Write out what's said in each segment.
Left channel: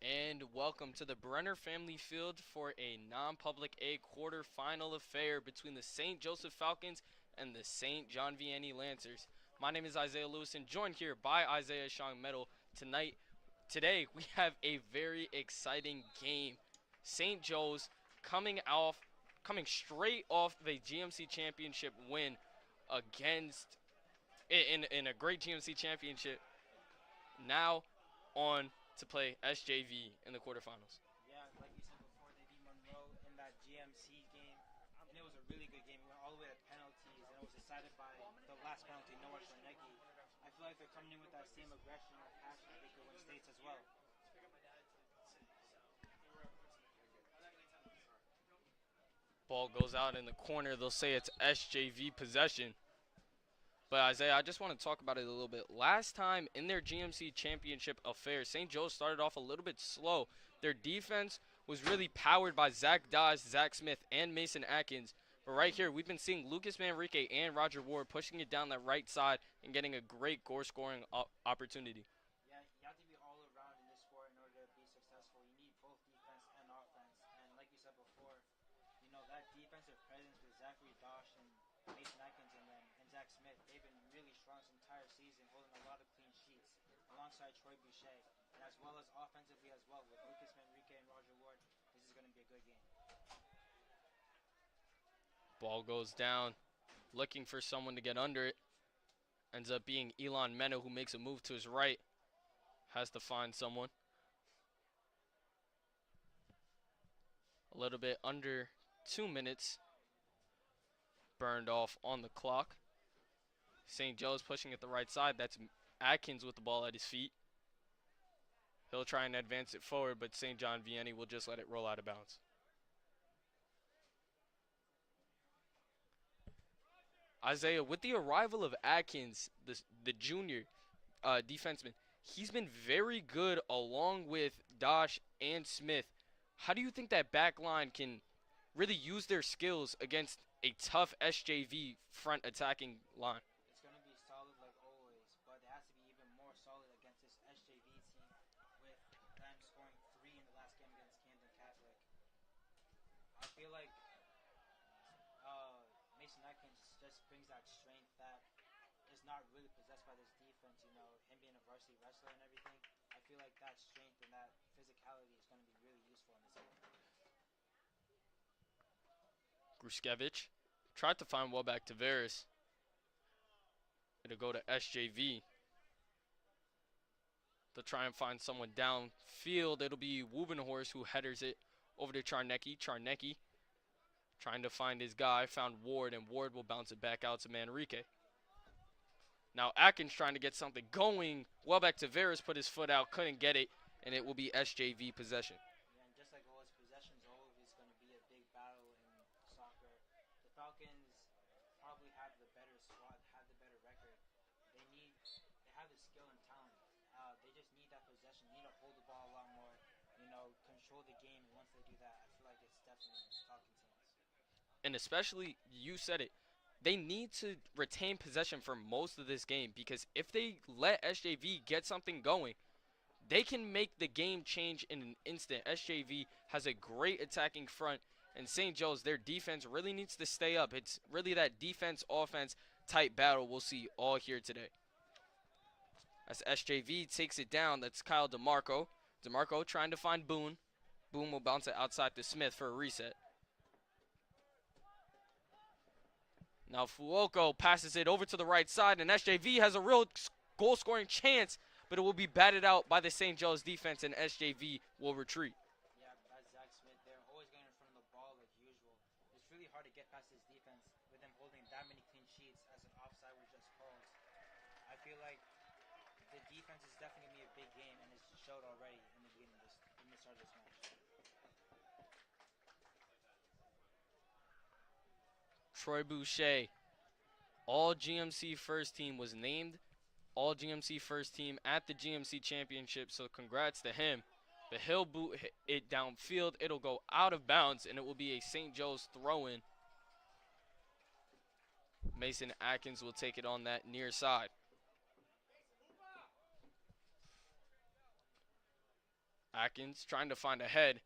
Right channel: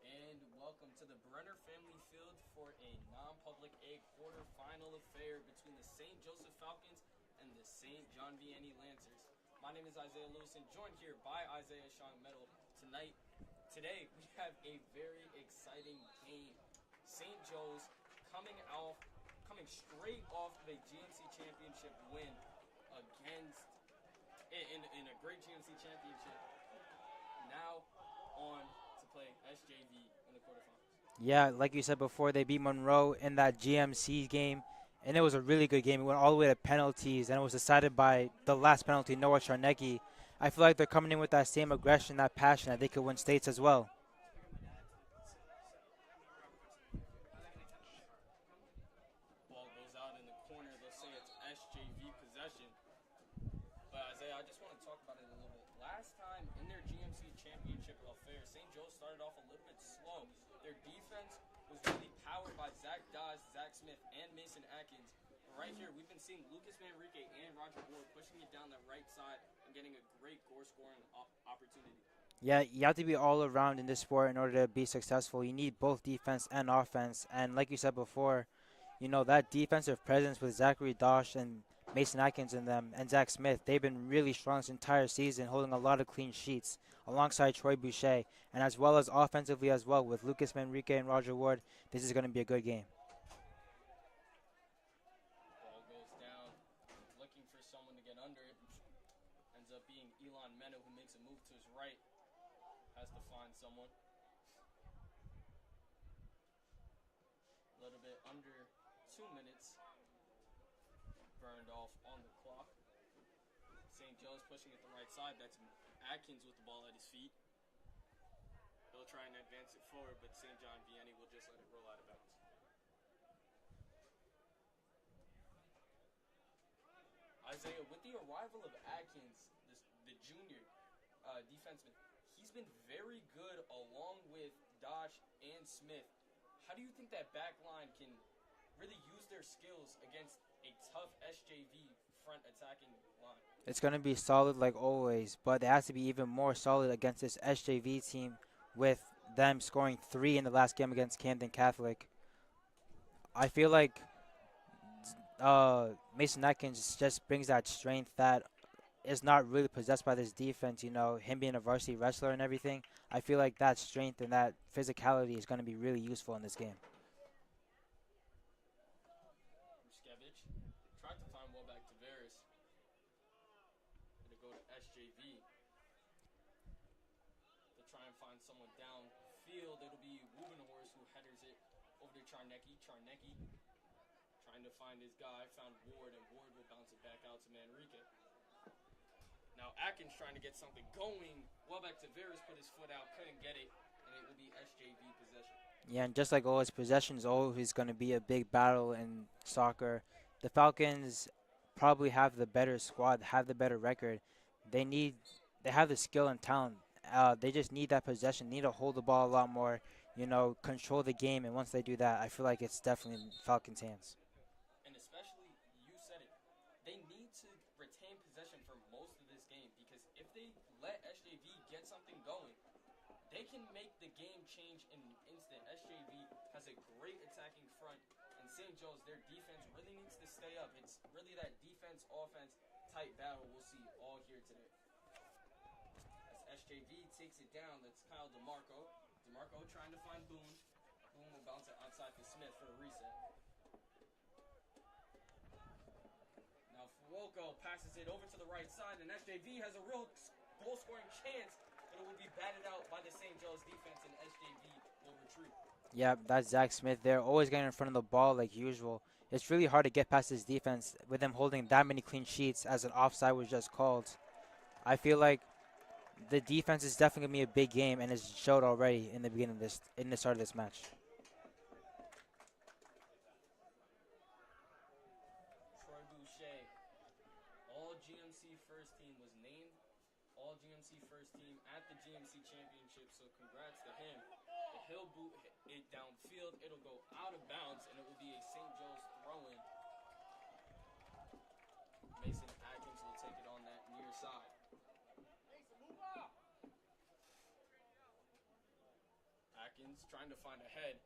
And welcome to the Brenner Family Field for a non-public A quarterfinal affair between the St. Joseph Falcons and the St. John Vianney Lancers. My name is Isaiah Lewis and joined here by Isaiah Shong Metal. Today we have a very exciting game. St. Joe's coming straight off the GMC championship win against in a great GMC championship. Now on to play SJV in the quarterfinals. Yeah, like you said before, they beat Monroe in that GMC game, and it was a really good game. It went all the way to penalties, and it was decided by the last penalty, Noah Charnecki. I feel like they're coming in with that same aggression, that passion, that they could win states as well. Ball goes out in the corner. They'll say it's SJV possession. But Isaiah, I just want to talk about it a little bit. Last time in their GMC championship affair, St. Joe started off a little bit slow. Their defense was really powered by Zach Dawes, Zach Smith, and Mason Atkins. But right here, we've been seeing Lucas Manrique and Roger Ward pushing it down the right side and getting a great goal scoring opportunity. Yeah, you have to be all around in this sport in order to be successful. You need both defense and offense. And like you said before, that defensive presence with Zachary Dosh and Mason Atkins in them and Zach Smith, they've been really strong this entire season, holding a lot of clean sheets alongside Troy Boucher. And as well as offensively as well with Lucas Manrique and Roger Ward, this is going to be a good game. Ball goes down, looking for someone to get under it. Ends up being Elon Mena, who makes a move to his right. Has to find someone. A little bit under 2 minutes burned off on the clock. St. Joe's pushing it the right side. That's Atkins with the ball at his feet. He'll try and advance it forward, but St. John Vianney will just let it roll out of bounds. Isaiah, with the arrival of Atkins, the junior defenseman, he's been very good along with Dosh and Smith. How do you think that back line can really use their skills against a tough SJV front attacking line? It's going to be solid like always, but it has to be even more solid against this SJV team with them scoring 3 in the last game against Camden Catholic. I feel like Mason Atkins just brings that strength that is not really possessed by this defense. Him being a varsity wrestler and everything. I feel like that strength and that physicality is going to be really useful in this game. Gruskevich tried to find Welbeck Tavares. It'll go to SJV. They'll try and find someone downfield. It'll be Wuvenhorst who headers it over to Charnecki. Charnecki trying to find his guy, found Ward, and Ward will bounce it back out to Manrique. Now Atkins trying to get something going. Welbeck Tavares put his foot out, couldn't get it, and it will be SJV possession. Yeah, and just like always, possession is always going to be a big battle in soccer. The Falcons probably have the better squad, have the better record. They have the skill and talent. They just need that possession, need to hold the ball a lot more, control the game. And once they do that, I feel like it's definitely in Falcons' hands. And especially, you said it, they need to retain possession for most of this game, because if they let SJV get something going, they can make the game change in an instant. SJV has a great attacking front, and St. Joe's, their defense really needs to stay up. It's really that defense-offense type battle we'll see all here today. As SJV takes it down, that's Kyle DeMarco. DeMarco trying to find Boone. Boone will bounce it outside to Smith for a reset. Now Fuoco passes it over to the right side, and SJV has a real goal-scoring chance, but it will be batted out by the St. Joe's defense, and SJV will retreat. Yeah, that's Zach Smith there, always getting in front of the ball like usual. It's really hard to get past his defense with them holding that many clean sheets as an offside was just called. I feel like the defense is definitely going to be a big game, and it's showed already in the beginning of in the start of this match. Troy Boucher, all GMC first team, was named all GMC first team at the GMC championship, so congrats to him. But he'll boot it downfield. It'll go out of bounds, and it will be a St. Joe's throw-in. Mason Atkins will take it on that near side. Atkins trying to find a head.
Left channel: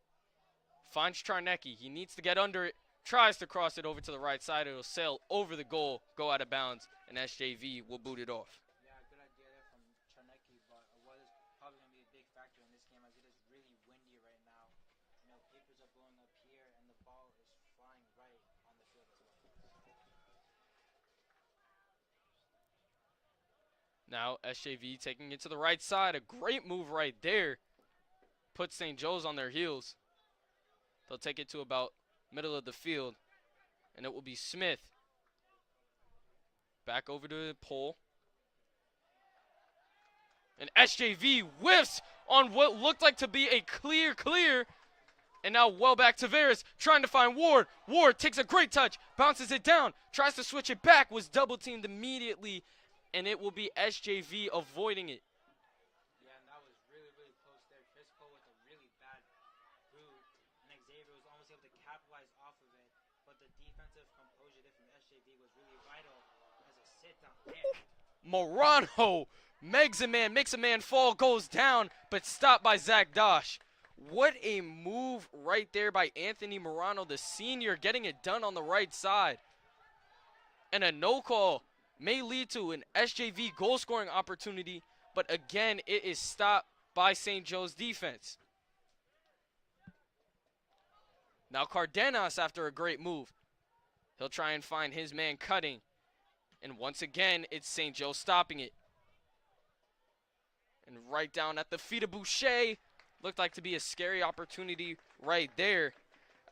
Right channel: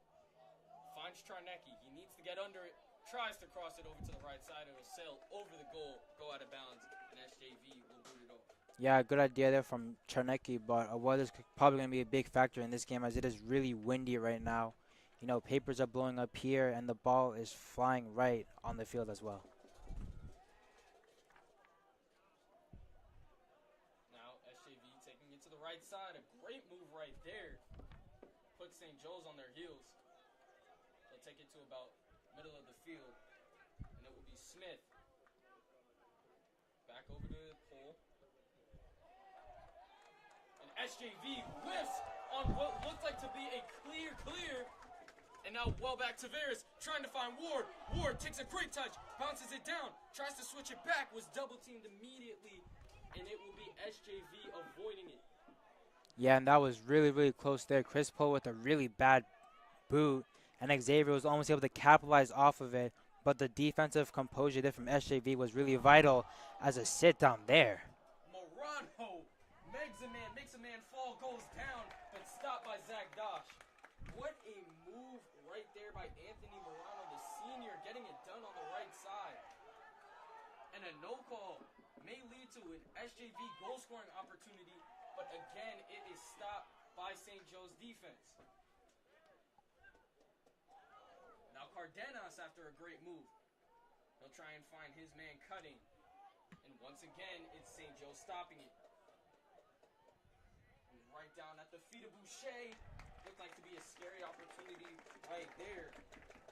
Finds Charnecki. He needs to get under it. Tries to cross it over to the right side. It'll sail over the goal, go out of bounds, and SJV will boot it off. Yeah, good idea there from Charnecki, but weather's probably going to be a big factor in this game as it is really windy right now. You know, papers are blowing up here, and the ball is flying right on the field as well. Now SJV taking it to the right side. A great move right there. Puts St. Joe's on their heels. They'll take it to about middle of the field, and it will be Smith. Back over to the pole. And SJV whiffs on what looked like to be a clear. And now well back to Tavares, trying to find Ward. Ward takes a great touch, bounces it down, tries to switch it back, was double teamed immediately, and it will be SJV avoiding it. Yeah, and that was really close there. Chris Poe with a really bad boot, and Xavier was almost able to capitalize off of it, but the defensive composure there from SJV was really vital as a sit down there. Morano makes a man fall, goes down, but stopped by Zach Dosh. What a move right there by Anthony Morano, the senior, getting it done on the right side. And a no call may lead to an SJV goal scoring opportunity, but again, it is stopped by St. Joe's defense. Now Cardenas after a great move. He'll try and find his man cutting. And once again, it's St. Joe stopping it. And right down at the feet of Boucher. Looked like to be a scary opportunity right there.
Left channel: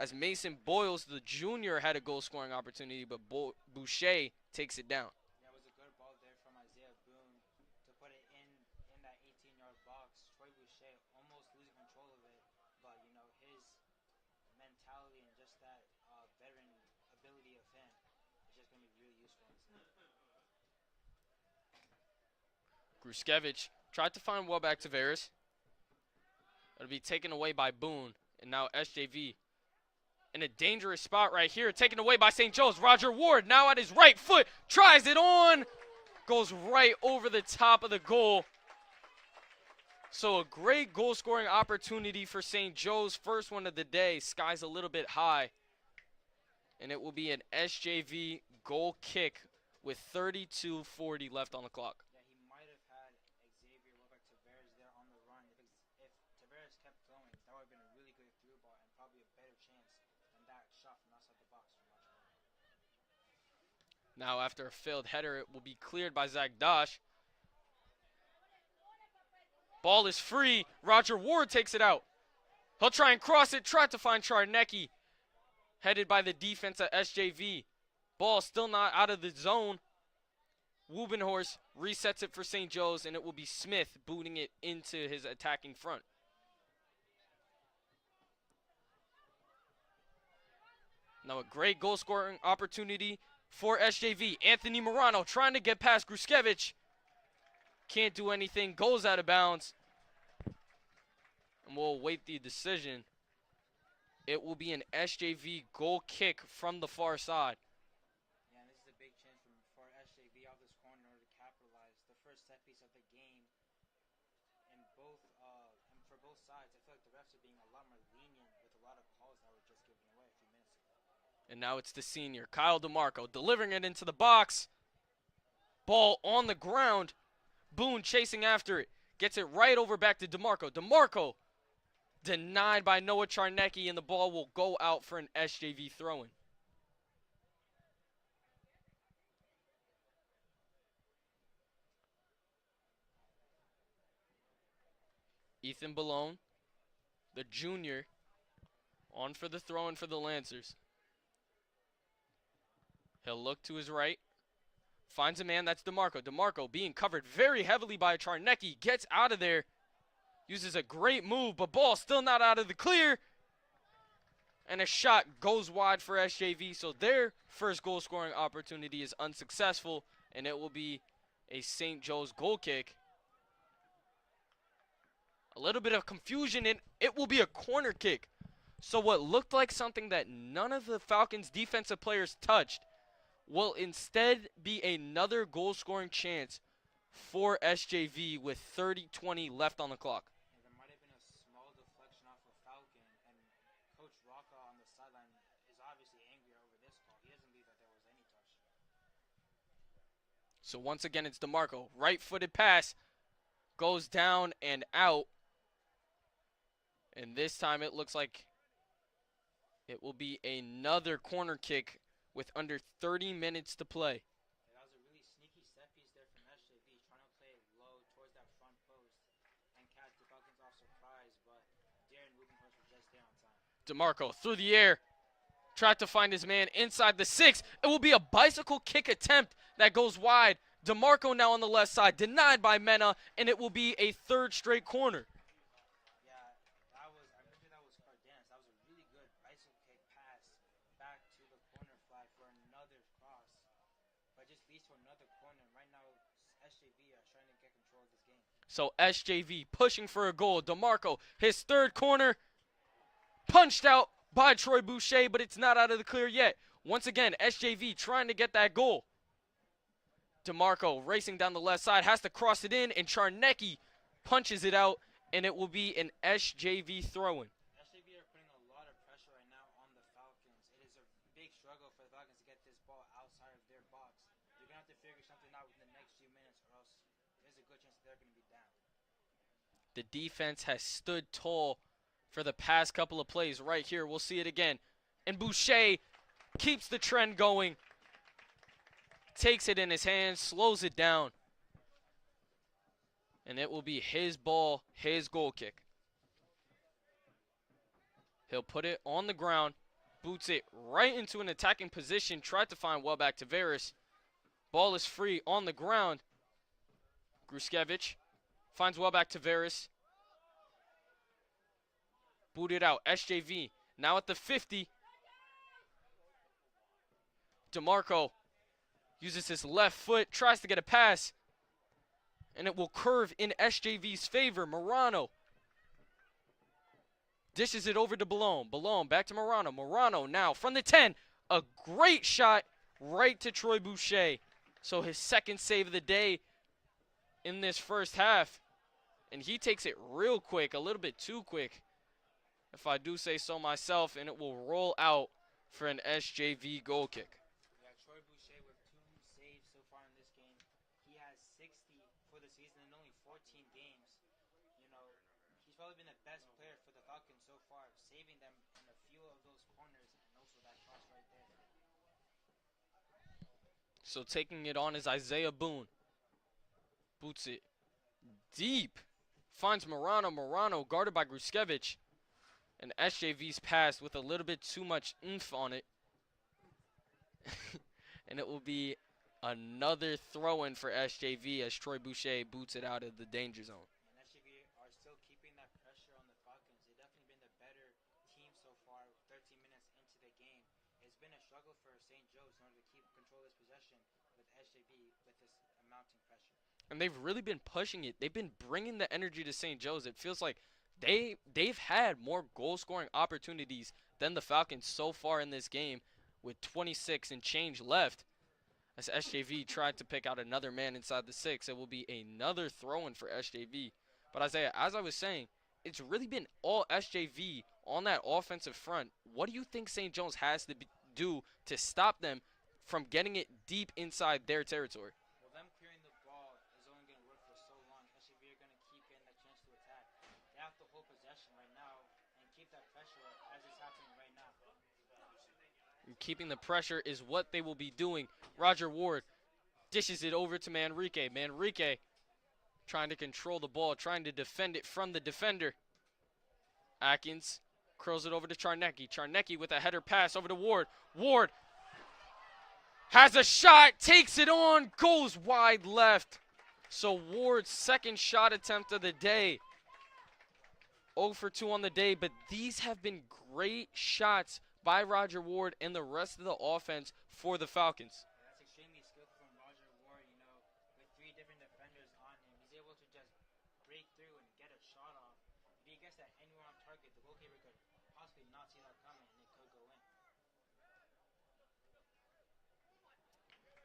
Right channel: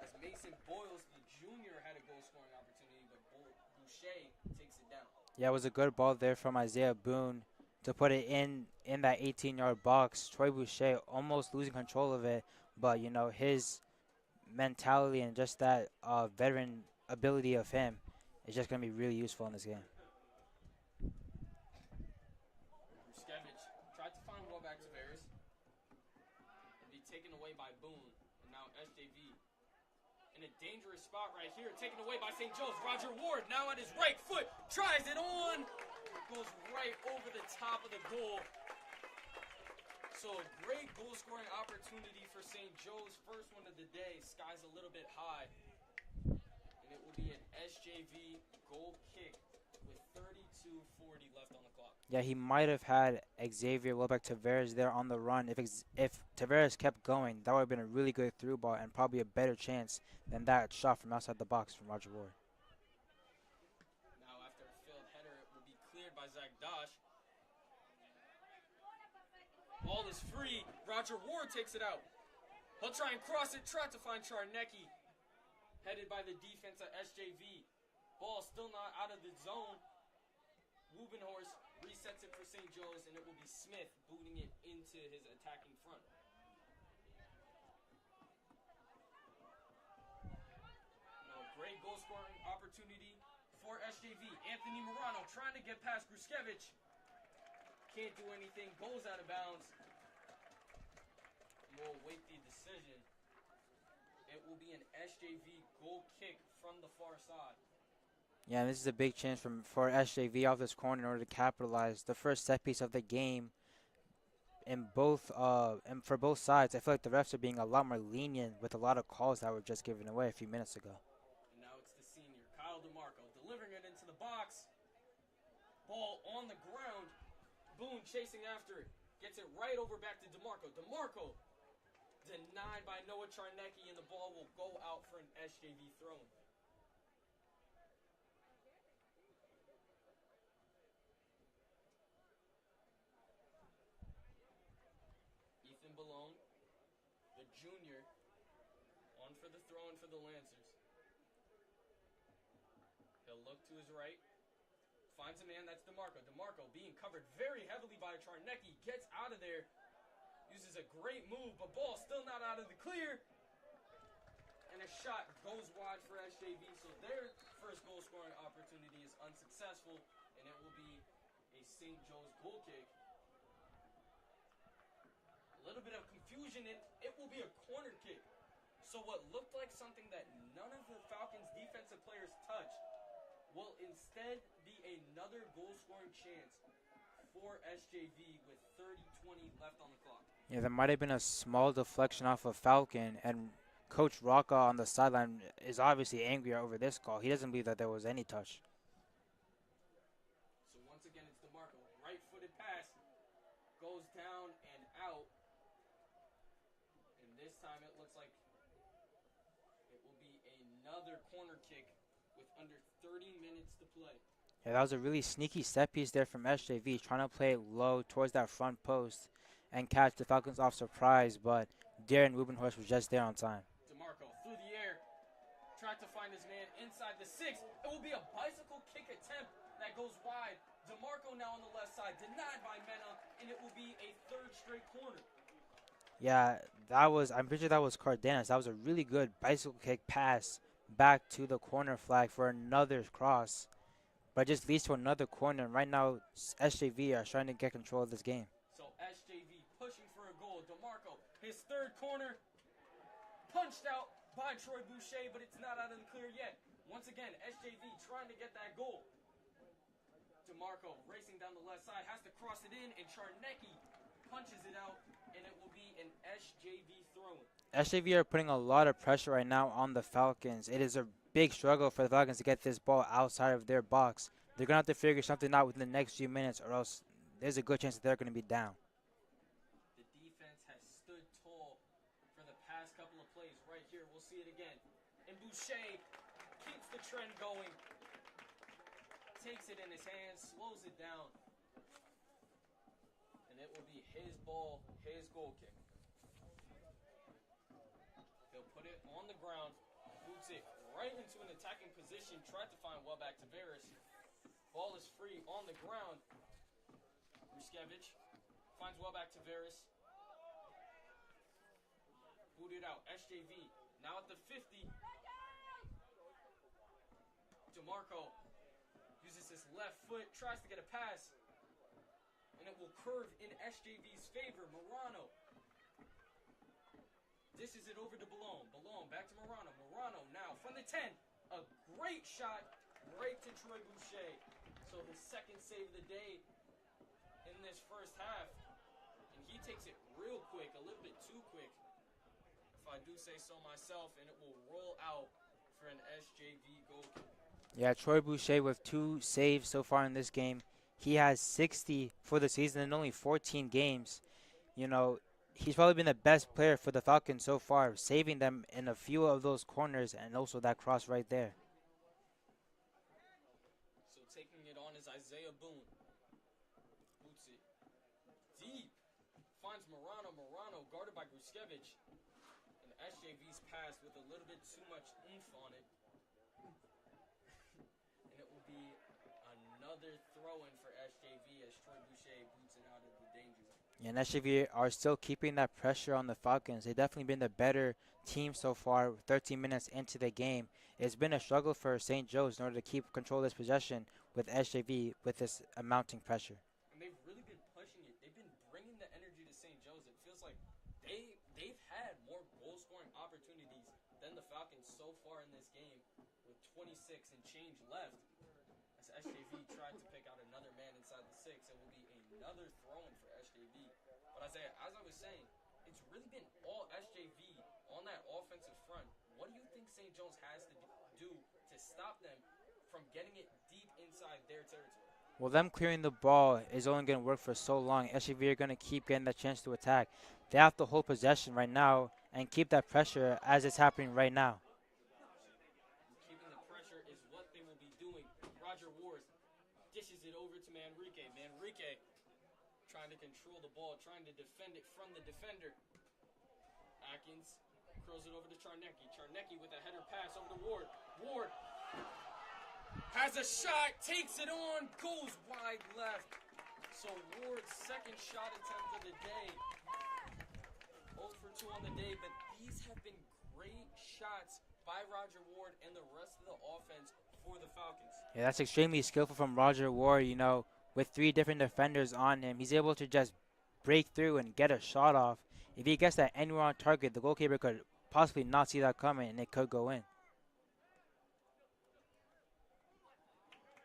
As Mason Boyles, the junior, had a goal-scoring opportunity, but Boucher takes it down. Yeah, it was a good ball there from Isaiah Boone to put it in that 18-yard box. Troy Boucher almost losing control of it, but, you know, his mentality and just that veteran ability of him is just going to be really useful in this game. Gruskevich tried to find Welbeck Tavares. It'll be taken away by Boone, and now SJV in a dangerous spot right here, taken away by St. Joe's. Roger Ward now at his right foot, tries it on, goes right over the top of the goal. So a great goal scoring opportunity for St. Joe's, first one of the day. Sky's a little bit high, and it will be an SJV goal kick with 32:40 left on the clock. Yeah, he might have had Xavier Welbeck Tavares there on the run. If Tavares kept going, that would have been a really good through ball and probably a better chance than that shot from outside the box from Roger Ward. Now after a failed header, it will be cleared by Zach Dosh. Ball is free. Roger Ward takes it out. He'll try and cross it, try to find Charnecki. Headed by the defense at SJV. Ball still not out of the zone. Wubenhorst resets it for St. Joe's, and it will be Smith booting it into his attacking front. Now a great goal scoring opportunity for SJV. Anthony Morano trying to get past Gruskevich. Can't do anything, goes out of bounds. And we'll await the decision. It will be an SJV goal kick from the far side. Yeah, this is a big chance for SJV off this corner in order to capitalize. The first set piece of the game and for both sides. I feel like the refs are being a lot more lenient with a lot of calls that were just given away a few minutes ago. And now it's the senior, Kyle DeMarco, delivering it into the box. Ball on the ground. Boone chasing after it. Gets it right over back to DeMarco. DeMarco denied by Noah Charnecki, and the ball will go out for an SJV throw-in. Ethan Ballone, the junior, on for the throw-in for the Lancers. He'll look to his right. Finds a man, that's DeMarco. DeMarco being covered very heavily by Charnecki. Gets out of there. Uses a great move, but ball still not out of the clear. And a shot goes wide for SJV. So their first goal scoring opportunity is unsuccessful. And it will be a St. Joe's goal kick. A little bit of confusion, and it will be a corner kick. So what looked like something that none of the Falcons' defensive players touched will instead be another goal-scoring chance for SJV with 30-20 left on the clock. Yeah, there might have been a small deflection off of Falcon, and Coach Rocca on the sideline is obviously angry over this call. He doesn't believe that there was any touch. So once again, it's DeMarco. Right-footed pass goes down and out. And this time it looks like it will be another corner kick with under 30 minutes to play. Yeah, that was a really sneaky set piece there from SJV, trying to play it low towards that front post and catch the Falcons off surprise, but Darren Rubenhorst was just there on time. DeMarco through the air, tried to find his man inside the 6. It will be a bicycle kick attempt that goes wide. DeMarco now on the left side, denied by Mena, and it will be a third straight corner. Yeah, I'm pretty sure that was Cardenas. That was a really good bicycle kick pass back to the corner flag for another cross, but it just leads to another corner. And right now, SJV are trying to get control of this game. So SJV pushing for a goal. DeMarco, his third corner, punched out by Troy Boucher, but it's not out of the clear yet. Once again, SJV trying to get that goal. DeMarco racing down the left side, has to cross it in, and Charnecki punches it out, and it will be an SJV throw-in. SJV are putting a lot of pressure right now on the Falcons. It is a big struggle for the Falcons to get this ball outside of their box. They're going to have to figure something out within the next few minutes, or else there's a good chance that they're going to be down. The defense has stood tall for the past couple of plays. Right here, we'll see it again. And Boucher keeps the trend going. Takes it in his hands, slows it down. And it will be his ball, his goal kick. He'll put it on the ground, boots it right into an attacking position, tried to find Welbeck Tavares. Ball is free on the ground. Gruskevich finds Welbeck Tavares. Booted out, SJV now at the 50. DeMarco uses his left foot, tries to get a pass, and it will curve in SJV's favor. Morano dishes it over to Balone. Balone back to Morano. Morano now from the 10. A great shot right to Troy Boucher. So his second save of the day in this first half. And he takes it real quick, a little bit too quick, if I do say so myself, and it will roll out for an SJV goal kick. Yeah, Troy Boucher with 2 saves so far in this game. He has 60 for the season in only 14 games. You know, he's probably been the best player for the Falcons so far, saving them in a few of those corners and also that cross right there. So taking it on is Isaiah Boone. Boots it deep. Finds Morano. Morano guarded by Gruskevich. And SJV's pass with a little bit too much oomph on it. And it will be another throw-in for SJV as Troy Boucher boots it out of the danger zone. Yeah, and SJV are still keeping that pressure on the Falcons. They've definitely been the better team so far, 13 minutes into the game. It's been a struggle for St. Joe's in order to keep control of this possession with SJV with this mounting pressure. And they've really been pushing it. They've been bringing the energy to St. Joe's. It feels like they've had more goal-scoring opportunities than the Falcons so far in this game with 26 and change left. As SJV tried to pick out another man inside the 6, it will be another throw-in for SJV. But Isaiah, as I was saying, it's really been all SJV on that offensive front. What do you think St. Joe's has to do to stop them from getting it deep inside their territory? Well, them clearing the ball is only going to work for so long. SJV are going to keep getting that chance to attack. They have to hold possession right now and keep that pressure as it's happening right now. Keeping the pressure is what they will be doing. Roger Ward dishes it over to Manrique. Manrique trying to control the ball, trying to defend it from the defender. Atkins curls it over to Charnecki. Charnecki with a header pass over to Ward. Ward has a shot, takes it on, goes wide left. So Ward's second shot attempt of the day. 0 for 2 on the day, but these have been great shots by Roger Ward and the rest of the offense for the Falcons. Yeah, that's extremely skillful from Roger Ward. You know, with 3 different defenders on him, he's able to just break through and get a shot off. If he gets that anywhere on target, the goalkeeper could possibly not see that coming, and it could go in.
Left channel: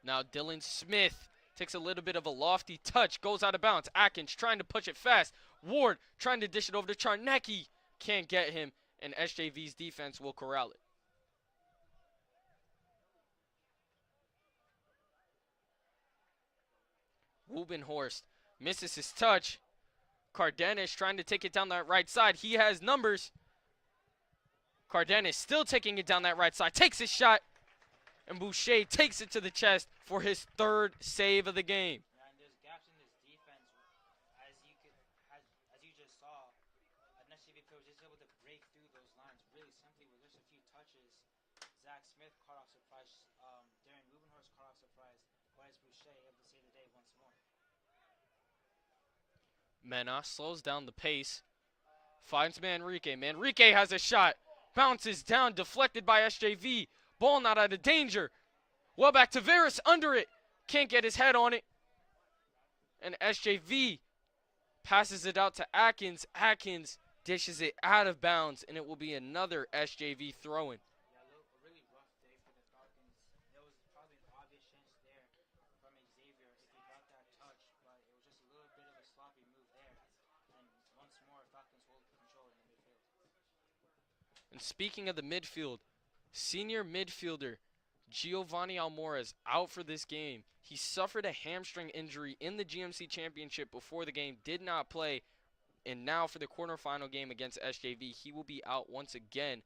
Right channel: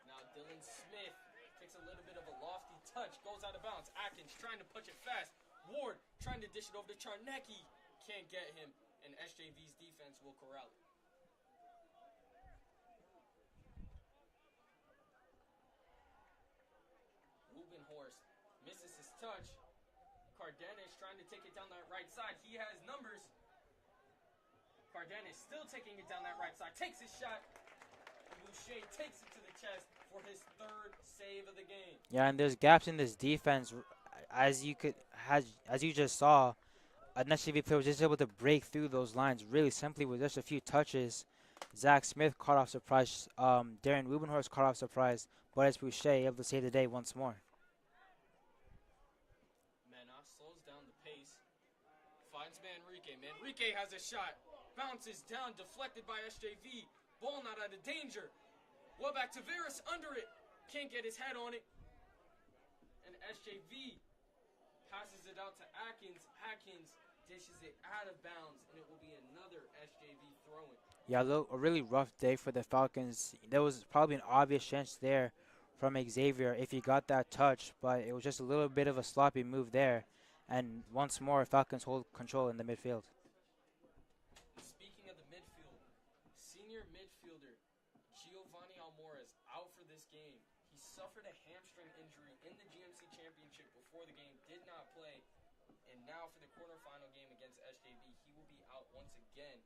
Now Dylan Smith takes a little bit of a lofty touch, goes out of bounds. Atkins trying to push it fast Ward trying to dish it over to Charnecki. Can't get him, and SJV's defense will corral it. Wubenhorst misses his touch. Cardenas trying to take it down that right side. He has numbers. Cardenas still taking it down that right side. Takes his shot. And Boucher takes it to the chest for his third save of the game. Yeah, and there's gaps in this defense, as you just saw. An SJV player was just able to break through those lines really simply with just a few touches. Zach Smith caught off surprise. Darren Wubenhorst caught off surprise. But it's Boucher able to save the day once more. Mena slows down the pace. Finds Manrique. Manrique has a shot. Bounces down, deflected by SJV. Ball not out of danger. Well back to Veras, under it. Can't get his head on it. And SJV passes it out to Atkins. Atkins dishes it out of bounds, and it will be another SJV throw-in. Yeah, a really rough day for the Falcons. There was probably an obvious chance there from Xavier if he got that touch, but it was just a little bit of a sloppy move there. And once more, Falcons hold control in the midfield. And speaking of the midfield, senior midfielder Giovanni Almora is out for this game. He suffered a hamstring injury in the GMC Championship before the game, did not play, and now for the quarterfinal game against SJV, he will be out once again.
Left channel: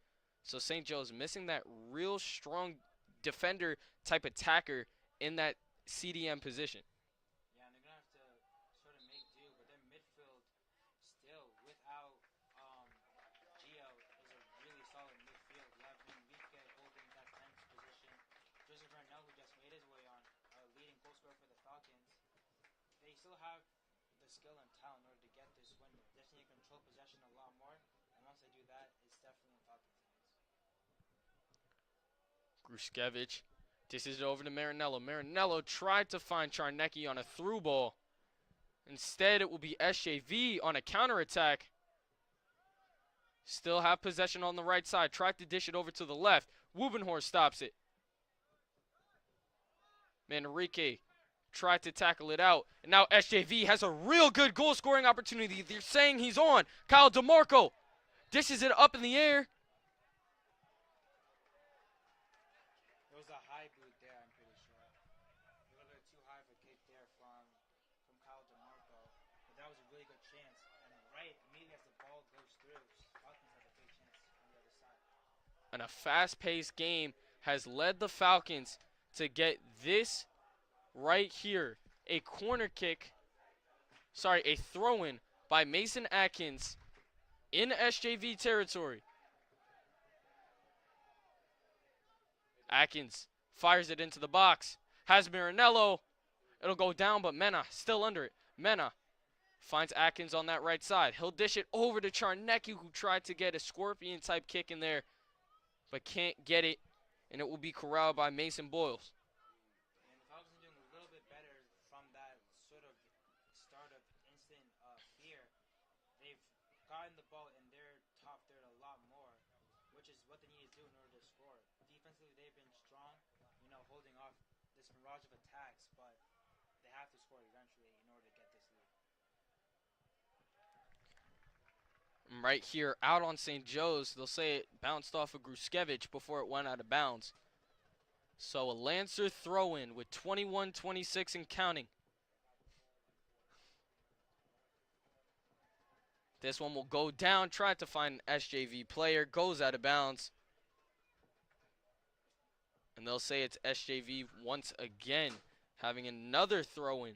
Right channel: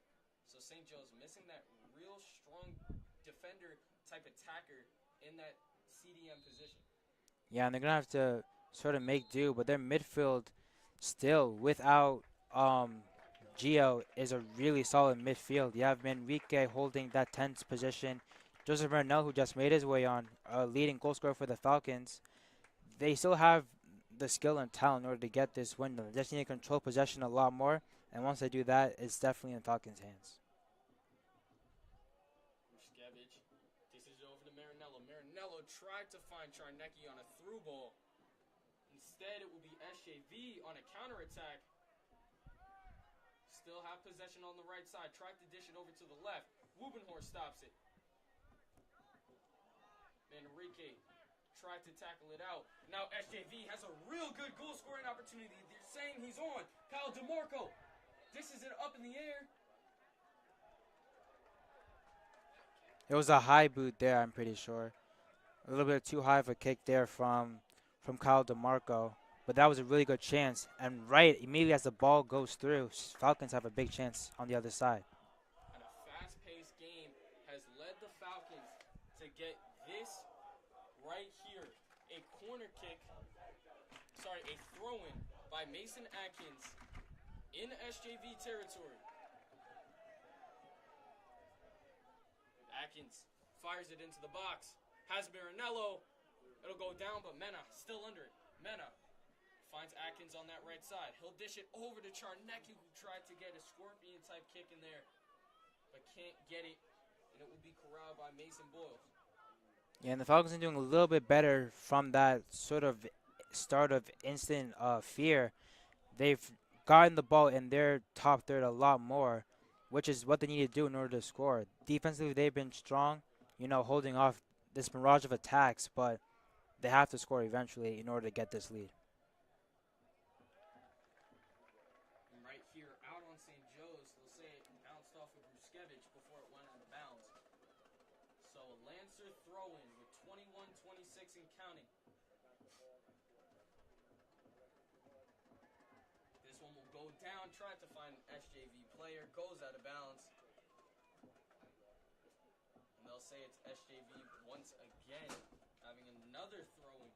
So St. Joe's missing that real strong defender type attacker in that CDM position. Yeah, and they're going to have to sort of make do, but their midfield still without Gio is a really solid midfield. You have Manrique holding that 10th position. Joseph Bernal, who just made his way on, leading goal scorer for the Falcons. They still have the skill and talent in order to get this win. They just need to control possession a lot more, and once they do that, it's definitely in Falcons' hands. Gruszkiewicz dishes it over to Marinello. Marinello tried to find Charnecki on a through ball. Instead, it will be SJV on a counterattack. Still have possession on the right side. Tried to dish it over to the left. Wubenhorst stops it. Manrique tried to tackle it out. And now SJV has a real good goal scoring opportunity. They're saying he's on. Kyle DeMarco dishes it up in the air. It was a high boot there, I'm pretty sure. A little bit too high of a kick there from Kyle DeMarco. But that was a really good chance. And right immediately as the ball goes through, Falcons have a big chance on the other side. And a fast-paced game has led the Falcons to get this right here. A corner kick, a throw-in by Mason Atkins in SJV territory. Atkins fires it into the box. Has Marinello. It'll go down, but Mena still under it. Mena finds Atkins on that right side. He'll dish it over to Charnecki, who tried to get a scorpion-type kick in there, but can't get it, and it will be corralled by Mason Boyles. Yeah, and the Falcons are doing a little bit better from that sort of start of instant fear. They've gotten the ball in their top third a lot more, which is what they need to do in order to score. Defensively, they've been strong, holding off this mirage of attacks, but they have to score eventually in order to get this lead. Right here, out on St. Joe's, they'll say it bounced off of Gruszkiewicz before it went out of bounds. So a Lancer throw-in with 21-26 and counting. This one will go down, tried to find an SJV player, goes out of bounds. And they'll say it's SJV once again, having another throw-in.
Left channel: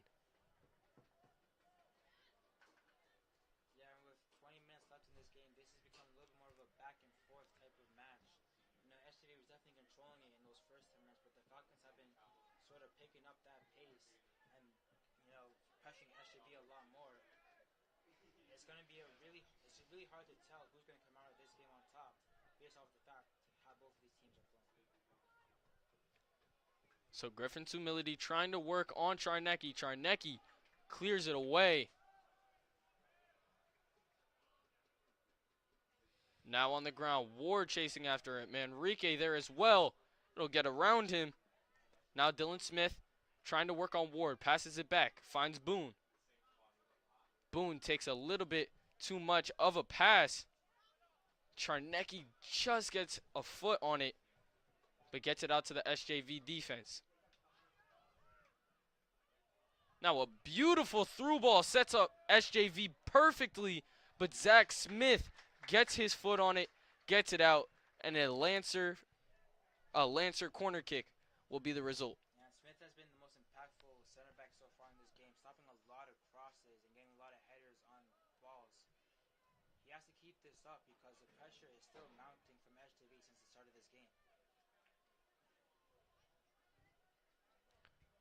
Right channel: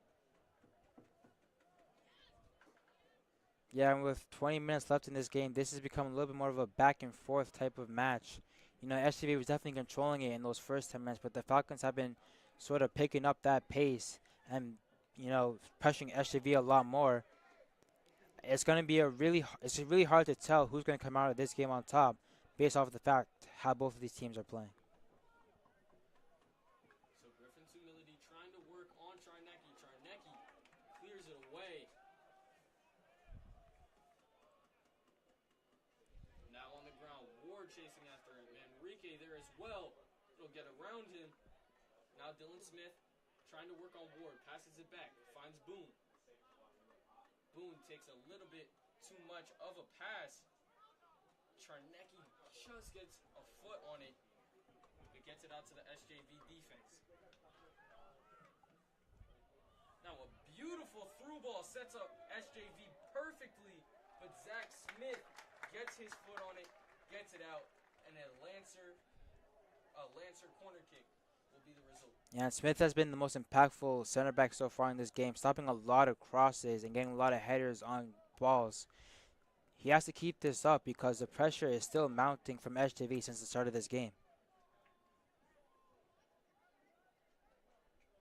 Yeah, and with 20 minutes left in this game, this has become a little bit more of a back-and-forth type of match. SJV was definitely controlling it in those first 10 minutes, but the Falcons have been sort of picking up that pace and, pressuring SJV a lot more. It's going to be it's really hard to tell who's going to come out of this game on top based off of the fact how both of these teams are playing. So Griffin's humility trying to work on Charnecki. Charnecki clears it away. Now on the ground, Ward chasing after it. Manrique there as well. It'll get around him. Now Dylan Smith trying to work on Ward. Passes it back. Finds Boone. Boone takes a little bit too much of a pass. Charnecki just gets a foot on it, but gets it out to the SJV defense. Now a beautiful through ball sets up SJV perfectly, but Zach Smith gets his foot on it, gets it out, and a Lancer corner kick will be the result. Yeah, and Smith has been the most impactful center back so far in this game, stopping a lot of crosses and getting a lot of headers on balls. He has to keep this up because the pressure is still mounting from SJV since the start of this game.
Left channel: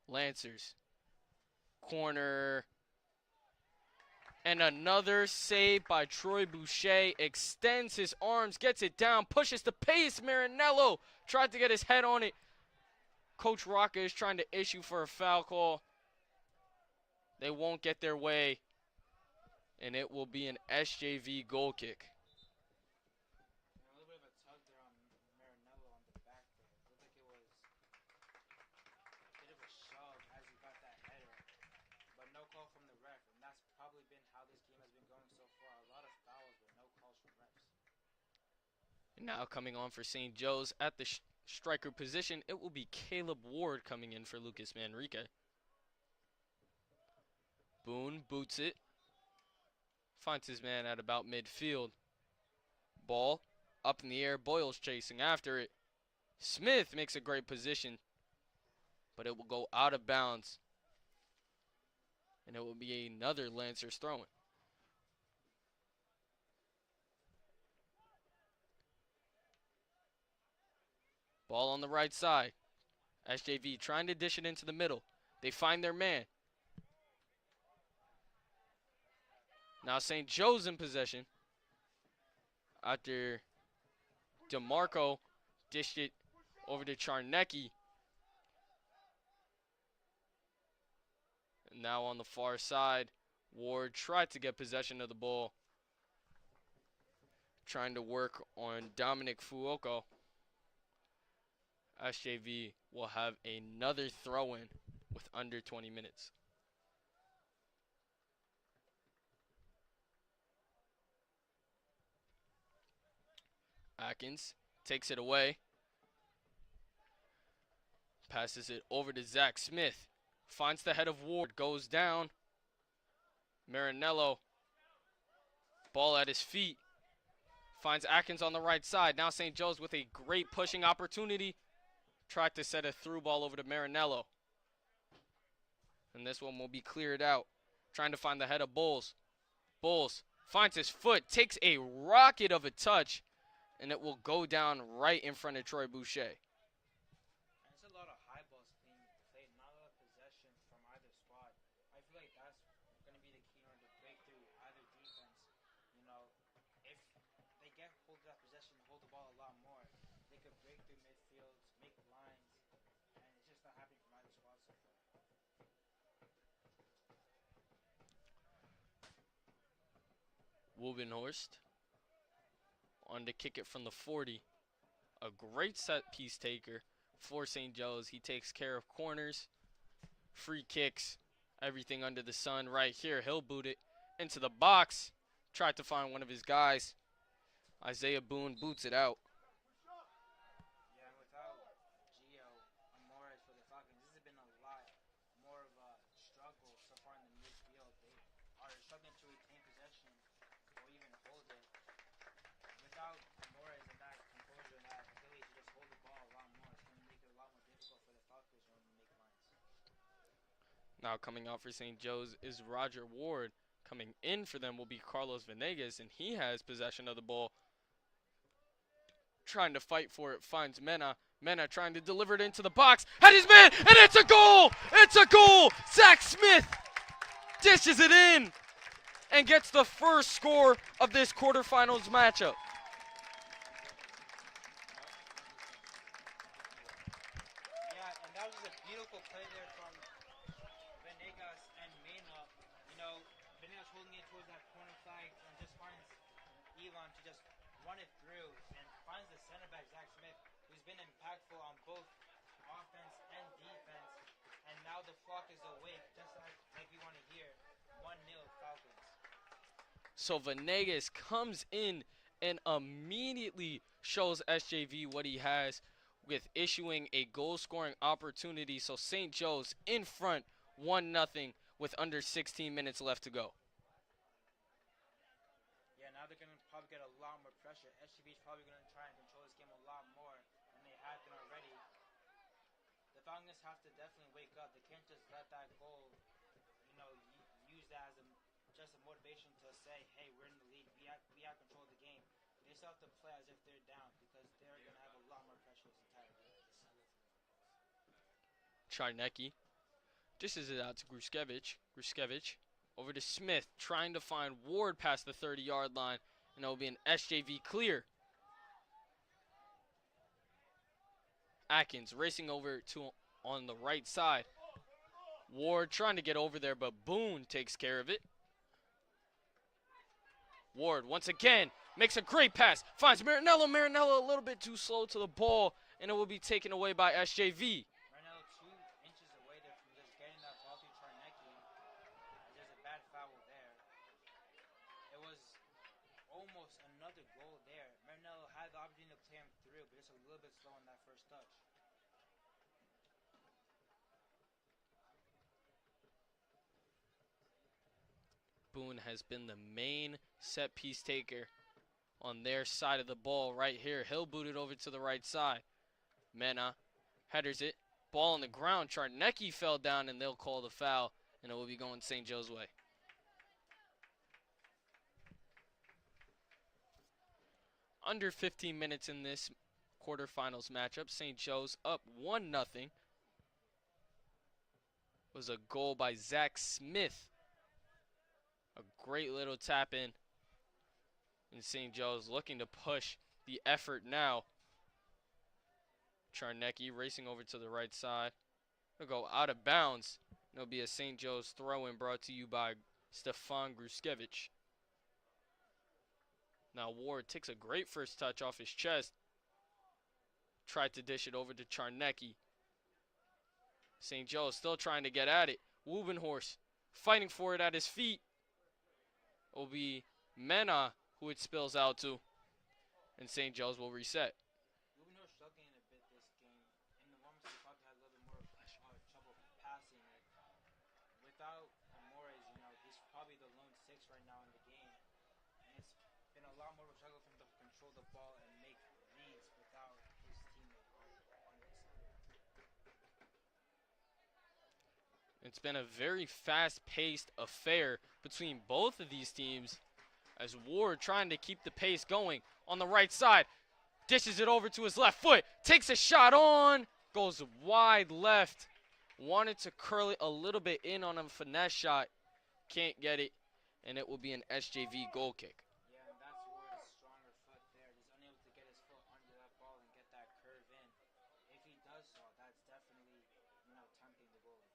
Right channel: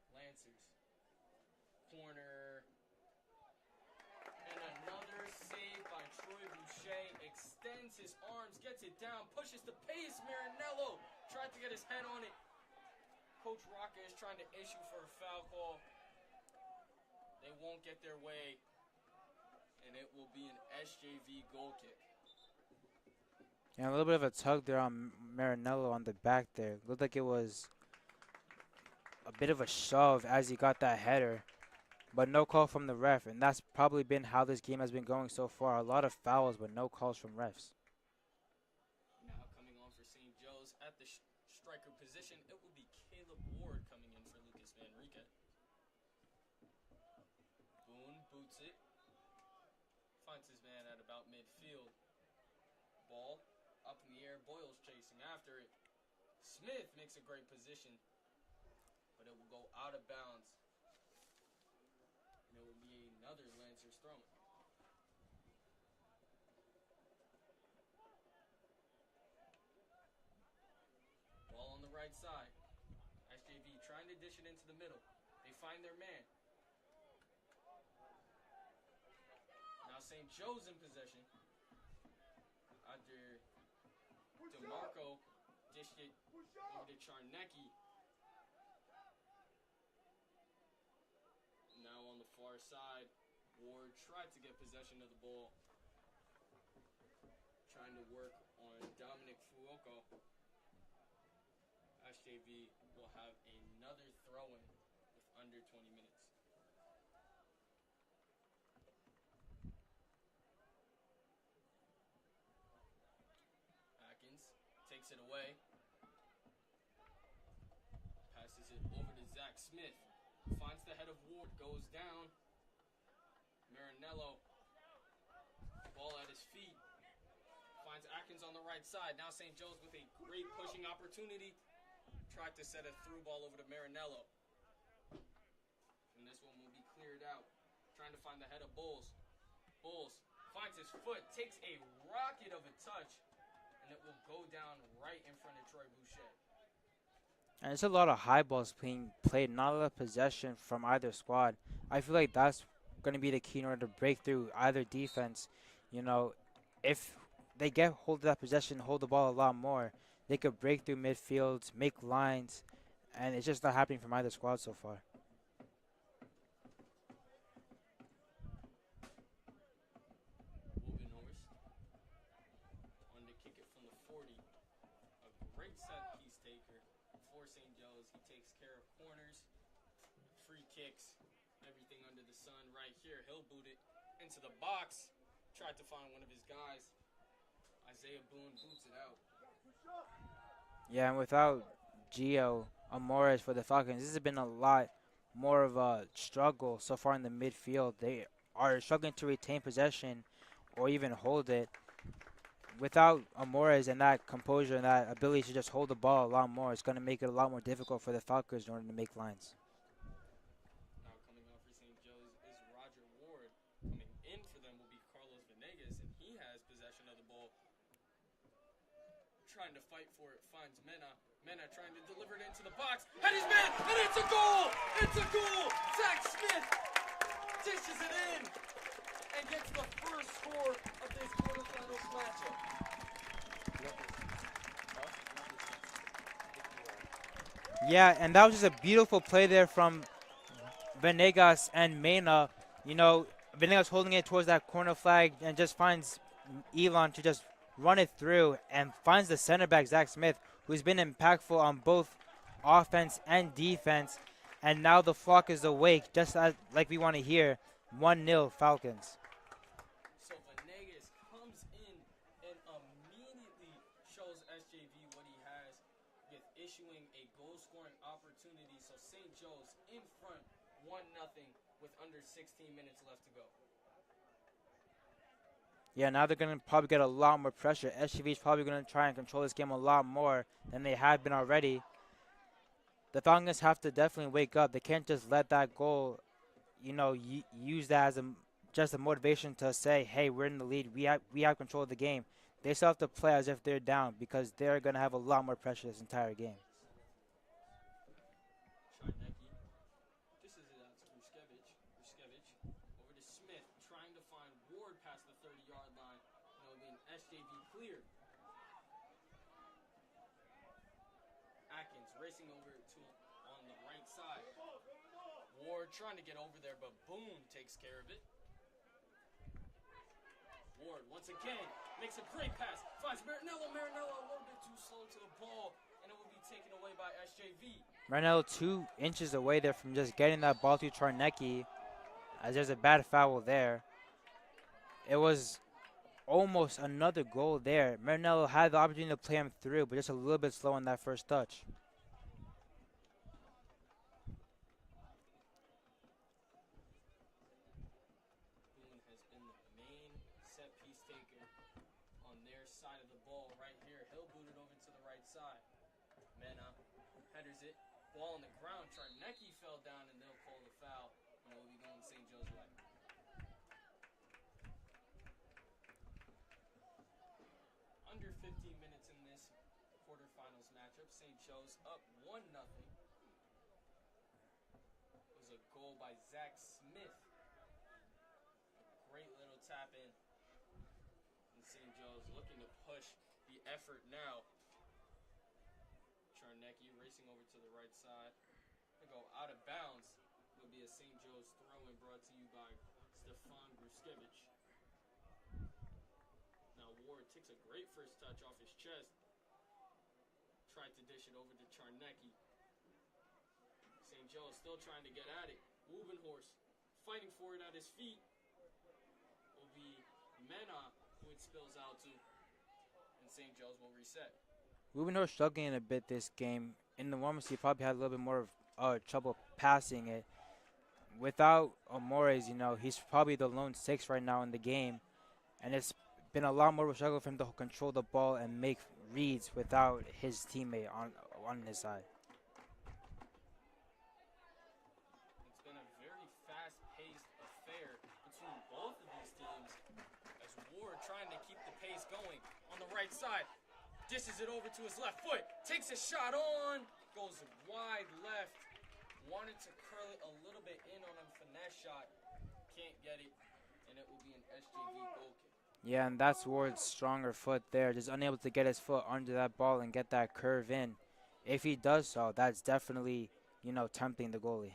Lancers. Corner. And another save by Troy Boucher. Extends his arms, gets it down, pushes the pace. Marinello tried to get his head on it. Coach Rocca is trying to issue for a foul call. They won't get their way. And it will be an SJV goal kick. And a little bit of a tug there on Marinello on the back there. Looked like it was a bit of a shove as he got that header. But no call from the ref, and that's probably been how this game has been going so far. A lot of fouls, but no calls from refs. Now coming on for St. Joe's at the striker position, it will be Caleb Ward coming in for Lucas Manrique. Boone boots it. Finds his man at about midfield. Ball up in the air. Boyle's chasing after it. Smith makes a great position, but it will go out of bounds. And it will be another Lancers throwing. Ball on the right side. SJV trying to dish it into the middle. They find their man. Now St. Joe's in possession. After DeMarco dished it over to Charnecki. Now on the far side, Ward tried to get possession of the ball. Trying to work on Dominic Fuoco. SJV will have another throw-in with under 20 minutes. Atkins takes it away. Passes it over to Zach Smith. Finds the head of Ward, goes down. Marinello, ball at his feet. Finds Atkins on the right side. Now St. Joe's with a great pushing opportunity. Tried to set a through ball over to Marinello. And this one will be cleared out. Trying to find the head of Bowles. Bowles finds his foot, takes a rocket of a touch, and it will go down right in front of Troy Boucher. And there's a lot of high balls being played, not a lot of possession from either squad. I feel like that's going to be the key in order to break through either defense. You know, if they get hold of that possession, hold the ball a lot more, they could break through midfields, make lines, and it's just not happening from either squad so far. Wubenhorst on to kick it from the 40. A great set piece taker for St. Joe's. He takes care of corners, free kicks, everything under the sun right here. He'll boot it into the box. Tried to find one of his guys. Isaiah Boone boots it out. Yeah, and without Gio Amores for the Falcons, this has been a lot more of a struggle so far in the midfield. They are struggling to retain possession or even hold it. Without Amores and that composure and that ability to just hold the ball a lot more, it's going to make it a lot more difficult for the Falcons in order to make lines. Now coming out for St. Joe's is Roger Ward. Coming in for them will be Carlos Venegas, and he has possession of the ball. Trying to fight for it, finds Mena. Mena trying to deliver it into the box. And his man, and it's a goal! It's a goal! Zach Smith dishes it in and gets the first score of this quarterfinals matchup. Yeah, and that was just a beautiful play there from Venegas and Mena. You know, Venegas holding it towards that corner flag and just finds Elon to just run it through and finds the center back, Zach Smith, who's been impactful on both offense and defense. And now the flock is awake, just as, like we want to hear. 1-0 Falcons. So Venegas comes in and immediately shows SJV what he has with issuing a goal-scoring opportunity. So St. Joe's in front 1-0 with under 16 minutes left to go. Yeah, now they're going to probably get a lot more pressure. SGV is probably going to try and control this game a lot more than they have been already. The Falcons have to definitely wake up. They can't just let that goal, use that as just a motivation to say, hey, we're in the lead. We have control of the game. They still have to play as if they're down because they're going to have a lot more pressure this entire game. Charnecki dishes it out to Gruskevich. Gruskevich over to Smith, trying to find Ward past the 30-yard line, and it will be an SJV clear. Atkins racing over to on the right side. Ward trying to get over there, but Boone takes care of it. Ward once again makes a great pass, finds Marinello. Marinello a little bit too slow to the ball, and it will be taken away by SJV. Marinello 2 inches away there from just getting that ball to Charnecki, as there's a bad foul there. It was almost another goal there. Marinello had the opportunity to play him through, but just a little bit slow on that first touch. Boone has been the main set piece taker on their side of the ball right here. He'll boot it over to the right side. Mena headers it. Ball on the ground. Charnecki fell down, and they'll call the foul, and it will be going St. Joe's way. Under 15 minutes in this quarterfinals matchup. St. Joe's up 1-0. Was a goal by Zach Smith. A great little tap in. And St. Joe's looking to push the effort now. Charnecki racing over to the right side. It'll go out of bounds. It'll be a St. Joe's throw-in brought to you by Stefan Gruskevich. Now Ward takes a great first touch off his chest. Tried to dish it over to Charnecki. St. Joe's still trying to get at it. Wubenhorst fighting for it at his feet. Will be Mena who it spills out to. And St. Joe's will reset. Wubenhorst struggling a bit this game. In the warm-ups, he probably had a little bit more trouble passing it. Without Amores, he's probably the lone six right now in the game. And it's been a lot more of a struggle for him to control the ball and make reads without his teammate on his side. It's been a very fast-paced affair between both of these teams as Ward trying to keep the pace going on the right side. Dishes it over to his left foot. Takes a shot on. Goes wide left. Wanted to curl it a little bit in on a finesse shot. Can't get it. And it will be an SJV goal kick. Yeah, and that's Ward's stronger foot there. Just unable to get his foot under that ball and get that curve in. If he does so, that's definitely, tempting the goalie.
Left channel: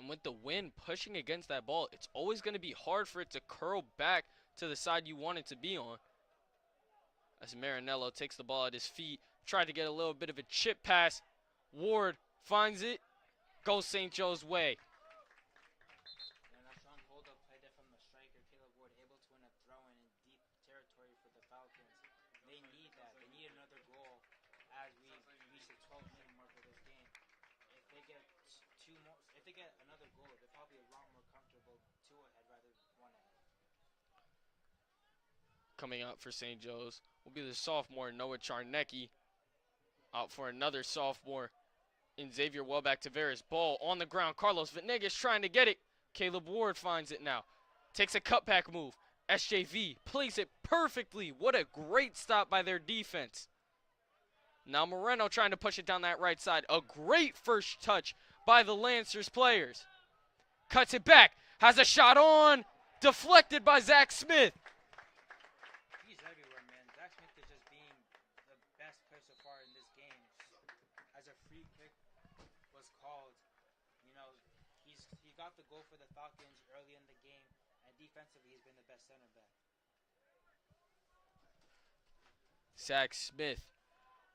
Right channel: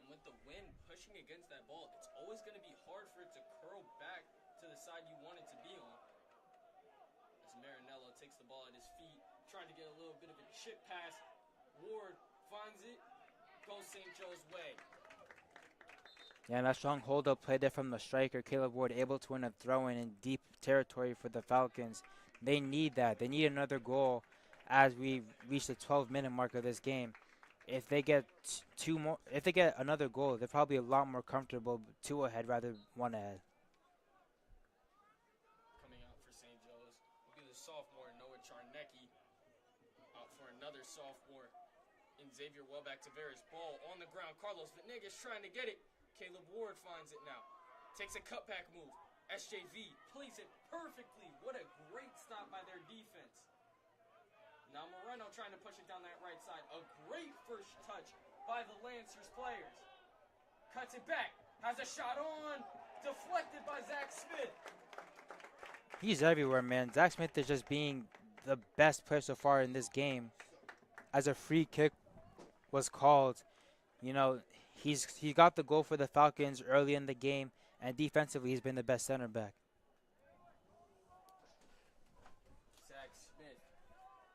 And with the wind pushing against that ball, it's always going to be hard for it to curl back to the side you want it to be on. As Marinello takes the ball at his feet, tried to get a little bit of a chip pass. Ward finds it, goes St. Joe's way. Yeah, and that strong hold-up play there from the striker, Caleb Ward, able to win a throw-in in deep territory for the Falcons. They need that. They need another goal as we reach the 12-minute mark of this game. If they get another goal, they're probably a lot more comfortable 2 ahead rather than 1 ahead. Coming out for St. Joe's will be the sophomore Noah Charnecki. Out for another sophomore in Xavier Welbeck Tavares. Ball on the ground. Carlos Venegas trying to get it. Caleb Ward finds it now. Takes a cutback move. SJV plays it perfectly. What a great stop by their defense. Now Moreno trying to push it down that right side. A great first touch by the Lancers players. Cuts it back. Has a shot on. Deflected by Zach Smith. He's everywhere, man. Zach Smith is just being the best player so far in this game. As a free kick was called, he got the goal for the Falcons early in the game, and defensively he's been the best center back. Zach Smith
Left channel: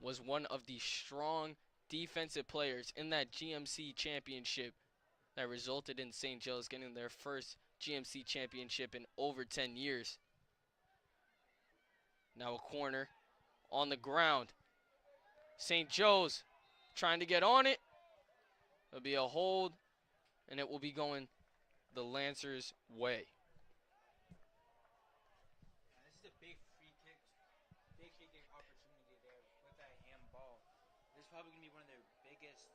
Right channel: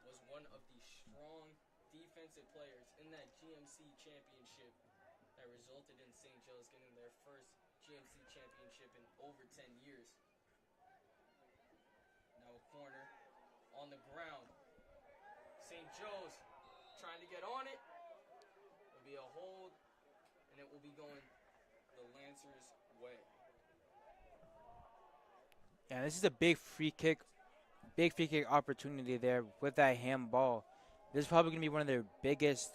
was one of the strong defensive players in that GMC championship that resulted in St. Joe's getting their first GMC championship in over 10 years. Now a corner on the ground. St. Joe's trying to get on it. It'll be a hold, and it will be going the Lancers' way. Yeah, this is a big free kick opportunity there with that handball. This is probably going to be one of their biggest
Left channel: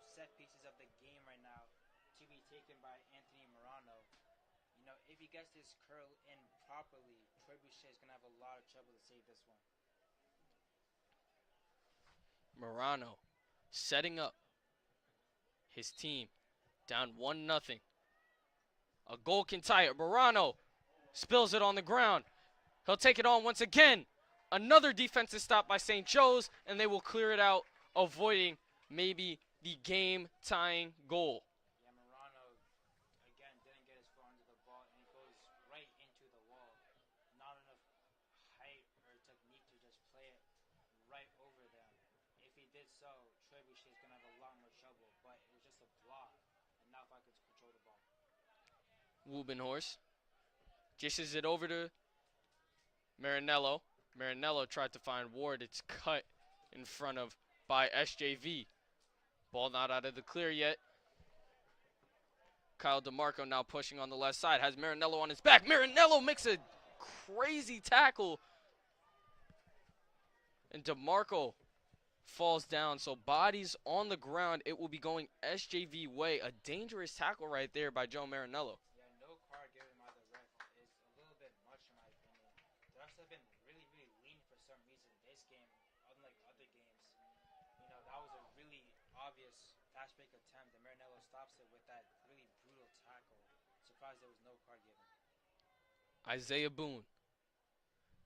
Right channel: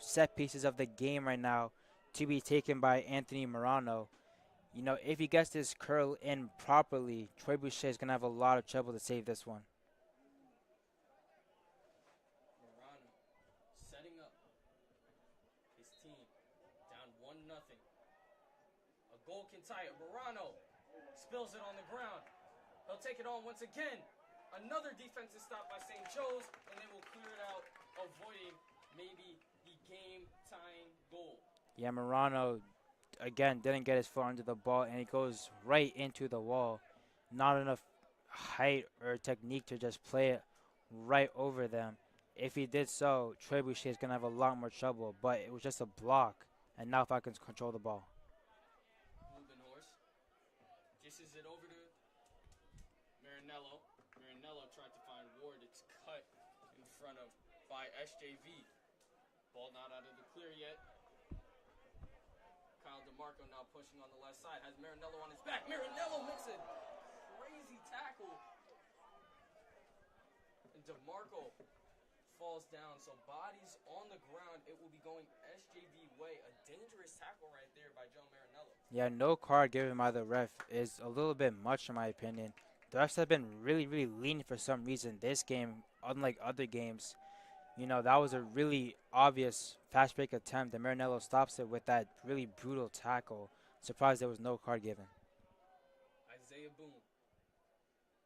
set pieces of the game right now to be taken by Anthony Morano. You know, if he gets this curl in properly, Troy Boucher is going to have a lot of trouble to save this one. Morano setting up his team down 1-0. A goal can tie it. Morano spills it on the ground. He'll take it on once again. Another defensive stop by St. Joe's, and they will clear it out, avoiding maybe the game-tying goal. Yeah, Morano, again, didn't get his foot under the ball, and it goes right into the wall. Not enough height or technique to just play it right over them. If he did so, Troy Boucher is going to have a lot more trouble, but it was just a block, and now Falcons control the ball. Wubenhorst dishes it over to Marinello. Marinello tried to find Ward. It's cut in front of by SJV. Ball not out of the clear yet. Kyle DeMarco now pushing on the left side. Has Marinello on his back. Marinello makes a crazy tackle. And DeMarco falls down. So bodies on the ground. It will be going SJV way. A dangerous tackle right there by Joe Marinello. Yeah, no card given by the ref is a little bit much in my opinion. The refs have been really lenient for some reason this game, unlike other games. You know, that was a really obvious fast break attempt, and Marinello stops it with that really brutal tackle. Surprised there was no card given. Isaiah Boone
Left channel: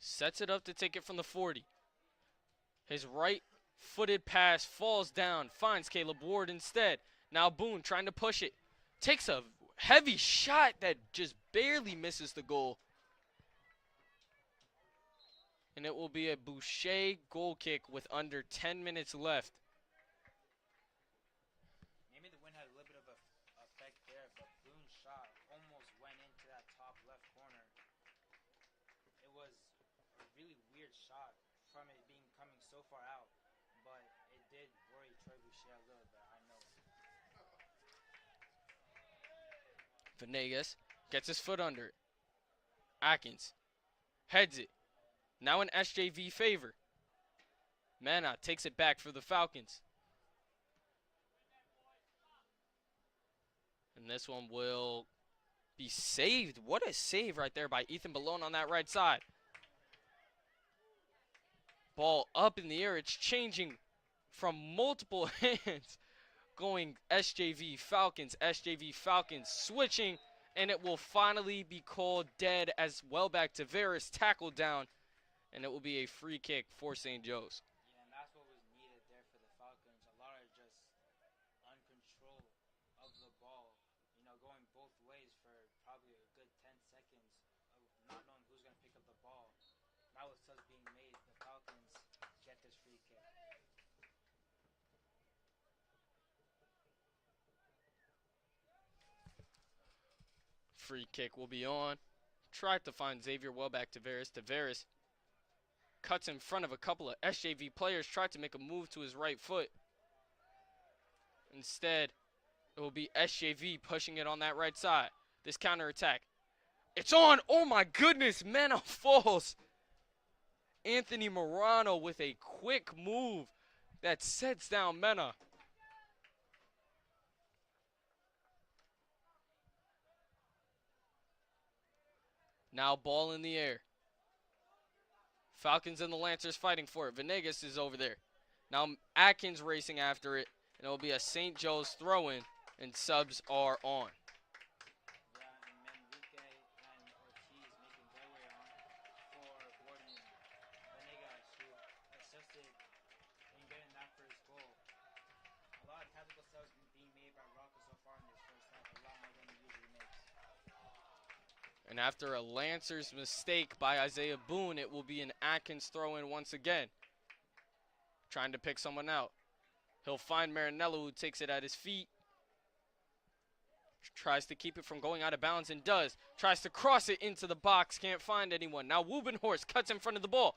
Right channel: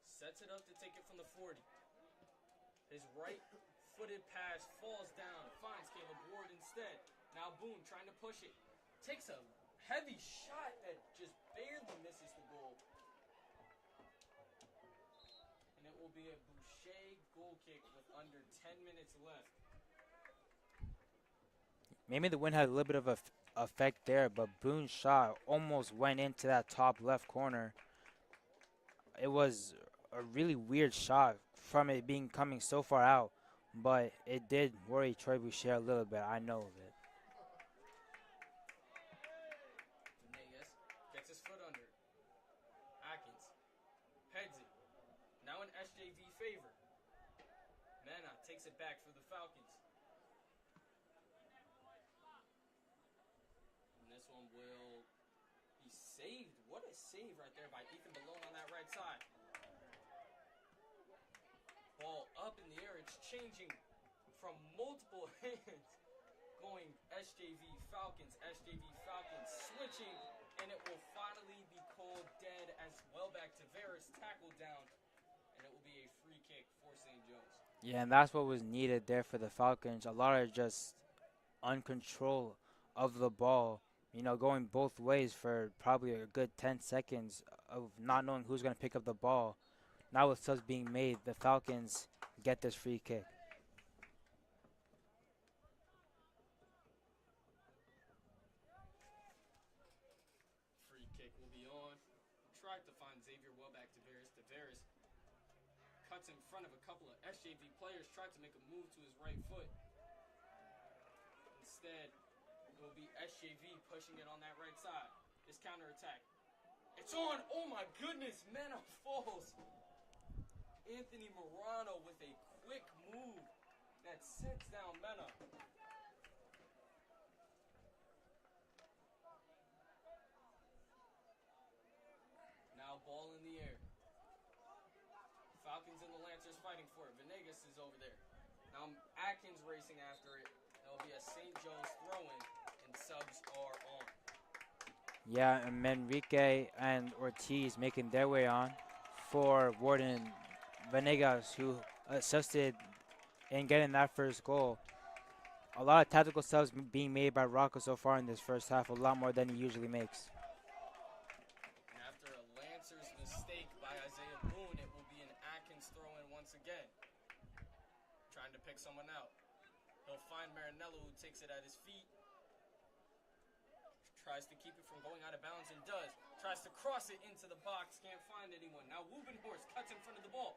sets it up to take it from the 40. His right-footed pass falls down, finds Caleb Ward instead. Now Boone trying to push it. Takes a heavy shot that just barely misses the goal. And it will be a Boucher goal kick with under 10 minutes left. Maybe the wind had a little bit of a effect there, but Boone's shot almost went into that top left corner. It was a really weird shot from it being coming so far out, but it did worry Troy Boucher a little bit. I know of it. Venegas gets his foot under it. Atkins heads it. Now in SJV favor. Mana takes it back for the Falcons. And this one will be saved. What a save right there by Ethan Ballone on that right side. Ball up in the air. It's changing from multiple hands. Going SJV Falcons, switching, and it will finally be called dead as Welbeck Tavares tackled down, and it will be a free kick for St. Joe's. Yeah, and that's what was needed there for the Falcons. A lot of just uncontrol of the ball, you know, going both ways for probably a good 10 seconds of not knowing who's going to pick up the ball. Now with subs being made, the Falcons get this free kick. Free kick will be on. Tried to find Xavier Welbeck Tavares. Tavares cuts in front of a couple of SJV players. Tried to make a move to his right foot. Instead, it will be SJV pushing it on that right side. This counterattack. It's on. Oh my goodness. Mena falls. Anthony Morano with a quick move that sets down Mena. Now ball in the air. Falcons and the Lancers fighting for it. Venegas is over there. Now Atkins racing after it. And it will be a St. Joe's throw-in, and subs are on. Yeah, and Manrique and Ortiz making their way on for Warden Venegas, who assisted in getting that first goal. A lot of tactical subs being made by Rocco so far in this first half, a lot more than he usually makes. And after a Lancers mistake by Isaiah Boone, it will be an Atkins throw-in once again. Trying to pick someone out. He'll find Marinello, who takes it at his feet. Tries to keep it from going out of bounds and does. Tries to cross it into the box. Can't find anyone. Now Wubenhorst cuts in front of the ball.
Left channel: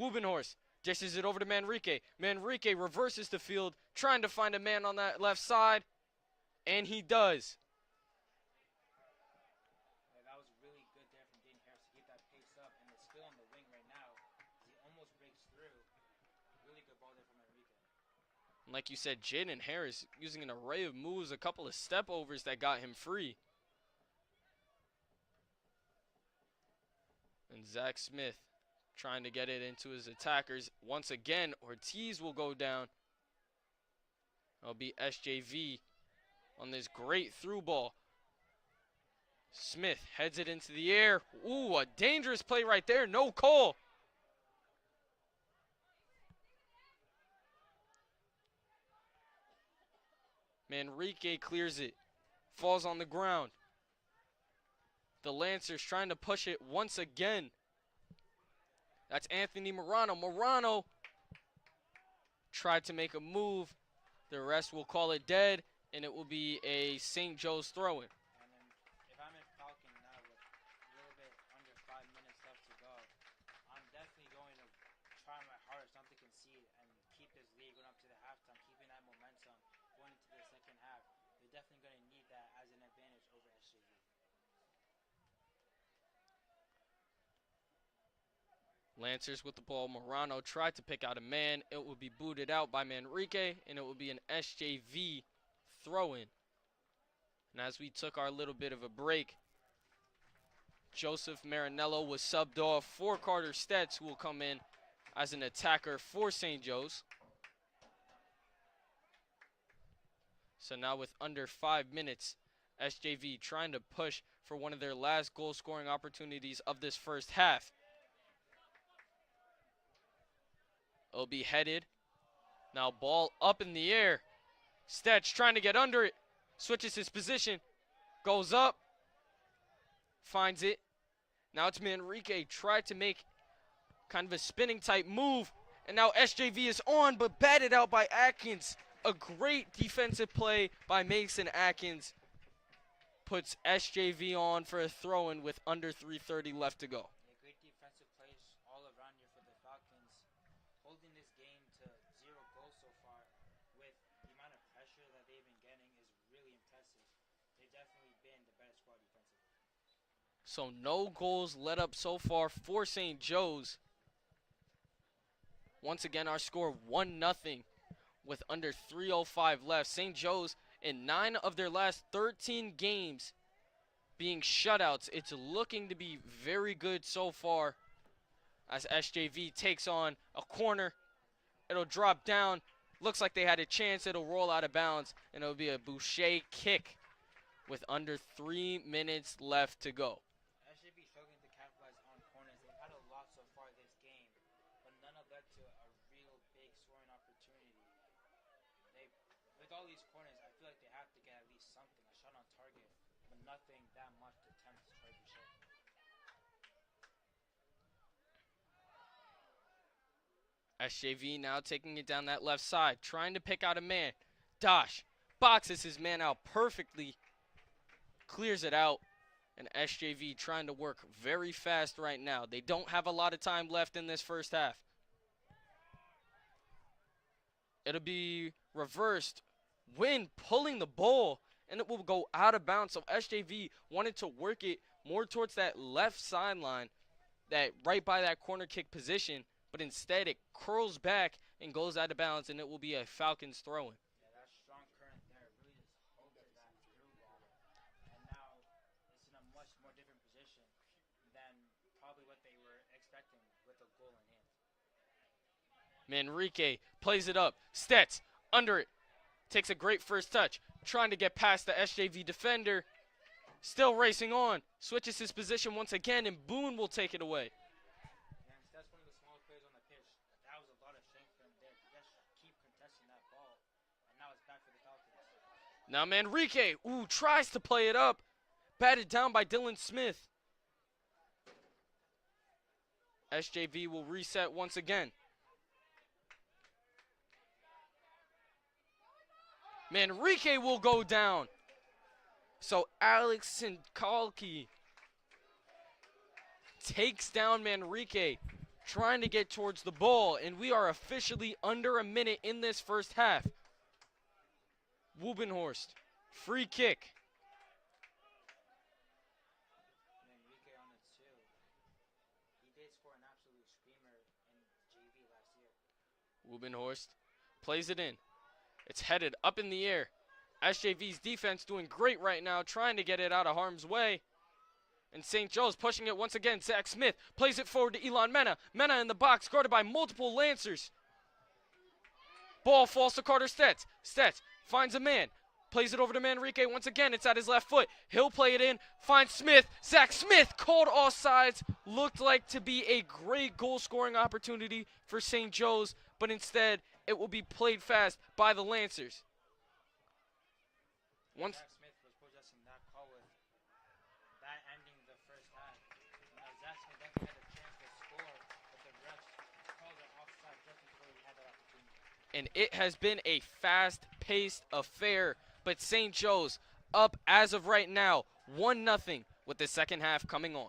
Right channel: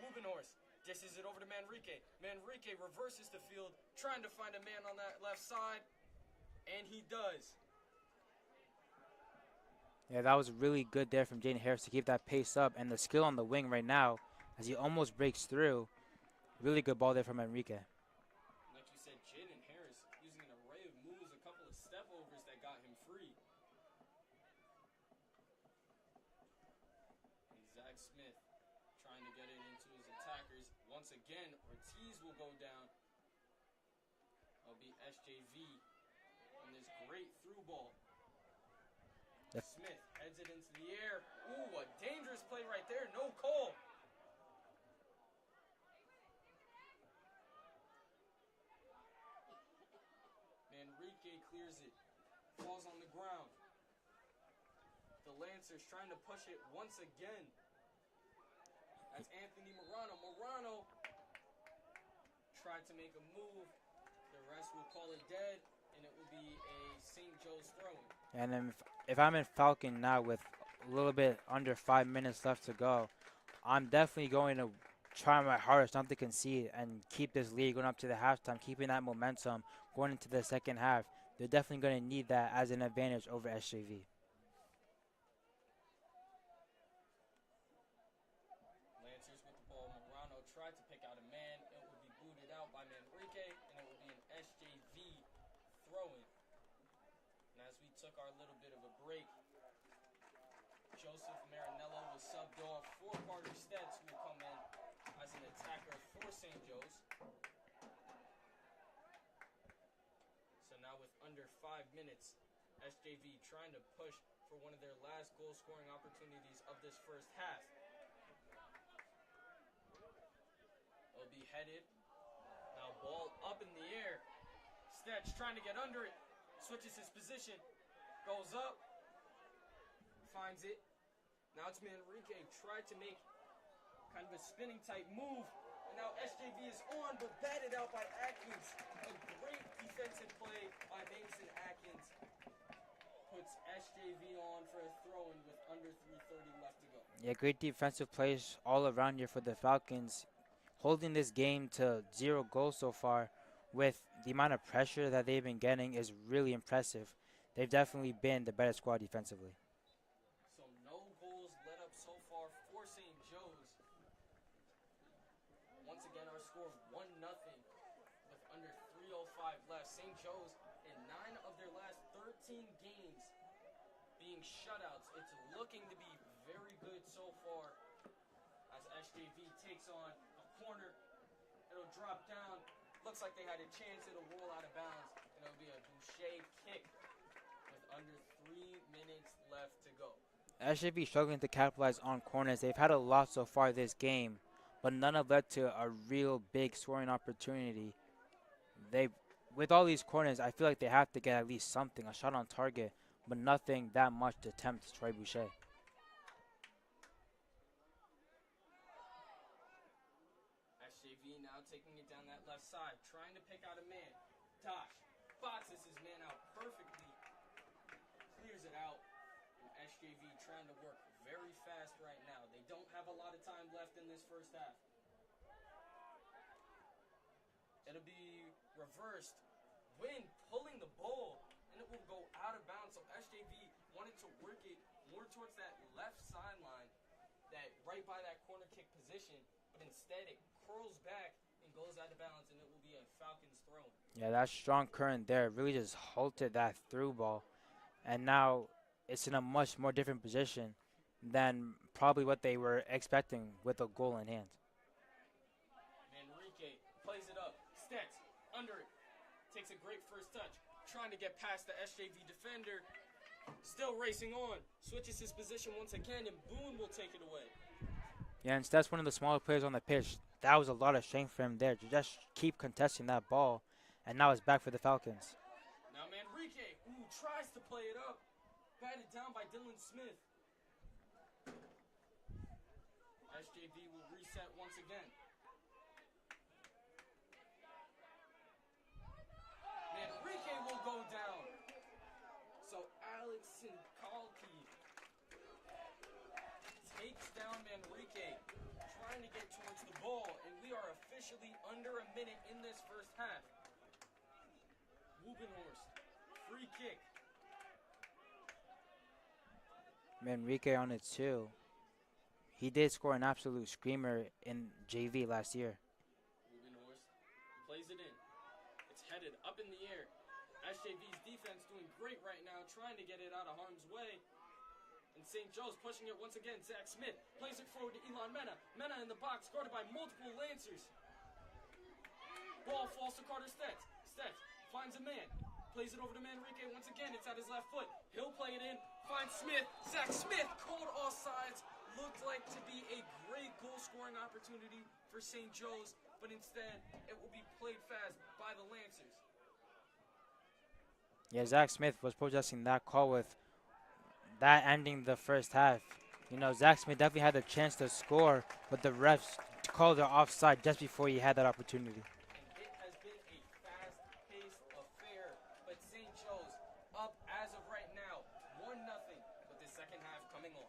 Wubenhorst dishes it over to Manrique. Manrique reverses the field, trying to find a man on that left side. And he does. Yeah, that was really good there from Jaden Harris to keep that pace up. And the skill on the wing right now, as he almost breaks through. Really good ball there from Enrique. Like you said, Jaden Harris using an array of moves, a couple of step overs that got him free. And Zach Smith trying to get it into his attackers. Once again, Ortiz will go down. It'll be SJV on this great through ball. Yep. Smith heads it into the air. Ooh, a dangerous play right there. No call. Manrique clears it. Falls on the ground. The Lancers trying to push it once again. That's Anthony Morano. Morano tried to make a move. The rest will call it dead, and it will be a St. Joe's throw-in. And then if I'm in Falcon now with a little bit under 5 minutes left to go, I'm definitely going to try my hardest not to concede and keep this lead going up to the halftime, keeping that momentum going into the second half. They're definitely going to need that as an advantage over SJV. Lancers with the ball. Morano tried to pick out a man. It will be booted out by Manrique, and it will be an SJV throw-in. And as we took our little bit of a break, Joseph Marinello was subbed off for Carter Stetz, who will come in as an attacker for St. Joe's. So now with under 5 minutes, SJV trying to push for one of their last goal-scoring opportunities of this first half. It'll be headed. Now ball up in the air. Stetch trying to get under it. Switches his position. Goes up. Finds it. Now it's Manrique. Tried to make kind of a spinning type move. And now SJV is on, but batted out by Atkins. A great defensive play by Mason Atkins. Puts SJV on for a throw-in with under 3:30 left to go. Yeah, great defensive plays all around here for the Falcons. Holding this game to 0 goals so far with the amount of pressure that they've been getting is really impressive. They've definitely been the better squad defensively. So no goals let up so far for St. Joe's. Once again, our score 1-0 with under 3:05 left. St. Joe's in 9 of their last 13 games being shutouts. It's looking to be very good so far as SJV takes on a corner. It'll drop down. Looks like they had a chance. It'll roll out of bounds, and it'll be a Boucher kick with under 3 minutes left to go. SJV struggling to capitalize on corners. They've had a lot so far this game, but none have led to a real big scoring opportunity. With all these corners, I feel like they have to get at least something, a shot on target, but nothing that much to tempt Troy Boucher. SJV now taking it down that left side, trying to pick out a man. Dosh boxes his man out perfectly, clears it out, and SJV trying to work very fast right now. They don't have a lot of time left in this first half. It'll be reversed. Wynn pulling the ball, and it will go out of bounds. So SJV wanted to work it more towards that left sideline, that right by that corner kick position, but instead it curls back and goes out of bounds, and it will be a Falcons throw-in. Yeah, that strong current there really just halted that through ball. And now it's in a much more different position than probably what they were expecting with a goal in hand. Manrique plays it up. Stetz under it. Takes a great first touch. Trying to get past the SJV defender. Still racing on. Switches his position once again, and Boone will take it away. Yeah, and Stetz, one of the smaller players on the pitch. That was a lot of strength for him there to just keep contesting that ball. And now it's back for the Falcons. Now Manrique, tries to play it up. Batted down by Dylan Smith. SJV will reset once again. Manrique will go down. So Alex Sinkalki takes down Manrique, trying to get towards the ball, and we are officially under a minute in this first half. Wubenhorst, free kick. Manrique on it too. He did score an absolute screamer in JV last year. Wubenhorst plays it in. It's headed up in the air. SJV's defense doing great right now, trying to get it out of harm's way. And St. Joe's pushing it once again. Zach Smith plays it forward to Elon Mena. Mena in the box, guarded by multiple Lancers. Ball falls to Carter Stets. Stets finds a man. Plays it over to Manrique. Once again, it's at his left foot. He'll play it in. Finds Smith. Zach Smith called offsides. Looked like to be a great goal-scoring opportunity for St. Joe's, but instead, it will be played fast by the Lancers. Yeah, Zach Smith was protesting that call with that ending the first half. You know, Zach Smith definitely had the chance to score, but the refs called it offside just before he had that opportunity. And it has been a fast-paced affair, but St. Joe's up as of right now, 1-0 with the second half coming on.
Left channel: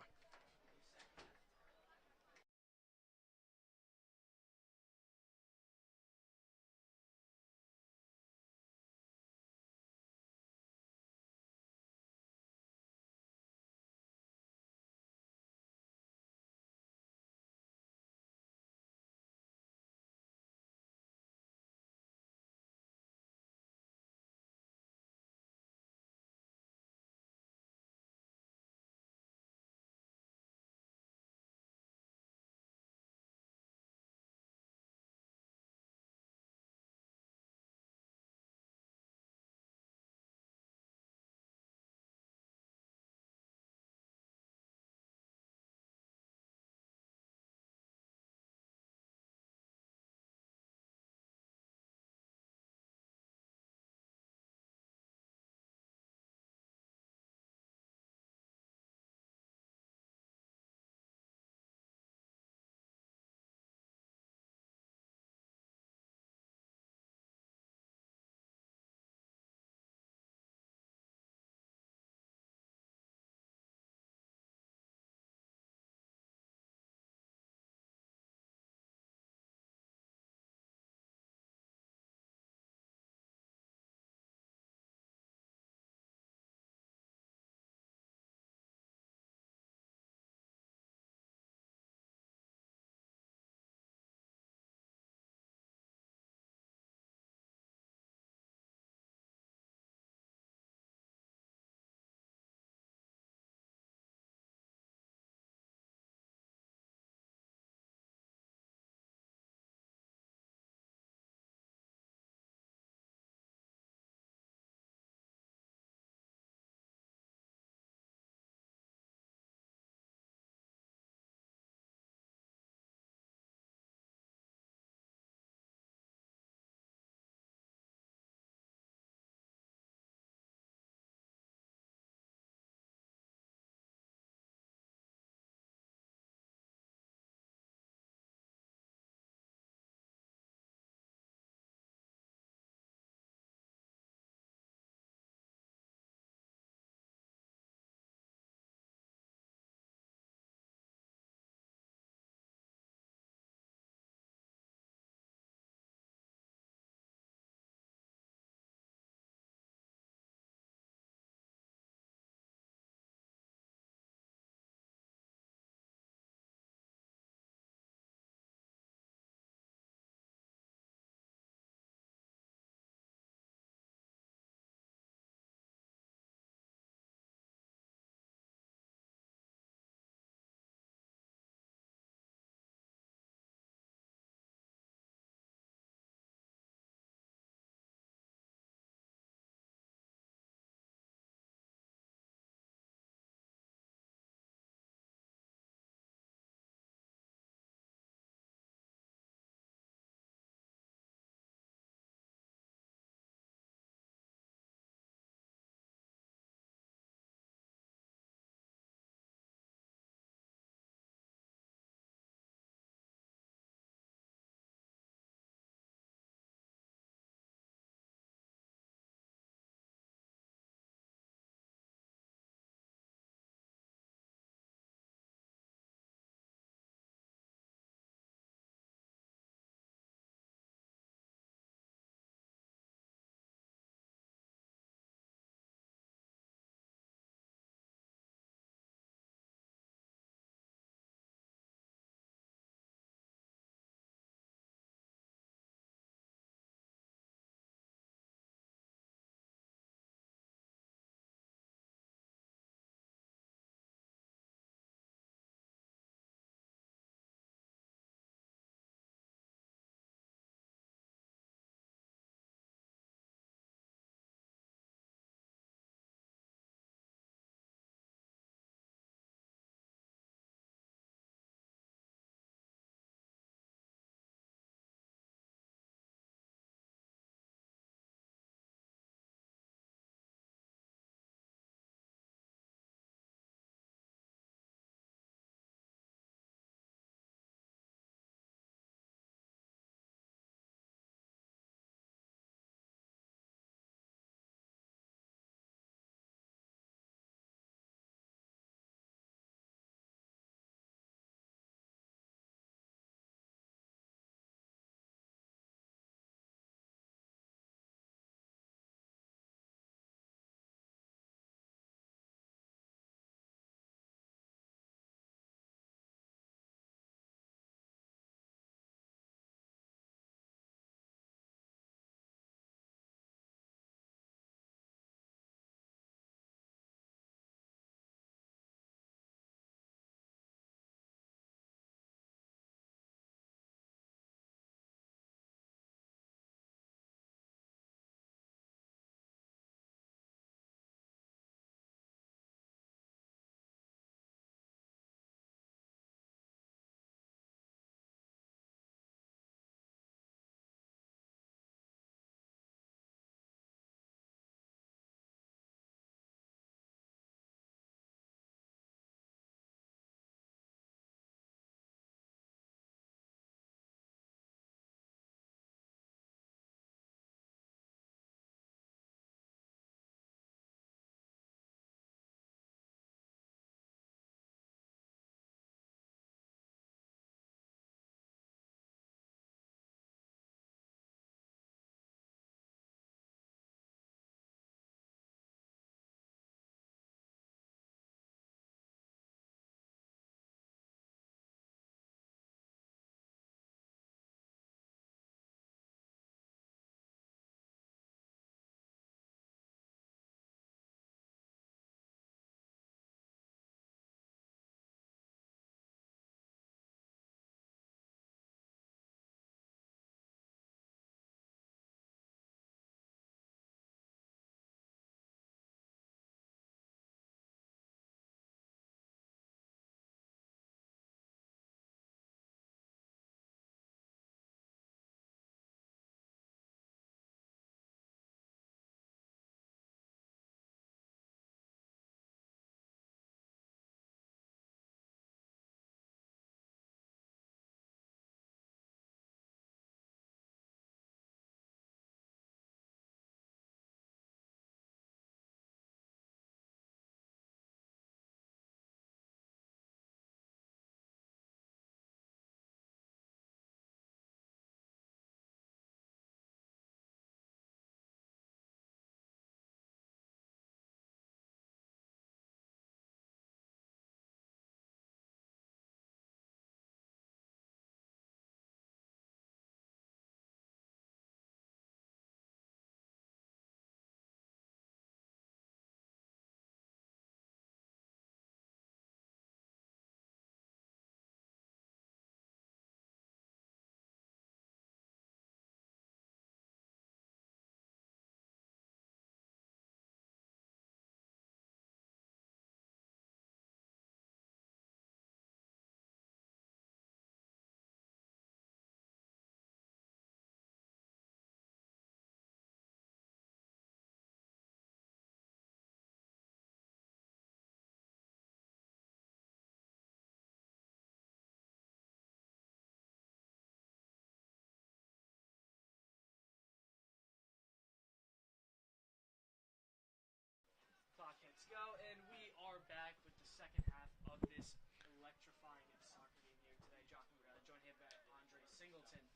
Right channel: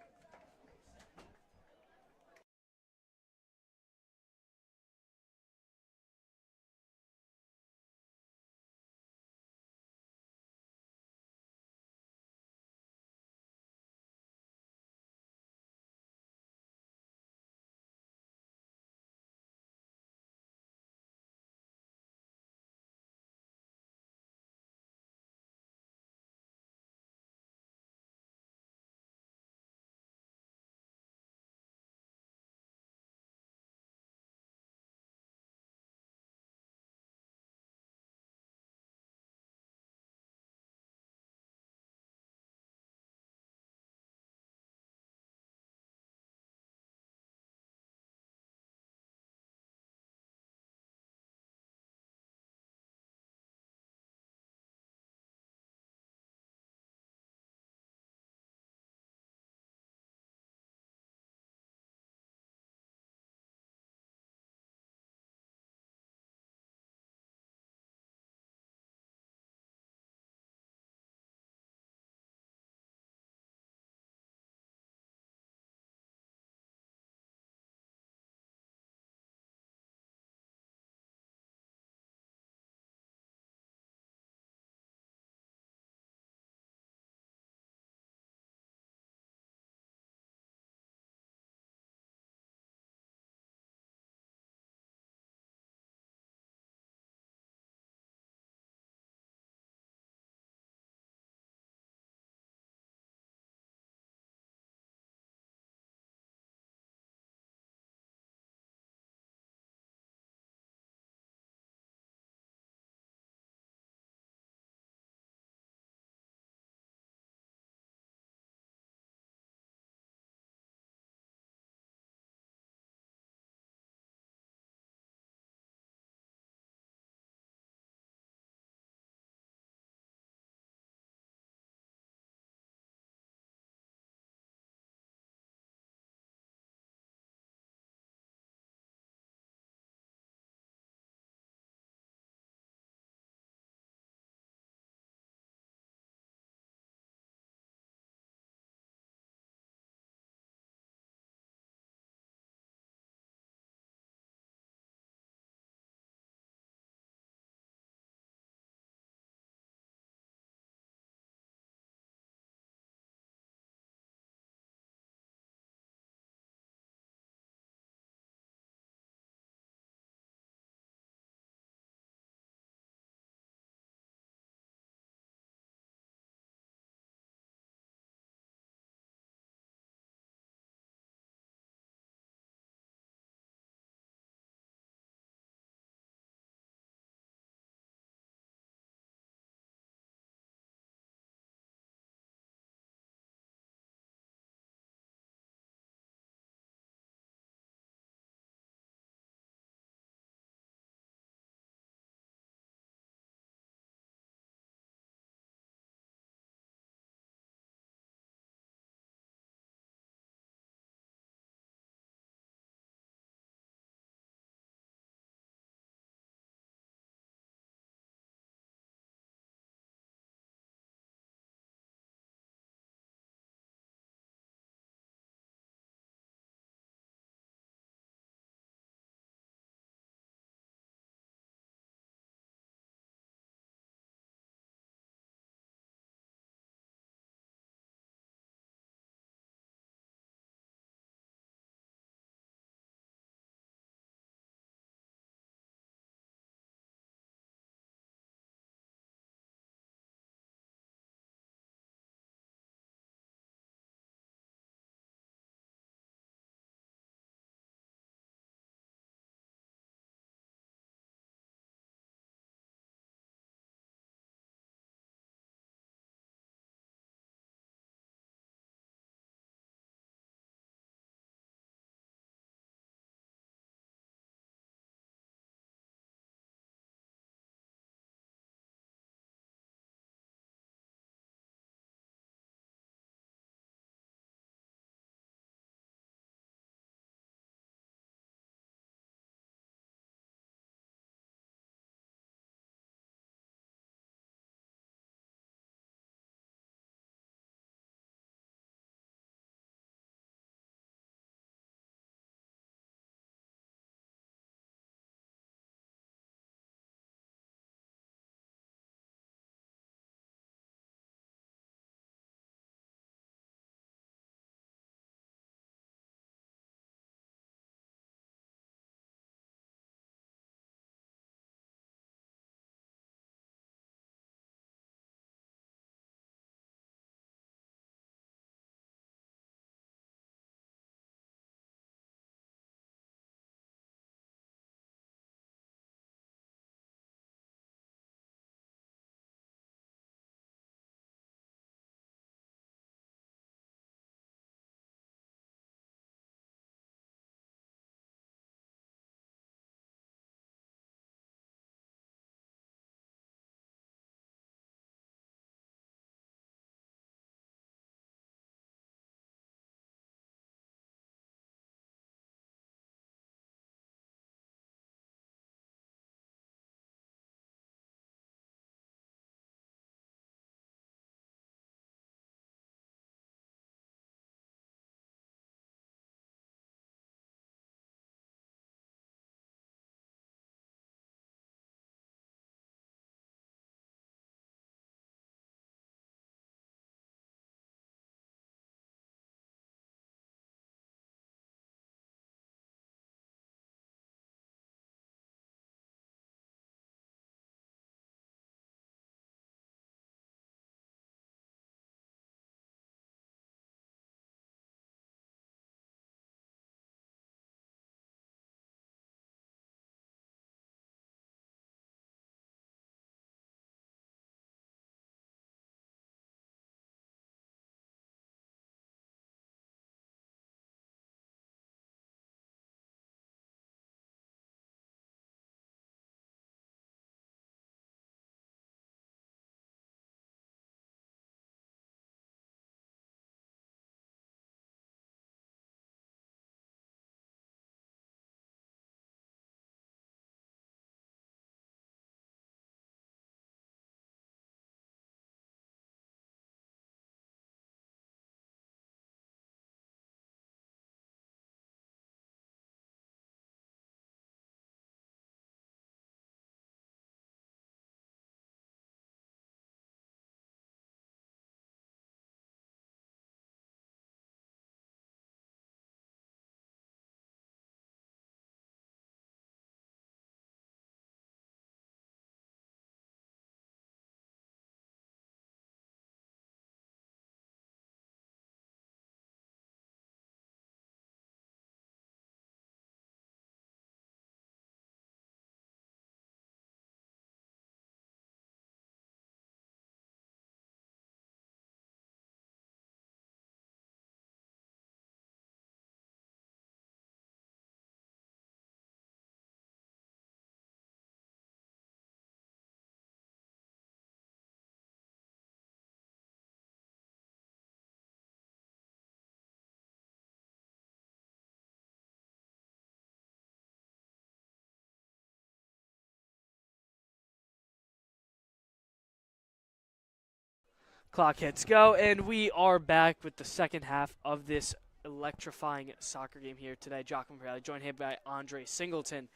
Clock hits go, and we are back with the second half of this electrifying soccer game here today. Joachim Bradley, joined here by Andre Singleton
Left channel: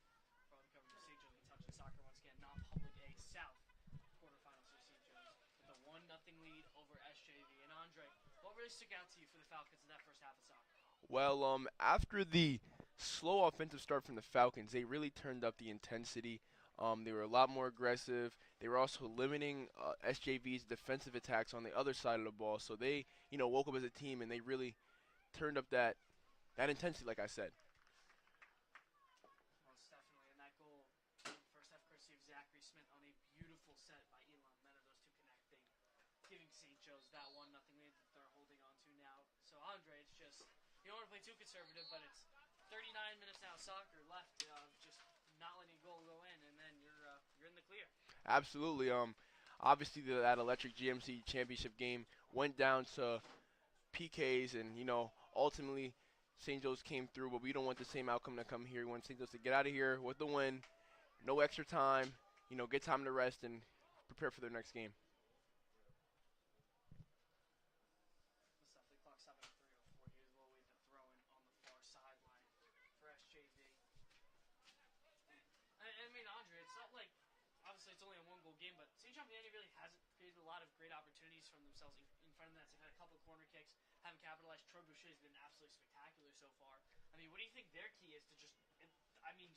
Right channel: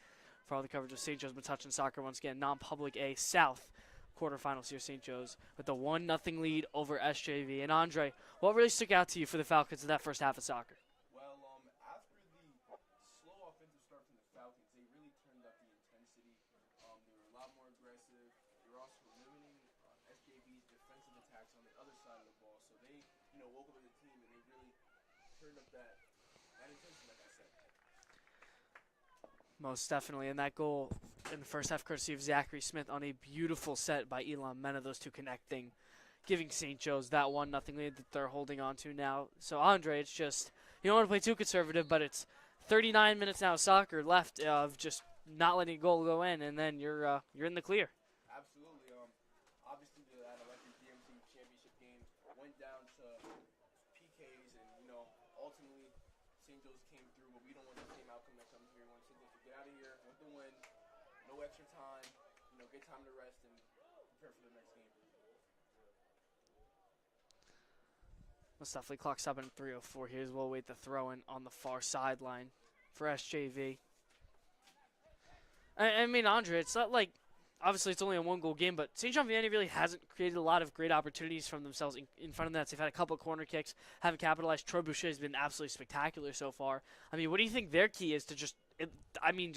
for all the coverage of St. Joe's Metuchen Soccer. Once again, non-public A South quarterfinals here, St. Joe's with a 1-0 lead over SJV. And Andre, what really stuck out to you for the Falcons in that first half of soccer? Well, after the slow offensive start from the Falcons, they really turned up the intensity. They were a lot more aggressive. They were also limiting SJV's defensive attacks on the other side of the ball. So they, woke up as a team and they really turned up that intensity, like I said. Most definitely. And that goal in the first half, courtesy of Zachary Smith on a beautiful set by Elon Mena, those two connecting, giving St. Joe's that 1-0 lead that they're holding on to now. So, Andre, it's just, you don't want to play too conservative, but it's 39 minutes now of soccer left of just not letting a goal go in, and then you're in the clear. Absolutely. Obviously, that electric GMC championship game went down to PKs, and, ultimately St. Joe's came through, but we don't want the same outcome to come here. We want St. Joe's to get out of here with the win, no extra time, get time to rest and prepare for their next game. Most definitely. Clock stopping at 3:04 here as well. Wait the throw in on the far sideline for SJV. I mean, Andre, it's not like, obviously it's only a 1-goal game, but St. John Vianney really hasn't created a lot of great opportunities from themselves in front of that. They've had a couple of corner kicks, haven't capitalized. Troy Boucher has been absolutely spectacular so far. I mean, what do you think their key is to just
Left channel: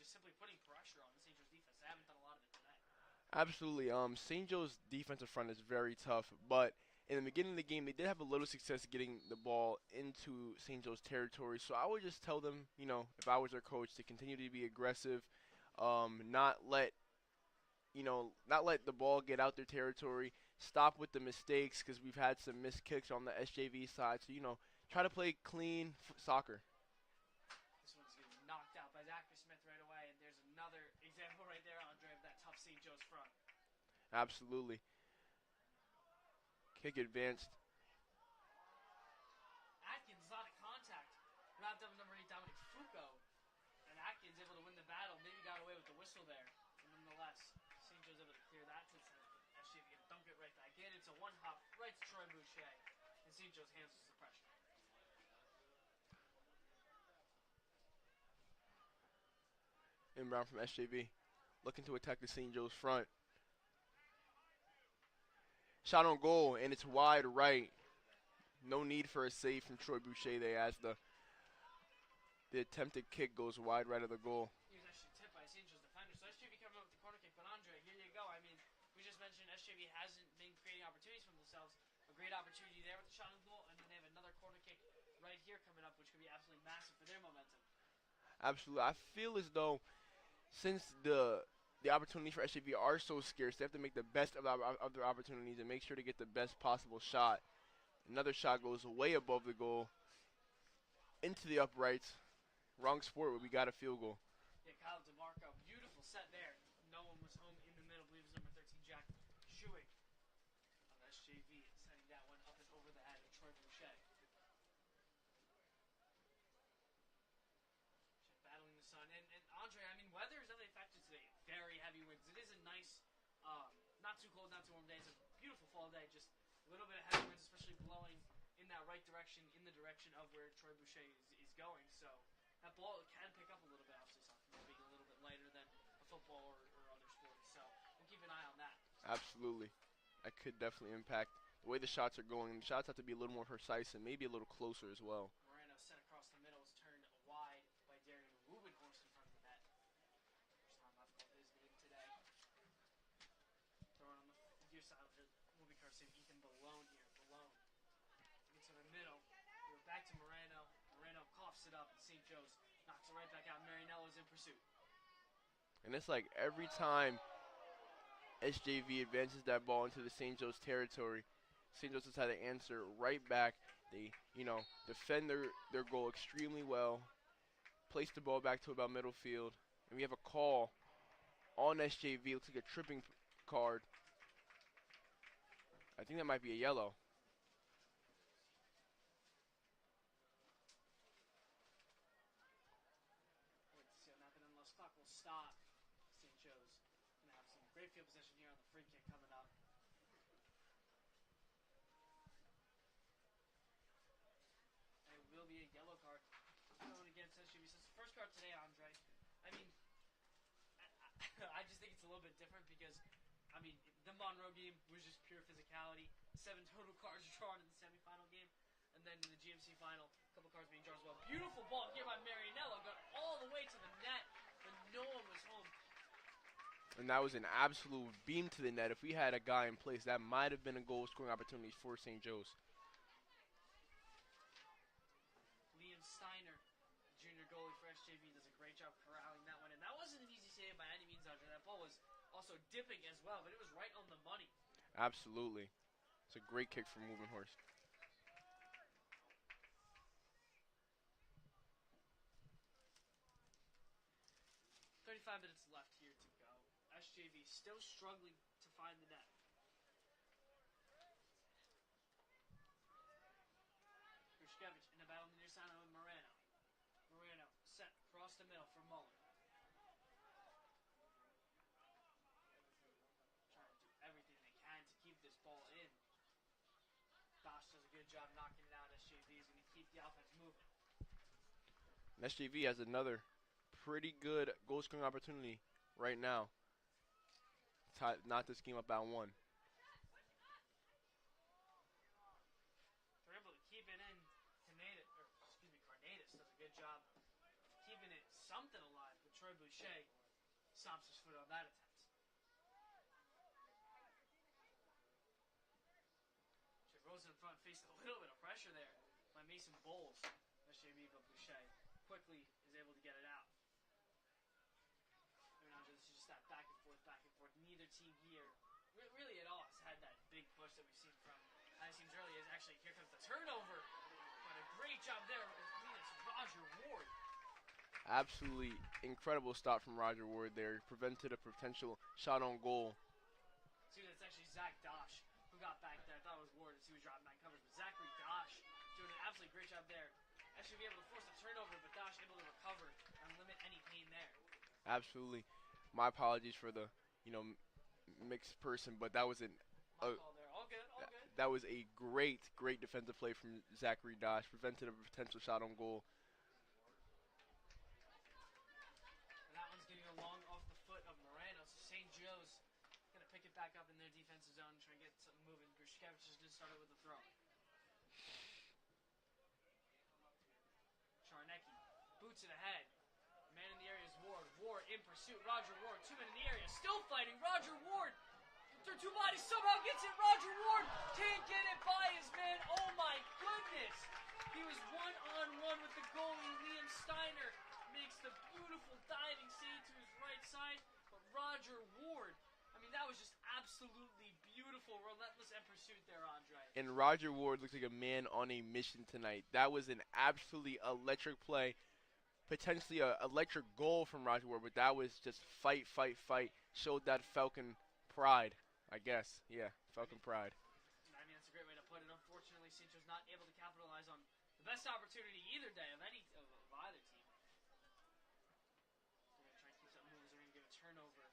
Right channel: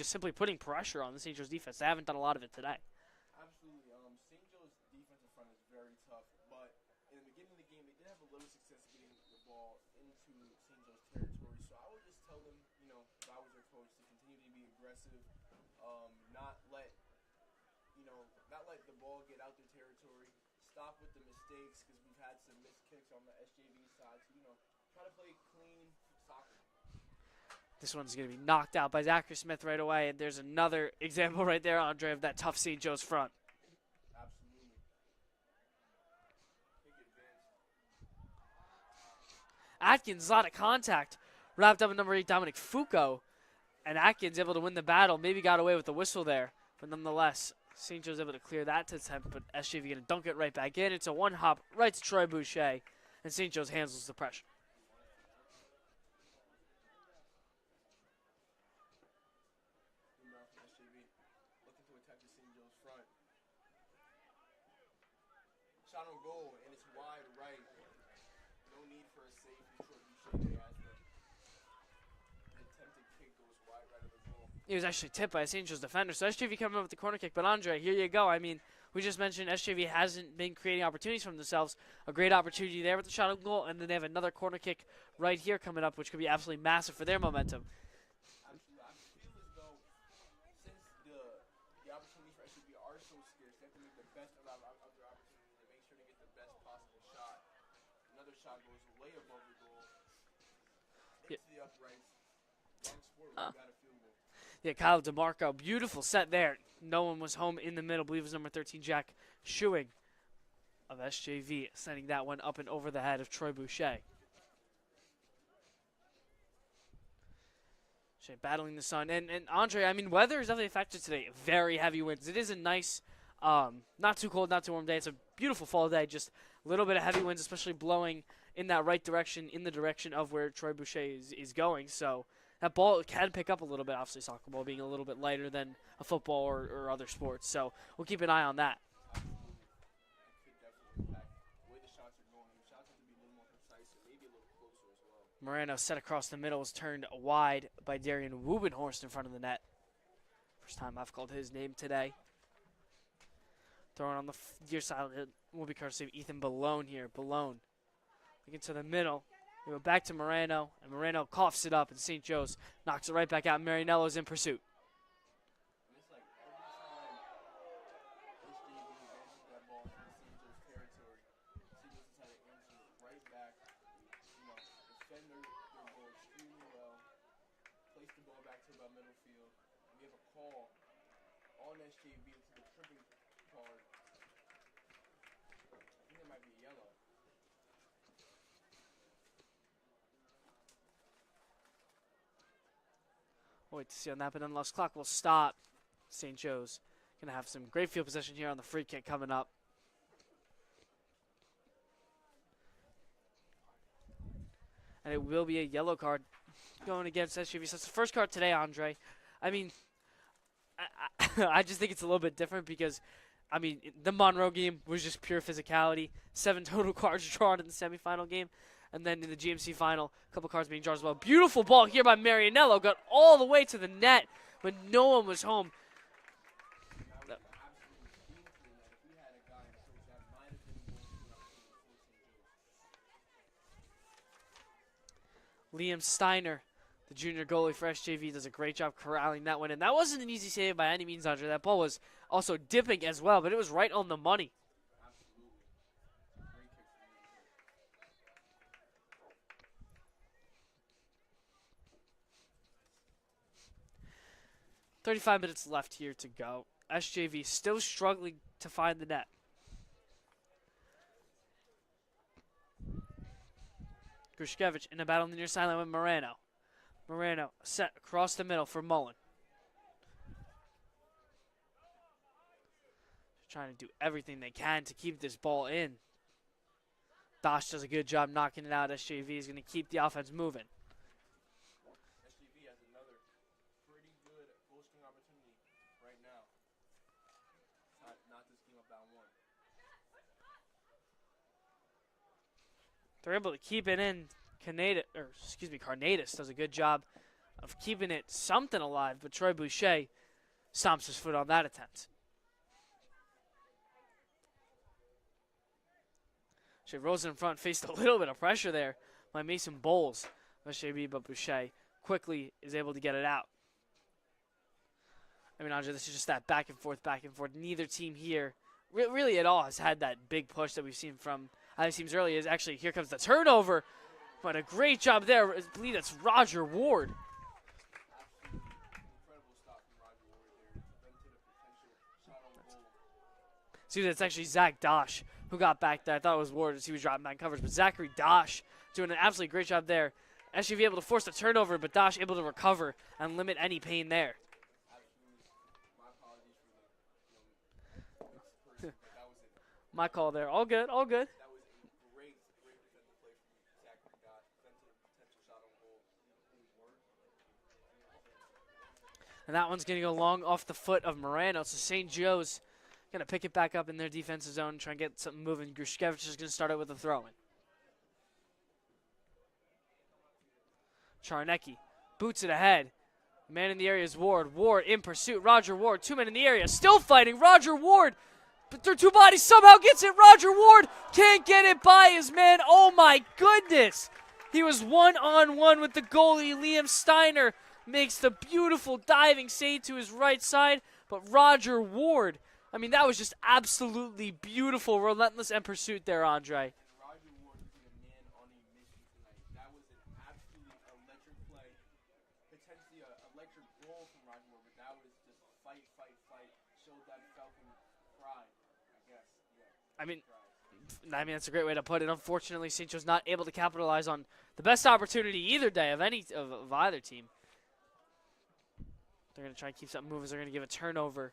simply putting pressure on the St. Joe's defense? They haven't done a lot of it today. Absolutely. St. Joe's defensive front is very tough, but in the beginning of the game, they did have a little success getting the ball into St. Joe's territory. So I would just tell them, if I was their coach, to continue to be aggressive, not let the ball get out their territory, stop with the mistakes, because we've had some missed kicks on the SJV side. So, try to play clean soccer. This one's going to be knocked out by Zachary Smith right away, and there's another example right there, Andre, of that tough St. Joe's front. Absolutely. Kick advanced. Atkins, a lot of contact. Wrapped up in number 8, Dominic Foucault. And Atkins able to win the battle. Maybe got away with the whistle there. But nonetheless, St. Joe's able to clear that to attempt. But SJV going to dunk it right back in. It's a one-hop right to Troy Boucher. And St. Joe's handles the pressure. Inbound from SJV. Looking to attack the St. Joe's front. Shot on goal, and it's wide right. No need for a save from Troy Boucher there as the attempted kick goes wide right of the goal. He was actually tipped by a St. Joe's defender. So SJV coming up with the corner kick. But Andre, here you go. I mean, we just mentioned SJV hasn't been creating opportunities for themselves. A great opportunity there with the shot on goal, and then they have another corner kick right here coming up, which could be absolutely massive for their momentum. Absolutely. I feel as though since the opportunities for SJV are so scarce, they have to make the best of their opportunities and make sure to get the best possible shot. Another shot goes way above the goal into the uprights. Wrong sport, we got a field goal. Yeah, Kyle DeMarco, beautiful set there. No one was home in the middle. I believe it was number 13, Jack Schuing of SJV, sending that one up and over the head of Troy Boucher. Battling the sun. And Andre, I mean, weather is definitely a factor today. Very heavy winds. It is a nice, not too cold, not too warm day. It's a beautiful fall day. Just a little bit of heavy winds, especially blowing in that right direction, in the direction of where Troy Boucher is going. So that ball can pick up a little bit, obviously soccer ball being a little bit lighter than a football or other sports. So we'll keep an eye on that. Absolutely. That could definitely impact the way the shots are going. The shots have to be a little more precise and maybe a little closer as well. Moreno set across the middle, was turned wide by Darian Wubenhorst in front of the net. First time I've called his name today. Throwing on the near side will be courtesy of Ethan Balone here. Balone looking to the middle. We go back to Moreno, and Moreno coughs it up, and St. Joe's knocks it right back out. Marinello's in pursuit. And it's like every time SJV advances that ball into the St. Joe's territory, St. Joe's has had to answer right back. They, defend their goal extremely well, place the ball back to about middle field, and we have a call on SJV. Looks like a tripping card. I think that might be a yellow. We'll wait to see on that, but nonetheless, clock will stop. St. Joe's going to have some great field possession here on the free kick coming up. and it will be a yellow card going against SJV. So it's the first card today, Andre. I mean, I just think it's a little bit different because, I mean, the Monroe game was just pure physicality. 7 total cards drawn in the semifinal game. And then in the GMC final, a couple cards being drawn as well. Beautiful ball here by Marianello. Got all the way to the net, but no one was home. And that was an absolute beam to the net. If we had a guy in place, that might have been a goal-scoring opportunity for St. Joe's. Liam Steiner, the junior goalie for SJV, does a great job corralling that one. And that wasn't an easy save by any means, Andre. That ball was also dipping as well, but it was right on the money. Absolutely. It's a great kick from Moving Horse. "35 minutes left here to go. SJV still struggling to find the net. Grushkevich in a battle on the near sideline with Moreno. Moreno set across the middle for Mullen. Trying to do everything they can to keep this ball in. Dosh does a good job knocking it out. SJV is going to keep the offense moving. SJV has another pretty good goal-scoring opportunity right now. Not this game up by 1. They're able to keep it in. Carnatus does a good job of keeping it something alive, but Troy Boucher stomps his foot on that attempt. Shea Rosen in front faced a little bit of pressure there by Mason Bowles. But Boucher quickly is able to get it out. I mean, Andre, this is just that back and forth. Neither team here really at all has had that big push that we've seen from other teams earlier. Is actually, here comes the turnover. But a great job there. I believe that's Roger Ward. Absolutely incredible stop from Roger Ward there. Prevented a potential shot on goal. See, that's actually Zach Dosh who got back there. I thought it was Ward as he was dropping back coverage. But Zachary Dosh doing an absolutely great job there. SUV able to force the turnover, but Dosh able to recover and limit any pain there. Absolutely. My apologies for the, mixed person, but that was my call there. All good, all good. That was a great defensive play from Zachary Dosh. Prevented a potential shot on goal. And that one's going to go long off the foot of Morano. So St. Joe's going to pick it back up in their defensive zone, try and get something moving. Grushkevich is going to start it with a throw-in. Charnecki boots it ahead. Man in the area is Ward. Ward in pursuit. Roger Ward, 2 men in the area, still fighting. Roger Ward, but their 2 bodies somehow gets it. Roger Ward can't get it by his man. Oh my goodness. He was one-on-one with the goalie. Liam Steiner makes the beautiful diving save to his right side. But Roger Ward, I mean, that was just absolutely beautiful, relentless and pursuit there, Andre. And Roger Ward looks like a man on a mission tonight. That was an absolutely electric play. Potentially an electric goal from Roger Ward, but that was just fight. Showed that Falcon pride, I guess. Yeah, Falcon pride. I mean, that's a great way to put it. Unfortunately, St. Joe's not able to capitalize on the best opportunity either day of either team. They're going to try and keep something moving. They're going to give a turnover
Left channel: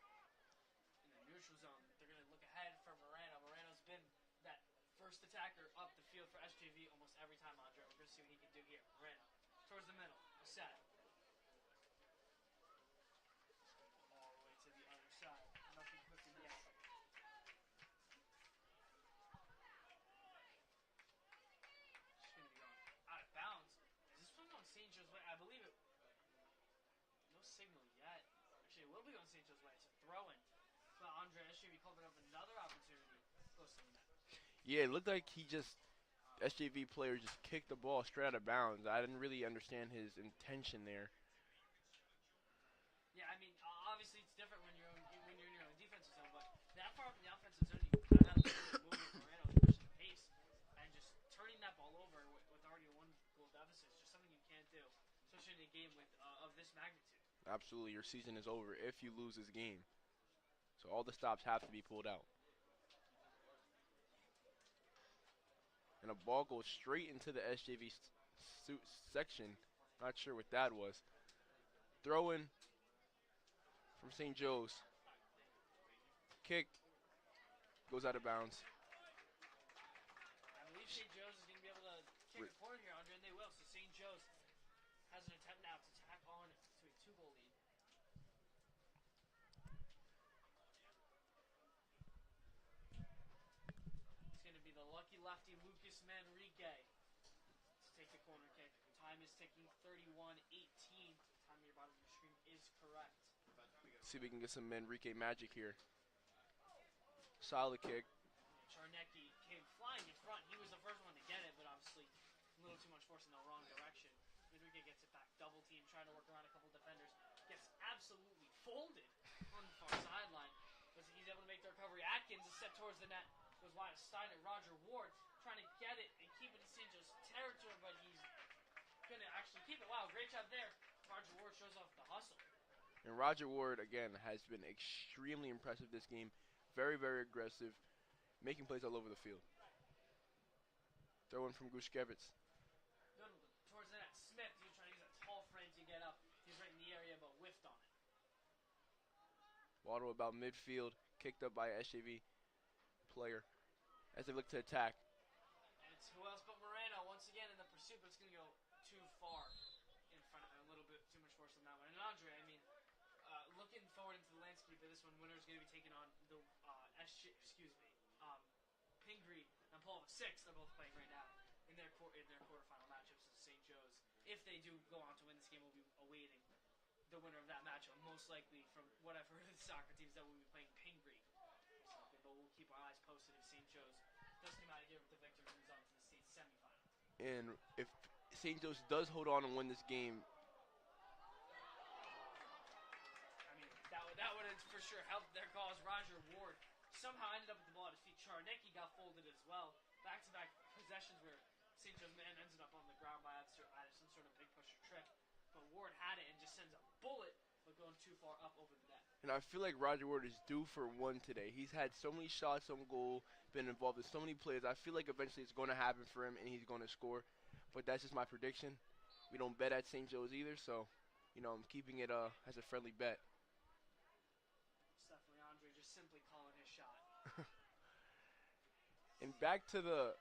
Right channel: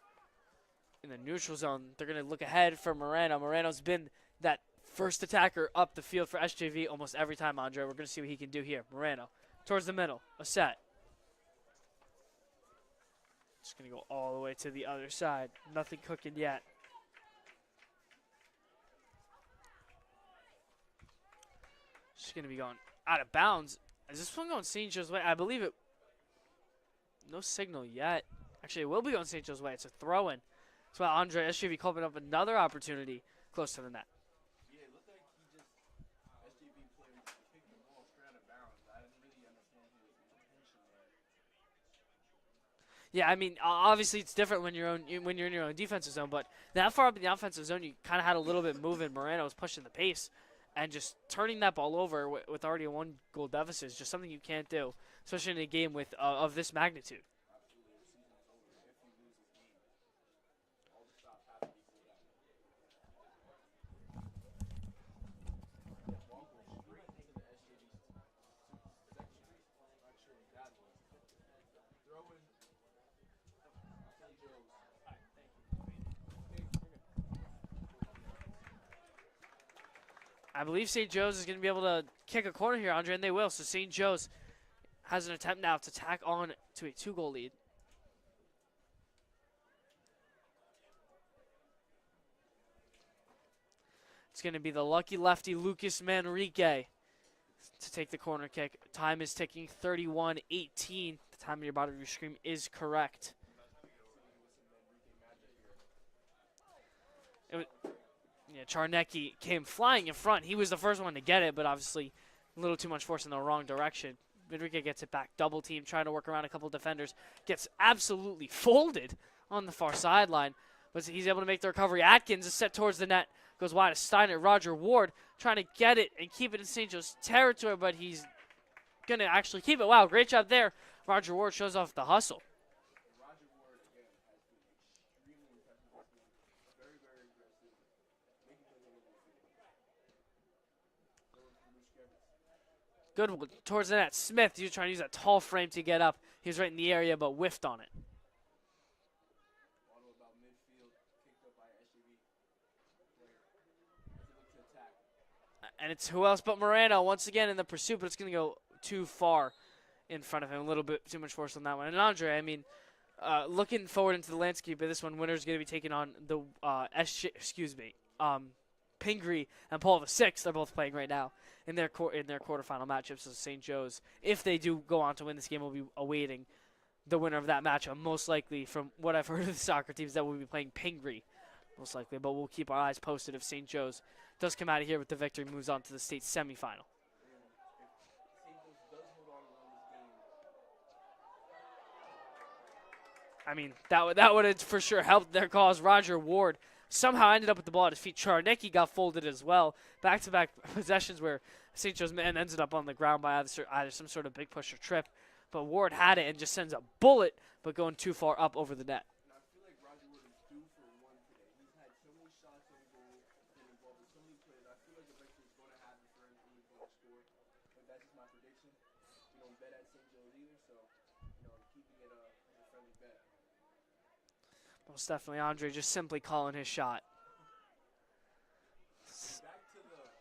in the neutral zone. They're going to look ahead for Moreno. Moreno's been that first attacker up the field for SJV almost every time, Andre. We're going to see what he can do here. Moreno towards the middle. A set. Just going to go all the way to the other side. Nothing cooking yet. Just going to be going out of bounds. Is this one going St. Joe's way? I believe it. No signal yet. Actually, it will be going St. Joe's way. It's a throw-in. That's why Andre SJV called up another opportunity close to the net. Yeah, it looked like SJV player just kicked the ball straight out of bounds. I didn't really understand his intention there. Yeah, I mean, obviously it's different when you're in your own defensive zone, but that far up in the offensive zone, you kind of had a little bit moving. Moreno was pushing the pace, and just turning that ball over with already a 1-goal deficit is just something you can't do, especially in a game of this magnitude. Absolutely, your season is over if you lose this game. So all the stops have to be pulled out. And a ball goes straight into the SJV section. Not sure what that was. Throw in from St. Joe's. Kick goes out of bounds. I believe St. Joe's is going to be able to kick a corner here, Andre, and they will. So St. Joe's has an attempt now to tack on to a 2-goal lead. It's going to be the lucky lefty, Lucas Manrique, to take the corner kick. Time is ticking, 31-18. The time on your bottom of your screen is correct. See if we can get some Manrique magic here. Solid kick. Yeah, Charnecki came flying in front. He was the first one to get it, but obviously a little too much force in the wrong direction. Manrique gets it back, double team, trying to work around a couple defenders. Gets absolutely folded on the far sideline, but he's able to make the recovery. Atkins is set towards the net. Goes wide to Steiner. Roger Ward trying to get it and keep it in St. Joe's territory, but he's going to actually keep it. Wow, great job there. Roger Ward shows off the hustle. And Roger Ward, again, has been extremely impressive this game. Very, very aggressive, making plays all over the field. Throw in from Gushkevitz. Good one towards the net. Smith, he was trying to use that tall frame to get up. He was right in the area, but whiffed on it. Waddle about midfield, kicked up by SJV player as they look to attack. And it's who else but Moreno once again in the pursuit, but it's going to go too far in front of him. A little bit too much force on that one. And Andre, I mean, looking forward into the landscape of this one, winner's going to be taking on the Pingree and Paul VI. They're both playing right now in their quarterfinal matchups. So St. Joe's, if they do go on to win this game, will be awaiting the winner of that matchup. Most likely, from what I've heard of the soccer teams, that will be playing Pingree, most likely. But we'll keep our eyes posted if St. Joe's does come out of here with the victory, moves on to the state semifinal. And if St. Joe's does hold on and win this game, I mean, that would have for sure helped their cause. Roger Ward somehow ended up with the ball at his feet. Charnecki got folded as well. Back-to-back possessions where St. Joe's man ended up on the ground by either some sort of big push or trip. But Ward had it and just sends a bullet, but going too far up over the net. and I feel like Roger Ward is due for one today. He's had so many shots on goal, been involved in so many plays. I feel like eventually it's going to happen for him and he's going to score. But that's just my prediction. We don't bet at St. Joe's either, so, I'm keeping it as a friendly bet. Most definitely, Andre just simply calling his shot. And back to the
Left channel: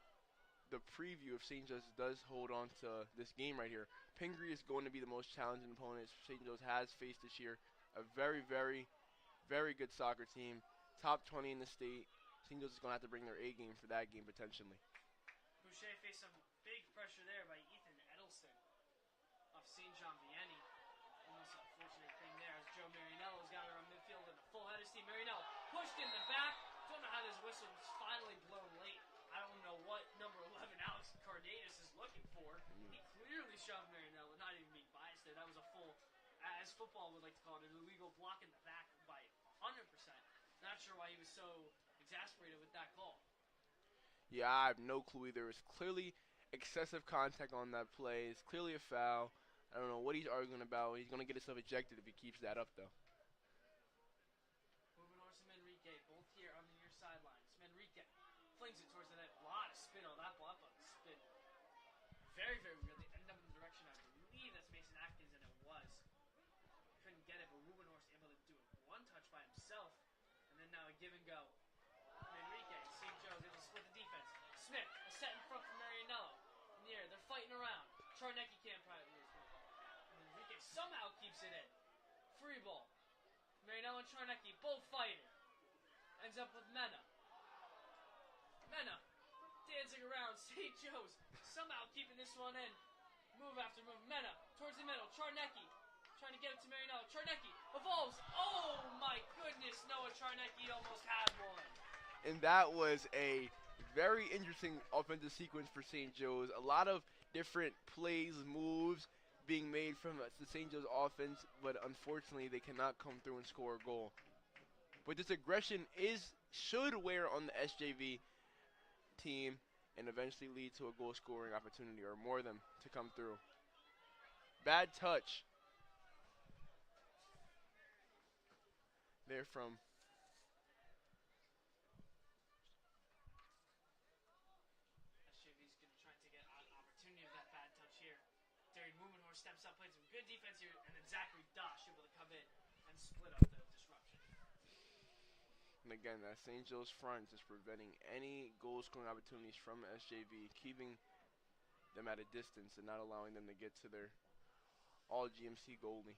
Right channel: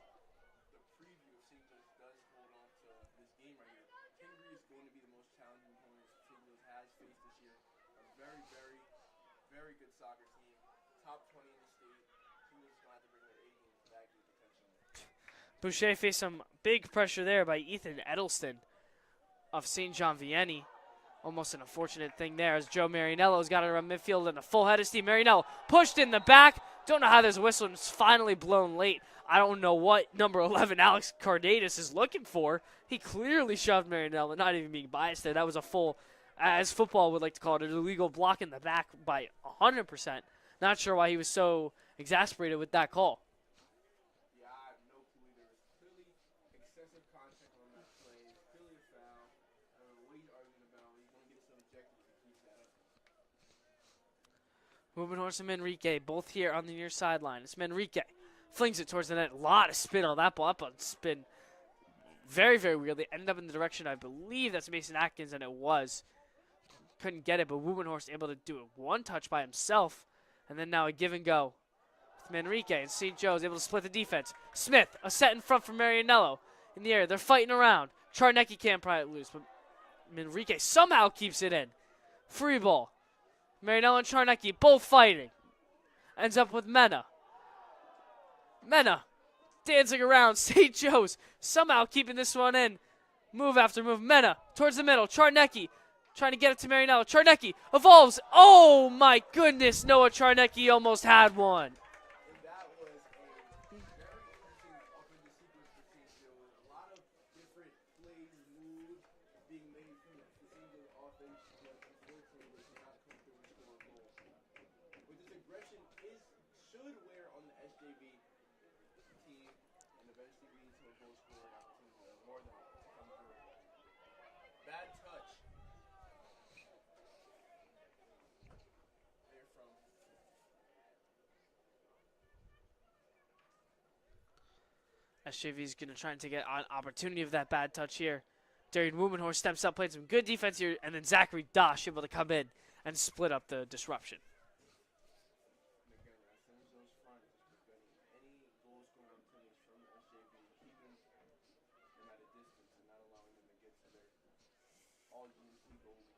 preview if St. Joe's does hold on to this game right here. Pingree is going to be the most challenging opponent St. Joe's has faced this year. A very, very, very good soccer team. Top 20 in the state. St. Joe's is going to have to bring their A game for that game potentially. Boucher faced some big pressure there by Ethan Edelston of St. John Vianney. Almost an unfortunate thing there as Joe Marinello's got it around midfield and a full head of steam. Marinello pushed in the back. Don't know how there's a whistle and it's finally blown late. I don't know what number 11 Alex Cardatus is looking for. He clearly shoved Marinello, not even being biased there. That was a full, as football would like to call it, an illegal block in the back by 100%. Not sure why he was so exasperated with that call. Yeah, I have no clue either. It's clearly excessive contact on that play. It's clearly a foul. I don't know what he's arguing about. He's going to get himself ejected if he keeps that up, though. Rubenhorst and Manrique both here on the near sideline. It's Manrique. Flings it towards the net. A lot of spin on that ball. Up on spin. Very, very weirdly. Ended up in the direction, I believe that's Mason Atkins, and it was. Couldn't get it, but Rubenhorst able to do it one touch by himself. And then now a give and go. Manrique and St. Joe's able to split the defense. Smith, a set in front for Marianello. In the air, they're fighting around. Charnecki can't pry it loose, but Manrique somehow keeps it in. Free ball. Marianello and Charnecki both fighting. Ends up with Mena. Mena dancing around. St. Joe's somehow keeping this one in. Move after move. Mena towards the middle. Charnecki trying to get it to Marianello. Charnecki evolves. Oh my goodness. Noah Charnecki almost had one. And that was a very interesting offensive sequence for St. Joe's. A lot of different plays, moves being made from the St. Joe's offense, but unfortunately they cannot come through and score a goal. But this aggression should wear on the SJV team and eventually lead to a goal scoring opportunity or more of them to come through. Bad touch there from SJV is going to try and take an opportunity of that bad touch here. Darian Rubenhorst steps up, played some good defense here, and then Zachary Dosh able to come in and split up the disruption. And again that St. Joe's front is preventing any goal scoring opportunities from SJV, keeping them at a distance and not allowing them to get to their all GMC goalie,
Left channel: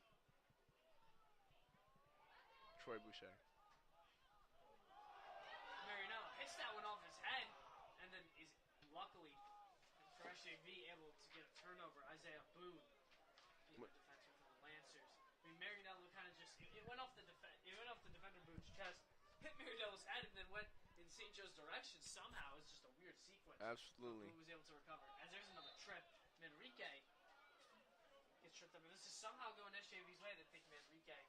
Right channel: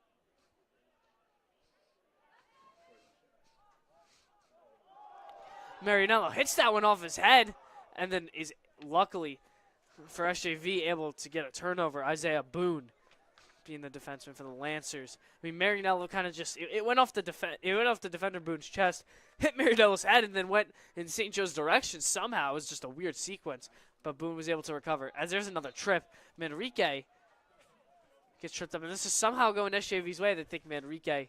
Troy Boucher. Marianello hits that one off his head and then is luckily for SJV able to get a turnover. Isaiah Boone being the defenseman for the Lancers. I mean, Marianello kind of just it went off the defender Boone's chest, hit Marianello's head, and then went in St. Joe's direction. Somehow it was just a weird sequence, but Boone was able to recover. As there's another trip, Manrique gets tripped up, and this is somehow going SJV's way. They think Manrique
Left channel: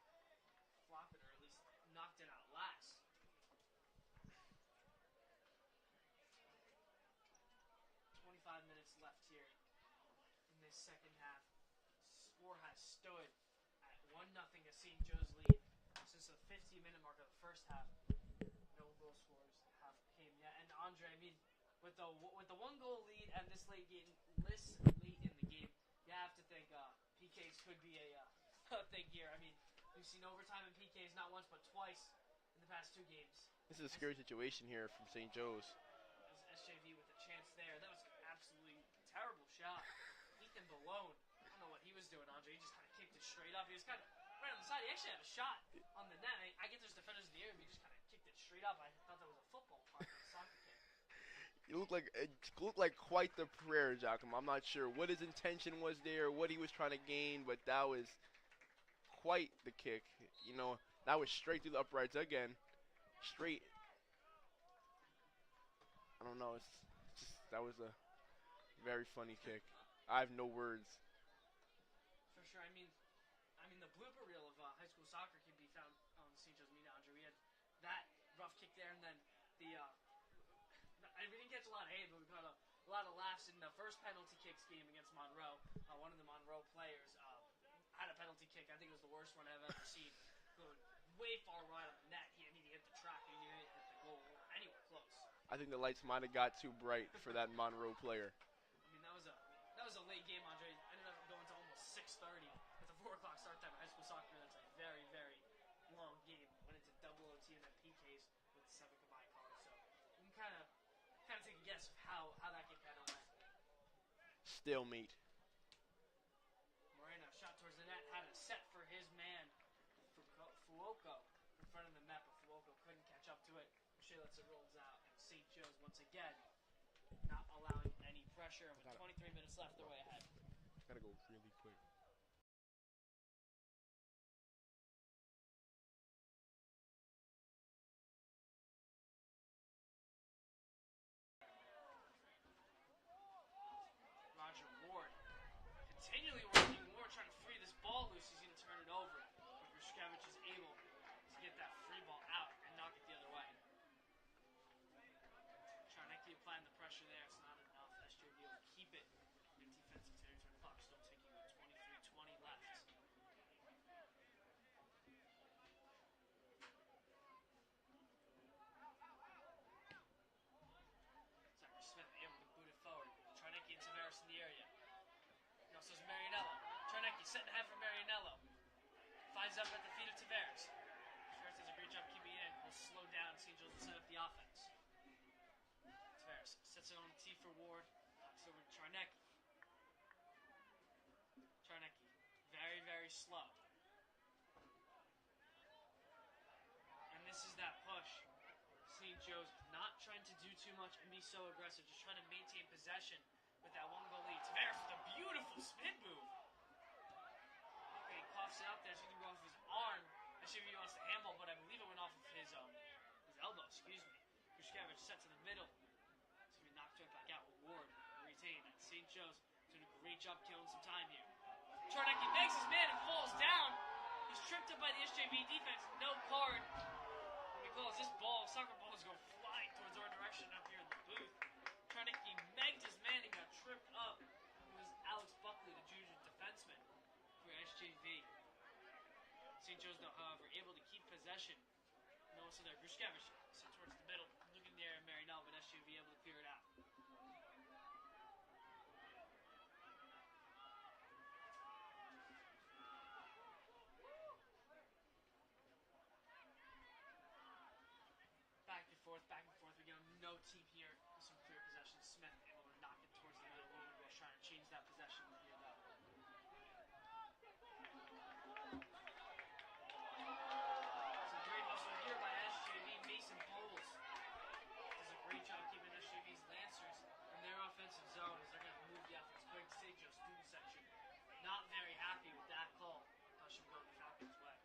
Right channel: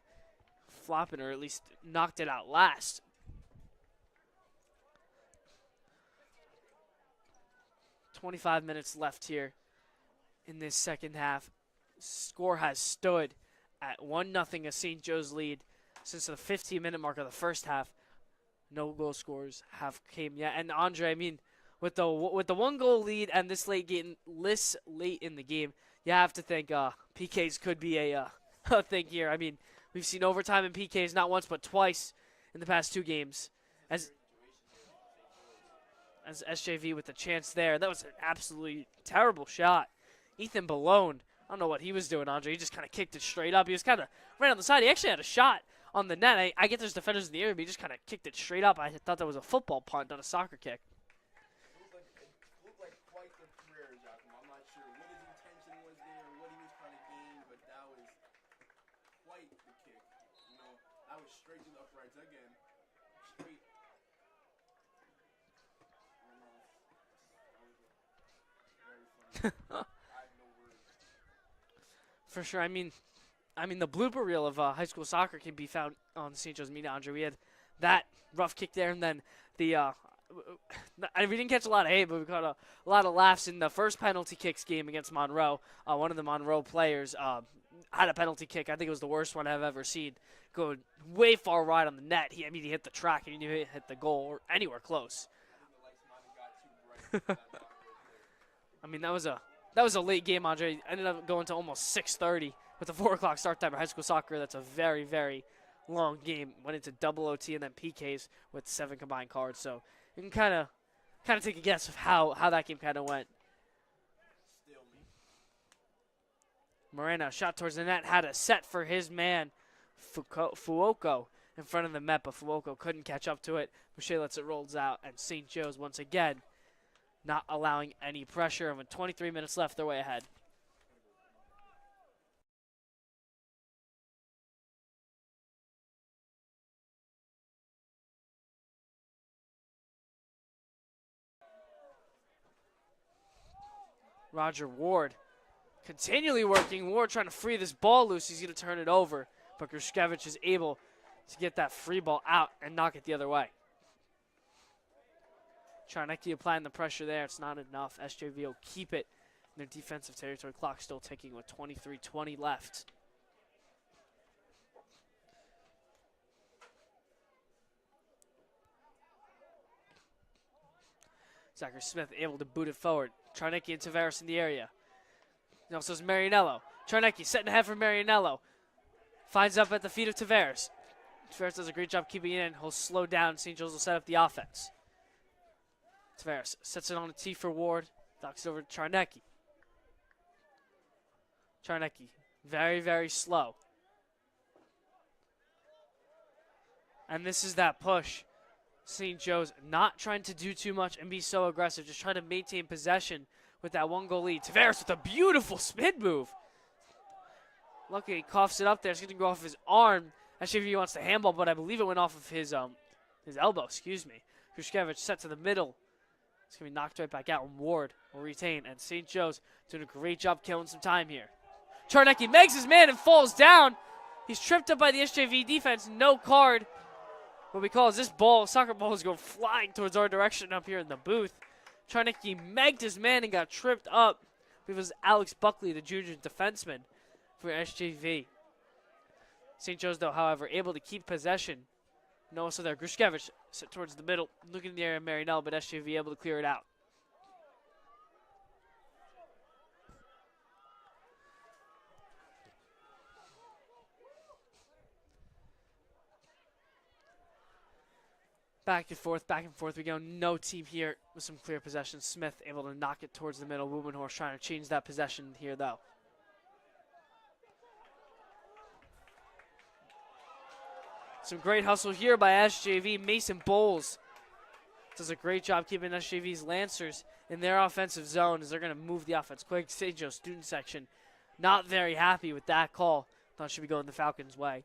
flopping, or at least knocked it out last. 25 minutes left here in this second half. Score has stood at 1-0, a St. Joe's lead since the 15-minute mark of the first half. No goal scores have came yet. And Andre, I mean, with the 1-goal lead and this late in the game, you have to think PKs could be a thing here. I mean, we've seen overtime in PKs not once but twice in the past 2 games. This is a scary situation here from St. Joe's. As SJV with the chance there. That was an absolutely terrible shot. Ethan Balone, I don't know what he was doing, Andre. He just kind of kicked it straight up. He was kind of right on the side. He actually had a shot on the net. I get there's defenders in the area, but he just kind of kicked it straight up. I thought that was a football punt, not a soccer kick. It looked like quite the prayer, Giacomo. I'm not sure what his intention was there, what he was trying to gain, but that was quite the kick. You know, that was straight through the uprights again. Straight. I don't know. That was a very funny kick. I have no words. For sure. I mean, the blooper reel of high school soccer can be found on St. Joe's Media, Andre. We had that rough kick there, and then the we didn't catch a lot of hate, but we caught a lot of laughs in the first penalty kicks game against Monroe. One of the Monroe players had a penalty kick. I think it was the worst one I've ever seen. Go way far wide on the net. He hit the track, and he hit the goal or anywhere close. I think the lights might have got too bright for that Monroe player. I mean, that was a late game, Andre. Ended up going to almost 6:30 with a 4 o'clock start time for high school soccer. That's a very, very long game. Went into double OT and then PKs with 7 combined cards. So you can kind of take a guess of how that game kind of went. Stalemate. Moreno shot towards the net, had a set for his man, Fuoco, in front of the net, but Fuoco couldn't catch up to it. Boucher lets it rolls out, and St. Joe's once again not allowing any pressure. And with 23 minutes left, they're way ahead. Roger Ward continually working. Ward trying to free this ball loose. He's going to turn it over, but Grushkevich is able to get that free ball out and knock it the other way. Charnecki applying the pressure there. It's not enough. SJV will keep it in their defensive territory. Clock still ticking with 23:20 left. Zachary Smith able to boot it forward. Charnecki and Tavares in the area. And also is Marianello. Charnecki setting ahead for Marianello. Finds up at the feet of Tavares. Tavares does a great job keeping it in. He'll slow down. St. Joe's will set up the offense. Tavares sets it on a tee for Ward. Knocks it over to Charnecki. Charnecki, very, very slow. And this is that push. St. Joe's not trying to do too much and be so aggressive, just trying to maintain possession with that 1-goal lead. Tavares with a beautiful spin move. Luckily, he coughs it up there. It's going to go off his arm. Actually, if he wants to handball, but I believe it went off of his elbow, excuse me. Grushkevich set to the middle. It's going to be knocked right back out. Ward will retain, and St. Joe's doing a great job killing some time here. Charnecki makes his man and falls down. He's tripped up by the SJV defense. No card. What we call is this ball, soccer ball, is going flying towards our direction up here in the booth. Charnecki megged his man and got tripped up. It was Alex Buckley, the junior defenseman for SJV. St. Joe's, though, however, able to keep possession. No, so there, Grushkevich set towards the middle, looking in the area of Marinell, but SJV able to clear it out. Back and forth we go. No team here with some clear possession. Smith able to knock it towards the middle. Wubenhorst trying to change that possession here, though. Some great hustle here by SJV. Mason Bowles does a great job keeping SJV's Lancers in their offensive zone as they're going to move the offense quick. St. Joe student section not very happy with that call. Thought it should be going the Falcons' way.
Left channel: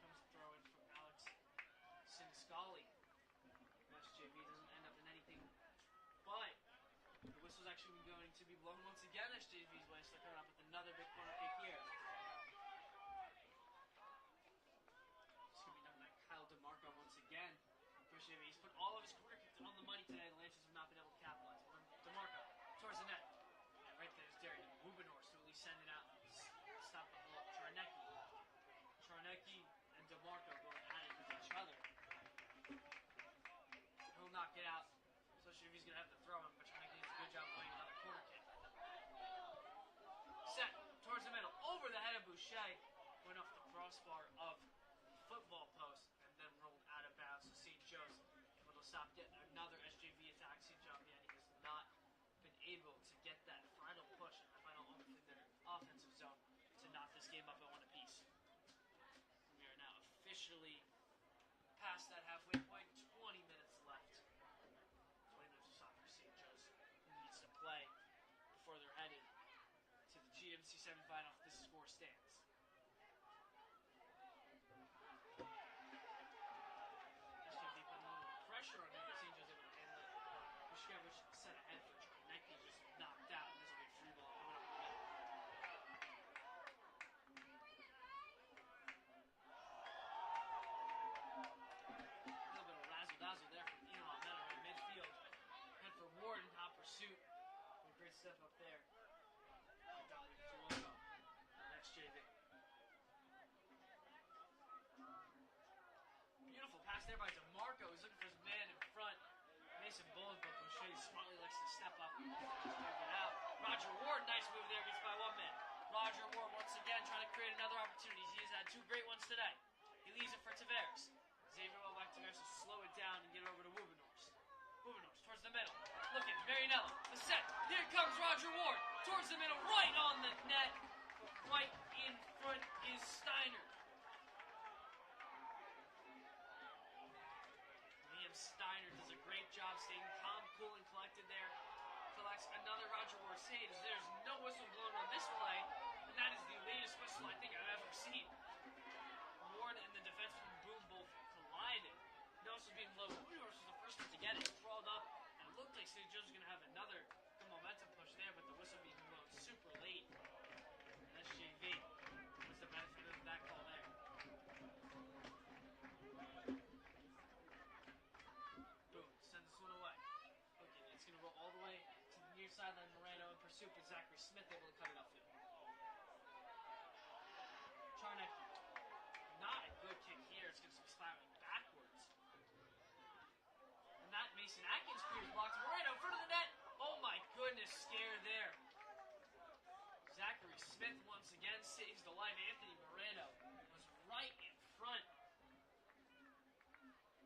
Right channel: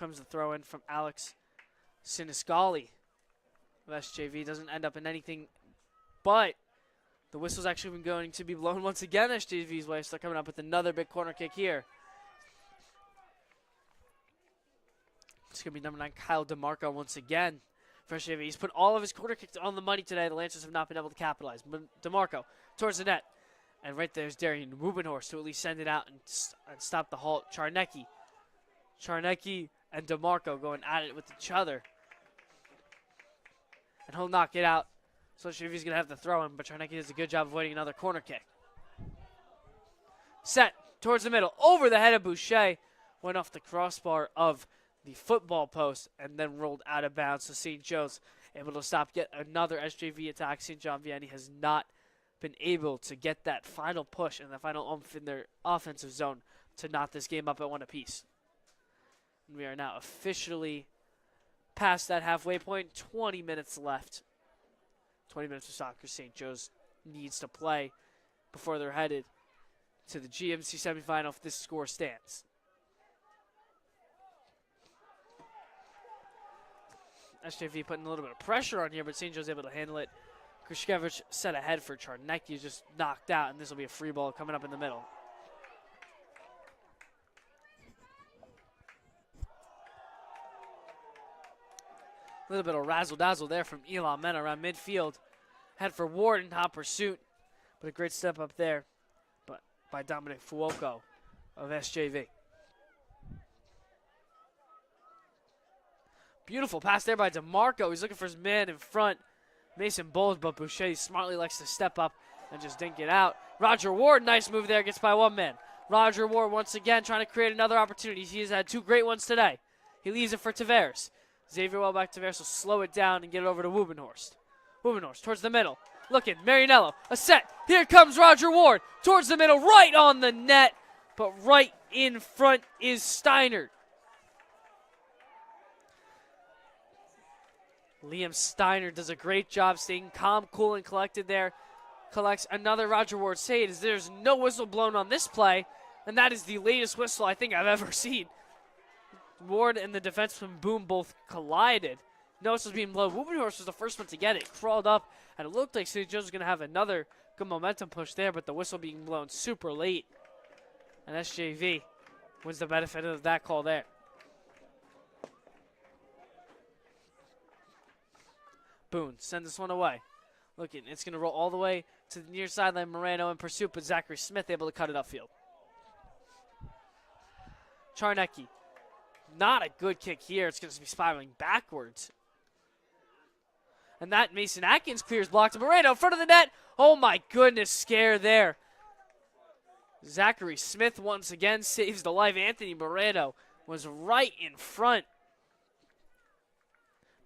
Comes the throw in from Alex Siniscali of SJV. Doesn't end up in anything, but the whistle's actually been going to be blown once again SJV's way. So they're coming up with another big corner kick here. It's going to be number 9, Kyle DeMarco once again for SJV. He's put all of his corner kicks on the money today. The Lancers have not been able to capitalize. But DeMarco towards the net. And right there's Darian Wubenhorst to at least send it out and stop the halt. Charnecki and DeMarco going at it with each other. And he'll knock it out. So SJV's going to have to throw him, but Charnecki does a good job avoiding another corner kick. Set towards the middle. Over the head of Boucher. Went off the crossbar of the football post and then rolled out of bounds. So St. Joe's able to stop yet another SJV attack. St. John Vianney has not been able to get that final push and the final oomph in their offensive zone to knot this game up at 1 apiece. And we are now officially past that halfway point. 20 minutes left. 20 minutes of soccer St. Joe's needs to play before they're headed to the GMC semifinal if this score stands. SJV putting a little bit of pressure on here, but St. Joe's able to handle it. Krishkevich set ahead for Charnecki, just knocked out, and this will be a free ball coming up in the middle. A little bit of razzle-dazzle there from Elon Mena around midfield. Head for Ward in hot pursuit, but a great step up there by Dominic Fuoco of SJV. Beautiful pass there by DeMarco. He's looking for his man in front. Mason Bowles, but Boucher smartly likes to step up and just dink it out. Roger Ward, nice move there, gets by one man. Roger Ward once again trying to create another opportunity. He has had 2 great ones today. He leaves it for Tavares. Xavier Welbeck Tavares will slow it down and get it over to Wubenhorst. Wubenhorst towards the middle. Looking, Marianello, a set. Here comes Roger Ward towards the middle, right on the net. But right in front is Steiner. Liam Steiner does a great job staying calm, cool, and collected there. Collects another Roger Ward save as there's no whistle blown on this play. And that is the latest whistle I think I've ever seen. Ward and the defenseman Boom both collided. No whistle's being blown. Wubenhorst was the first one to get it. Crawled up, and it looked like St. Joe's was going to have another good momentum push there, but the whistle being blown super late. And SJV wins the benefit of that call there. Boone sends this one away. Looking, it's going to roll all the way to the near sideline. Moreno in pursuit, but Zachary Smith able to cut it upfield. Charnecki. Not a good kick here. It's going to be spiraling backwards. And that Mason Atkins clears blocked. Moreno in front of the net. Oh my goodness, scare there. Zachary Smith once again saves the life. Anthony Moreno was right in front.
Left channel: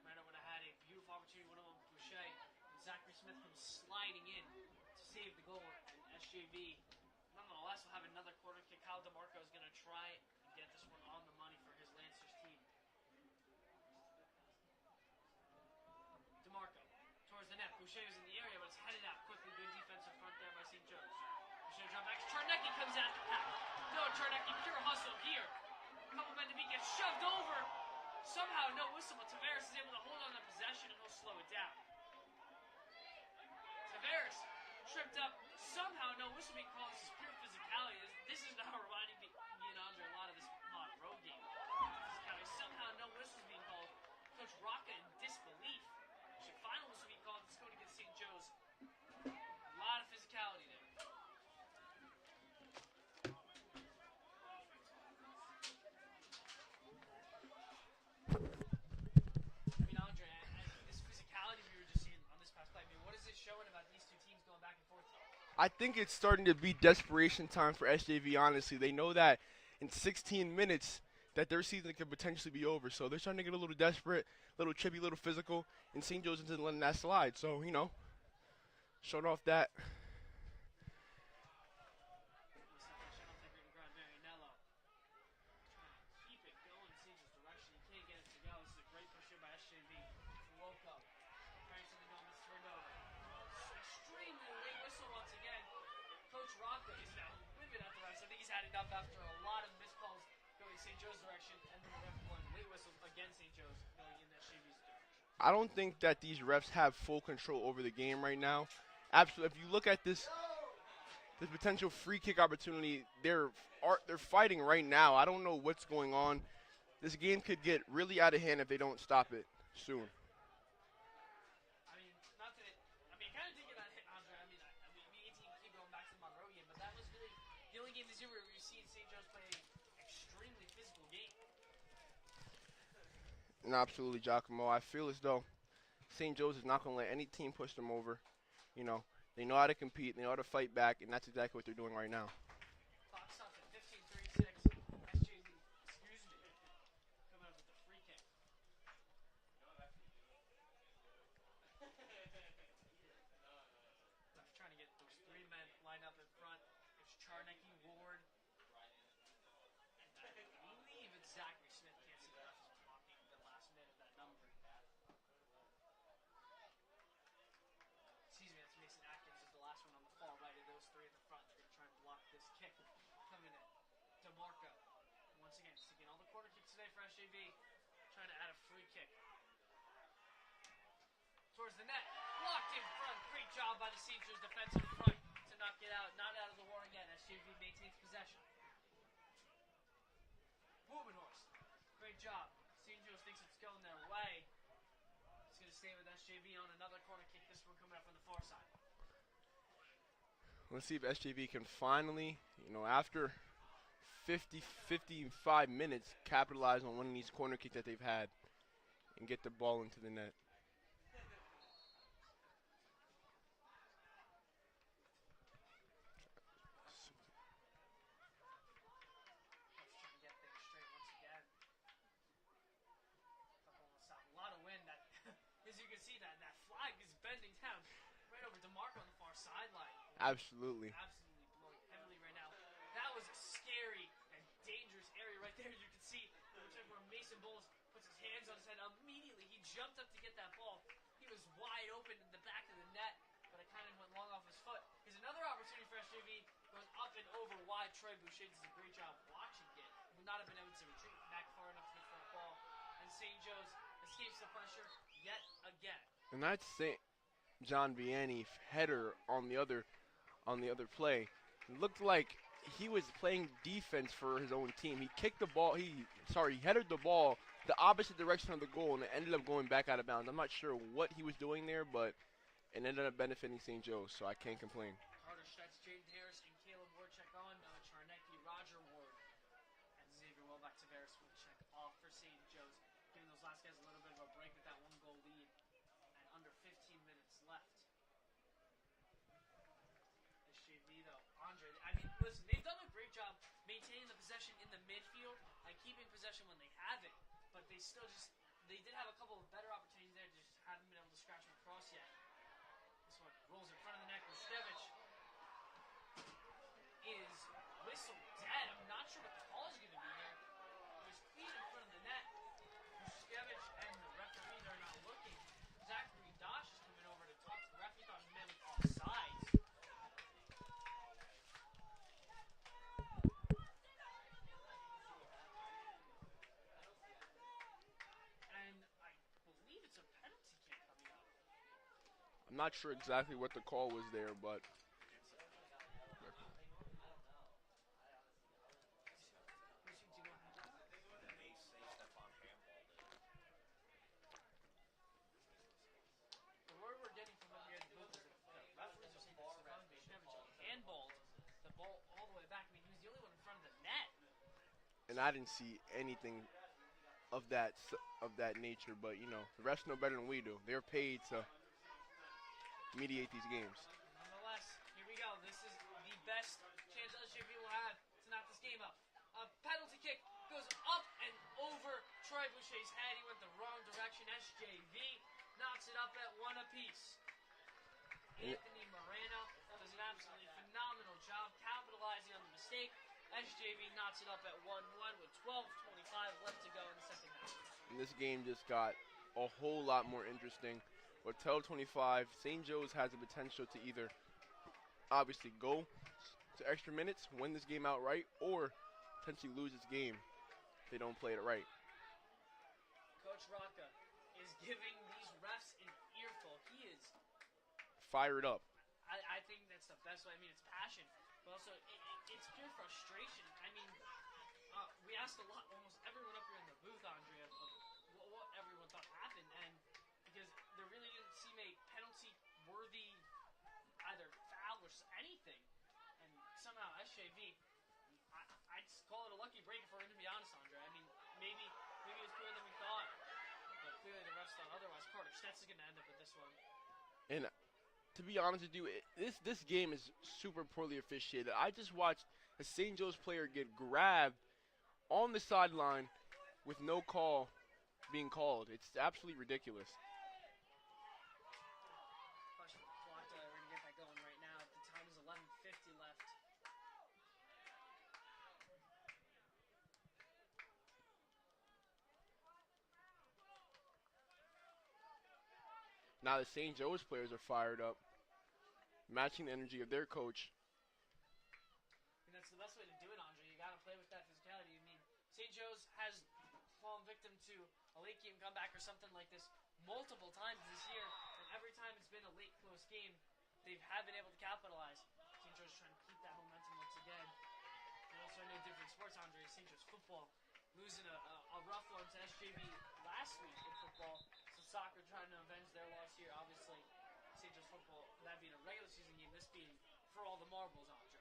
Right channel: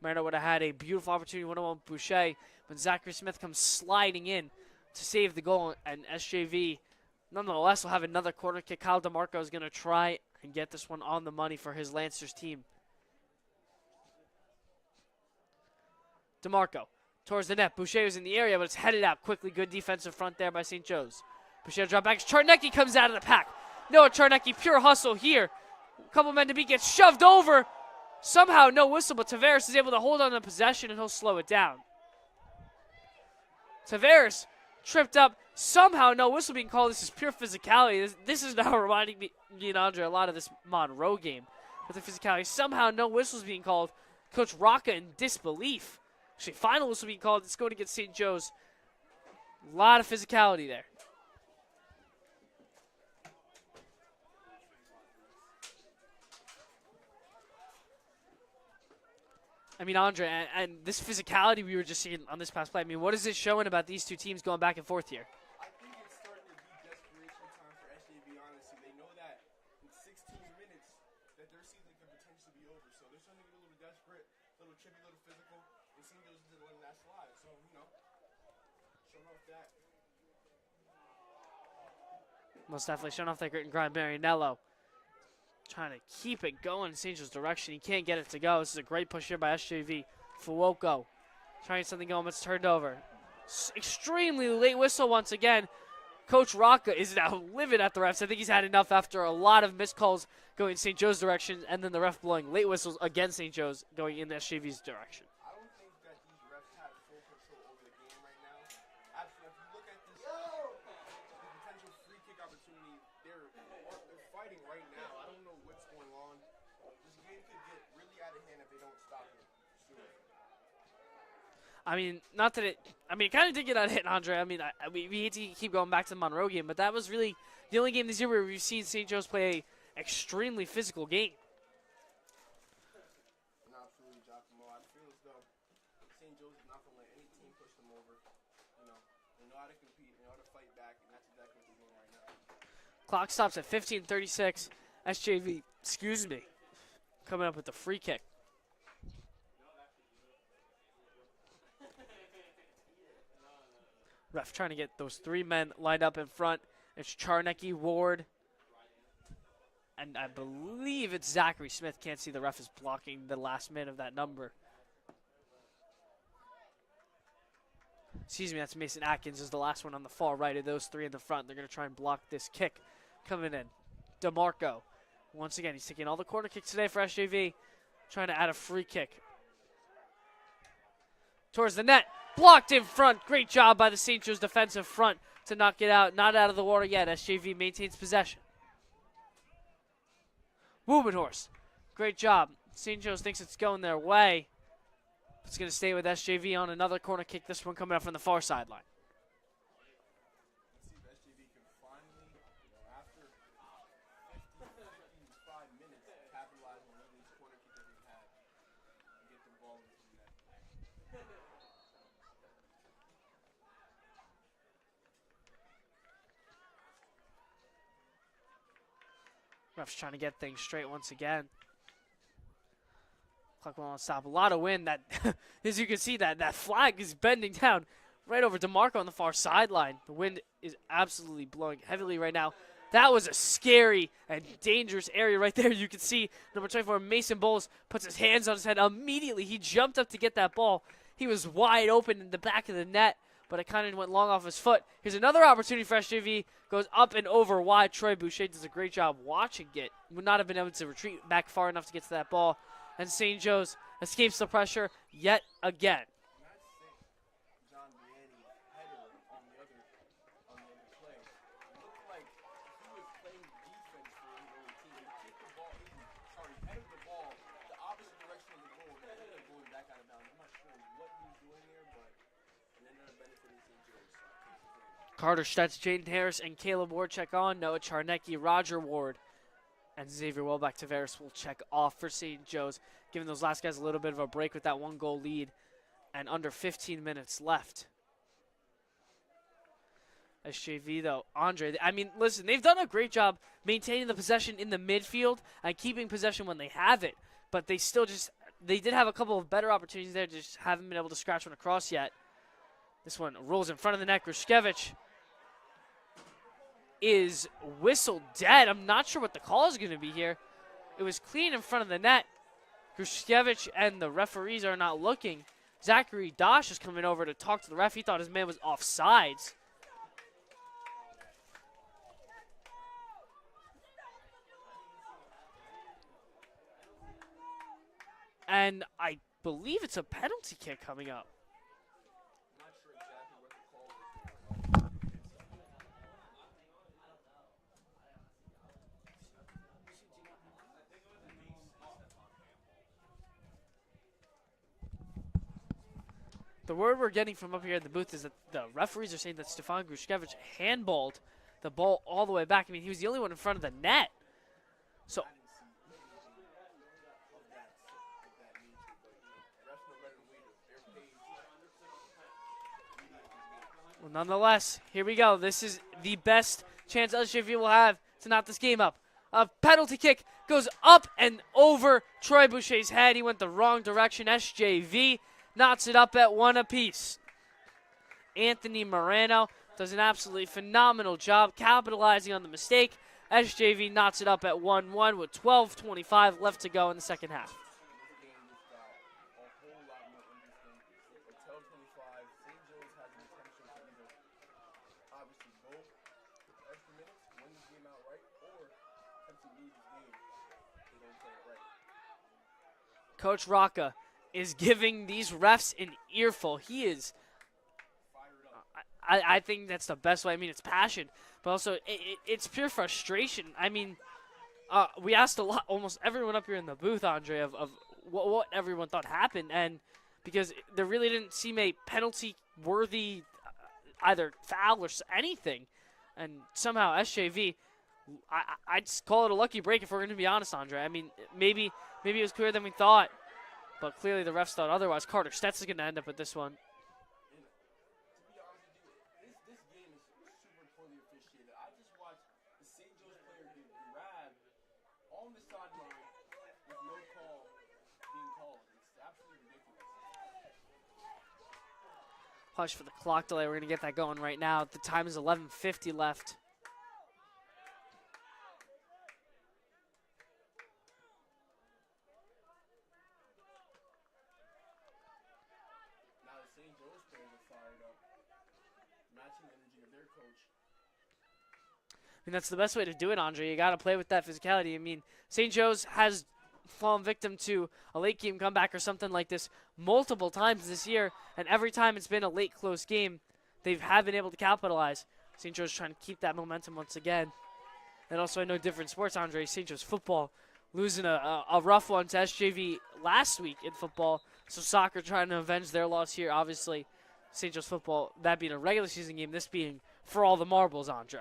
Moreno would have had a beautiful opportunity, 1-on-1 Boucher, when Zachary Smith comes sliding in to save the goal, and SJV nonetheless will have another corner kick. Kyle DeMarco is going to try and get this one on the money for his Lancers team. DeMarco towards the net. Boucher was in the area, but it's headed out quickly. Good defensive front there by St. Joe's. Boucher drop back. Charnecki comes out of the pack. Noah Charnecki, pure hustle here. A couple men to beat, gets shoved over. Somehow no whistle, but Tavares is able to hold on to possession and he'll slow it down. Tavares tripped up. Somehow no whistle being called. This is pure physicality. This is now reminding me and Andre a lot of this Monroe game with the physicality. Somehow no whistles being called. Coach Rocca in disbelief. Actually, final whistle being called. It's going against St. Joe's. A lot of physicality there. I mean, Andre, and this physicality we were just seeing on this past play, I mean, what is it showing about these two teams going back and forth here? I think it's starting to be desperation time for SJV, honestly. They know that in 16 minutes that their season could potentially be over. So they're starting to get a little desperate, a little chippy, a little physical, and St. Joe's isn't letting that slide. So, showing off that. Most definitely showing off that grit and grind. Marianello trying to keep it going in St. Joe's direction. He can't get it to go. This is a great push here by SJV. Fuoco trying something going, but it's turned over. Extremely late whistle once again. Coach Rocca is now livid at the refs. I think he's had enough after a lot of missed calls going in St. Joe's direction, and then the ref blowing late whistles against St. Joe's going in SJV's direction. I don't think that these refs have full control over the game right now. Absolutely. If you look at this potential free kick opportunity, they're fighting right now. I don't know what's going on. This game could get really out of hand if they don't stop it soon. I mean, it kind of did get out of hand, Andre. I mean, we hate to keep going back to the Monroe game, but that was really the only game this year where we've seen St. Joe's play a extremely physical game. No, absolutely, Giacomo. I feel as though St. Joe's is not going to let any team push them over. They know how to compete, they know how to fight back, and that's exactly what they're doing right now. Clock stops at 15:36. SJV, coming up with the free kick. Ref trying to get those three men lined up in front. It's Charnecki, Ward, and I believe it's Zachary Smith. Can't see, the ref is blocking the last man of that number. Excuse me, that's Mason Atkins is the last one on the far right of those three in the front. They're going to try and block this kick coming in. DeMarco, once again, he's taking all the corner kicks today for SJV, trying to add a free kick. Towards the net, blocked in front. Great job by the St. Joe's defensive front to knock it out. Not out of the water yet. SJV maintains possession. Wubenhorst, great job. St. Joe's thinks it's going their way. It's going to stay with SJV on another corner kick. This one coming up from the far sideline. Let's see if SJV can finally, after 55 minutes, capitalize on one of these corner kicks that they've had and get the ball into the net. Ref's trying to get things straight once again. Clock will not stop. A lot of wind. That, as you can see, that flag is bending down right over DeMarco on the far sideline. The wind is absolutely blowing heavily right now. That was a scary and dangerous area right there. You can see number 24, Mason Bowles, puts his hands on his head. Immediately, he jumped up to get that ball. He was wide open in the back of the net, but it kind of went long off his foot. Here's another opportunity for SJV. Goes up and over wide. Troy Boucher does a great job watching it. Would not have been able to retreat back far enough to get to that ball. And St. Joe's escapes the pressure yet again. And that's John Vianney header on the other play. It looked like he was playing defense for his own team. He kicked the ball. He headed the ball the opposite direction of the goal, and it ended up going back out of bounds. I'm not sure what he was doing there, but it ended up benefiting St. Joe's, so I can't complain. Carter Stutz, Jaden Harris, and Caleb Ward check on. Noah Charnecki, Roger Ward, and Xavier Welbeck-Tavares will check off for St. Joe's, giving those last guys a little bit of a break with that one-goal lead and under 15 minutes left. SJV, though, Andre, I mean, listen, they've done a great job maintaining the possession in the midfield and keeping possession when they have it, but they still they did have a couple of better opportunities there, just haven't been able to scratch one across yet. This one rolls in front of the net. Grushkevich is whistled dead. I'm not sure what the call is going to be here. It was clean in front of the net. Grushkevich and the referees are not looking. Zachary Dosh is coming over to talk to the ref. He thought his man was offsides. And I believe it's a penalty kick coming up. I'm not sure exactly what the call was there, but the word we're getting from up here in the booth is that the referees are saying that Stefan Grushkevich handballed the ball all the way back. I mean, he was the only one in front of the net. and So I didn't see anything of that nature. But you know, the refs know better than we do. They're paid to mediate these games. Well, nonetheless, here we go. This is the best chance SJV will have to knot this game up. A penalty kick goes up and over Troy Boucher's head. He went the wrong direction. SJV knots it up at 1 apiece. Anthony Moreno does an absolutely phenomenal job capitalizing on the mistake. SJV knots it up at 1-1 with 12:25 left to go in the second half. And this game just got a whole lot more interesting. With 12:25, St. Joe's has the potential to either obviously go to extra minutes, win this game outright, or potentially lose this game if they don't play it right. Coach Rocca is giving these refs an earful. He is Fired up. I think that's the best way. I mean, it's passion, but also it's pure frustration. I mean, we asked almost everyone up here in the booth, Andre, of what everyone thought happened, and because there really didn't seem a penalty-worthy either foul or anything, and somehow SJV, I'd call it a lucky break if we're going to be honest, Andre. I mean, maybe it was clearer than we thought, but clearly the refs thought otherwise. Carter Stetz is going to end up with this one. And to be honest with you, this game is super poorly officiated. I just watched a St. Joe's player get grabbed on the sideline with no call being called. It's absolutely ridiculous. Hush for the clock delay. We're going to get that going right now. The time is 11:50 left. Now the St. Joe's players are fired up, matching the energy of their coach. I mean, that's the best way to do it, Andre. You got to play with that physicality. I mean, St. Joe's has fallen victim to a late game comeback or something like this multiple times this year, and every time it's been a late close game, they have been able to capitalize. St. Joe's trying to keep that momentum once again. And also, I know different sports, Andre. St. Joe's football losing a rough one to SJV last week in football. So soccer trying to avenge their loss here. Obviously, St. Joe's football, that being a regular season game, this being for all the marbles, Andre.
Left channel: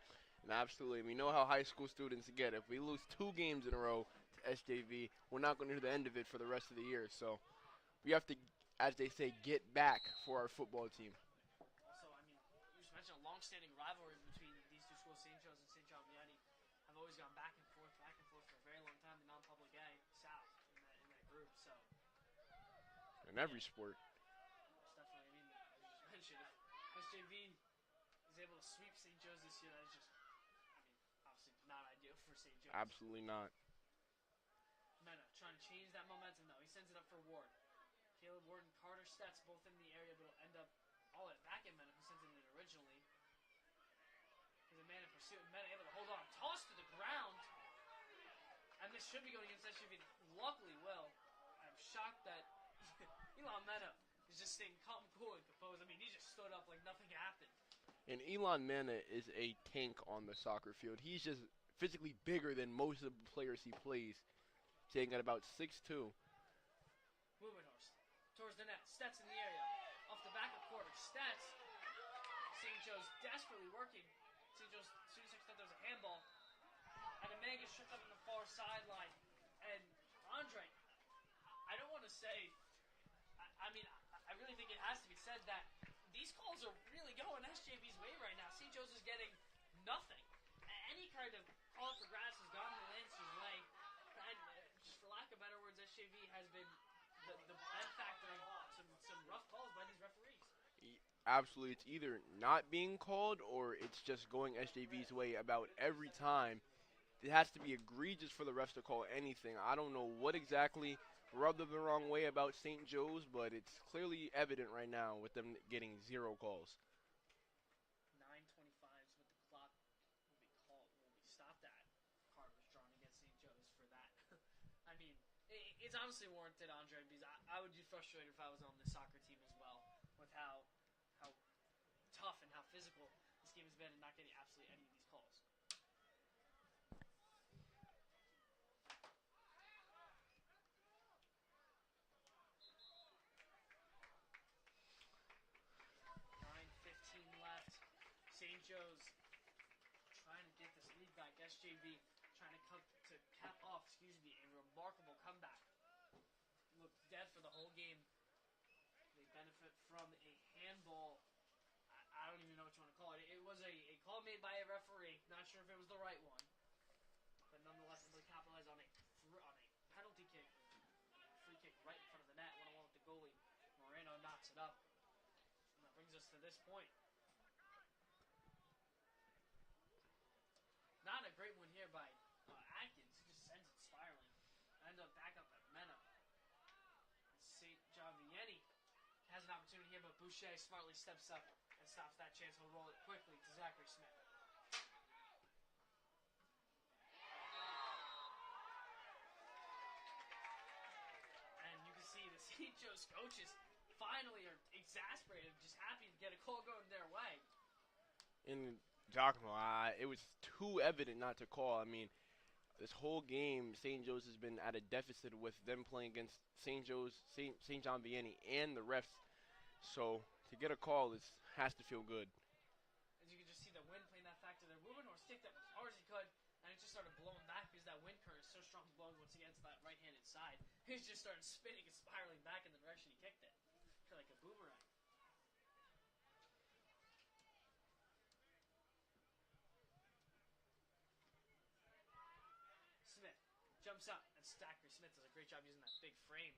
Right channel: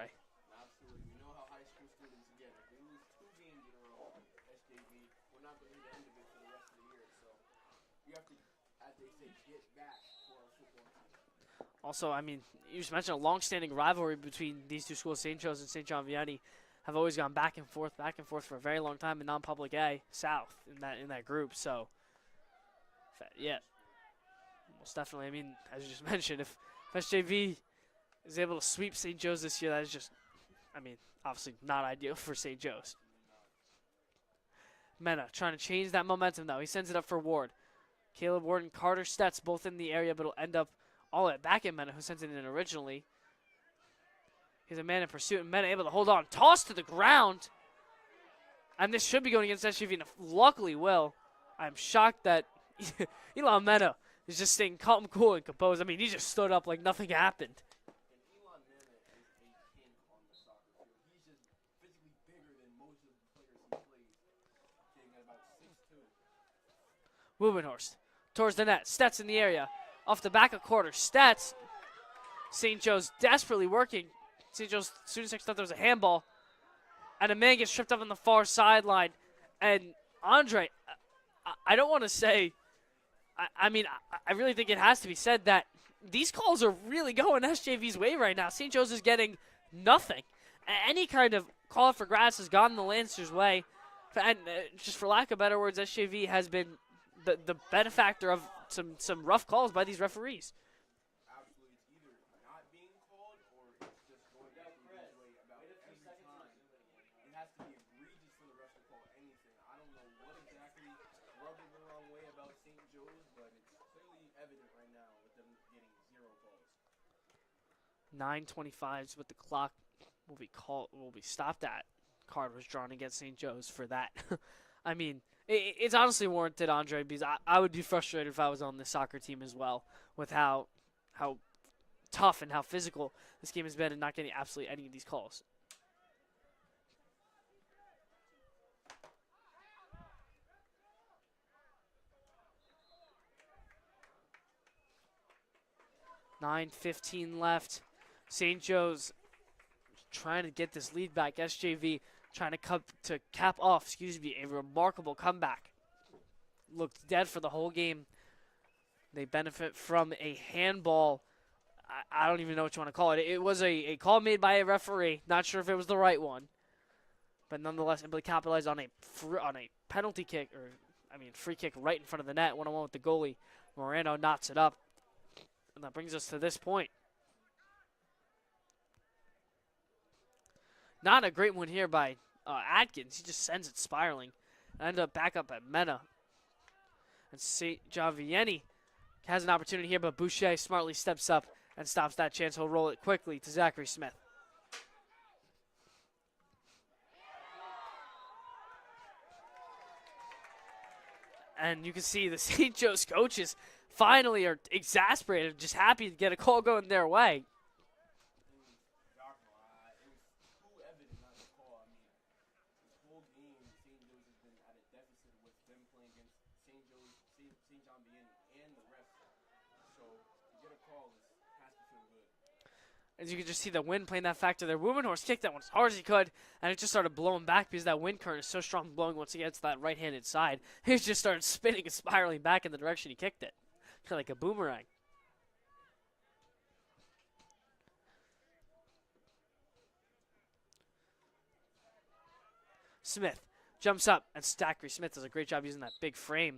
Absolutely. We know how high school students get. If we lose 2 games in a row to SJV, we're not going to hear the end of it for the rest of the year. So we have to, as they say, get back for our football team. Also, I mean, you just mentioned a long-standing rivalry between these two schools, St. Joe's and St. John Vianney, have always gone back and forth for a very long time in non-public A South in that group. So, In every sport. most definitely. I mean, as you just mentioned, if SJV is able to sweep St. Joe's this year, that is just, I mean, obviously not ideal for St. Joe's. Absolutely not. Mena trying to change that momentum, though. He sends it up for Ward. Caleb Ward and Carter Stetz both in the area, but it'll end up all at back at Mena, who sent it in originally. He's a man in pursuit, and Mena able to hold on. Toss to the ground. And this should be going against SJV, and luckily will. I'm shocked that Elon Mena is just staying calm, cool, and composed. I mean, he just stood up like nothing happened. And Elon Mena is a tank on the soccer field. He's just physically bigger than most of the players he plays. Taking at about 6'2". Wubenhorst towards the net. Stetz in the area. Off the back of quarter. Stetz. St. Joe's desperately working. St. Joe's students thought there was a handball. And a man gets tripped up on the far sideline. And Andre, I don't want to say, I mean, I really think it has to be said that these calls are really going SJV's way right now. St. Joe's is getting nothing. Any kind of call for grass has gone the Lancers' way. And just for lack of better words, SJV has been the benefactor of some rough calls by these referees. Absolutely. It's either not being called or it's just going SJV's way about every time. It has to be egregious for the refs to call anything. I don't know what exactly rubbed them the wrong way about St. Joe's, but it's clearly evident right now with them getting 0 calls. 9:25 is what the clock will be stopped at. Card was drawn against St. Joe's for that. I mean, it's honestly warranted, Andre, because I would be frustrated if I was on the soccer team as well with how tough and how physical this game has been and not getting absolutely any of these calls. $9:15 left. St. Joe's trying to get this lead back. SJV trying to cap off, a remarkable comeback. looked dead for the whole game. They benefit from a handball. I don't even know what you want to call it. It was a call made by a referee. Not sure if it was the right one, but nonetheless, able to capitalize on a penalty kick, free kick right in front of the net. 1-on-1 with the goalie. Moreno knots it up, and that brings us to this point. Not a great one here by Atkins. He just sends it spiraling. End up back up at Mena. And St. John Vianney has an opportunity here, but Boucher smartly steps up and stops that chance. He'll roll it quickly to Zachary Smith. And you can see the St. Joe's coaches finally are exasperated, just happy to get a call going their way. In Giacomo, it was too evident not to call. I mean, this whole game, St. Joe's has been at a deficit with them playing against St. John Vianney and the refs. So to get a call has to feel good. As you can just see the wind playing that factor there. Wumenhorst kicked that one as hard as he could, and it just started blowing back because that wind current is so strong, blowing once again to that right-handed side. It just started spinning and spiraling back in the direction he kicked it. Kind of like a boomerang. Smith jumps up, and Zachary Smith does a great job using that big frame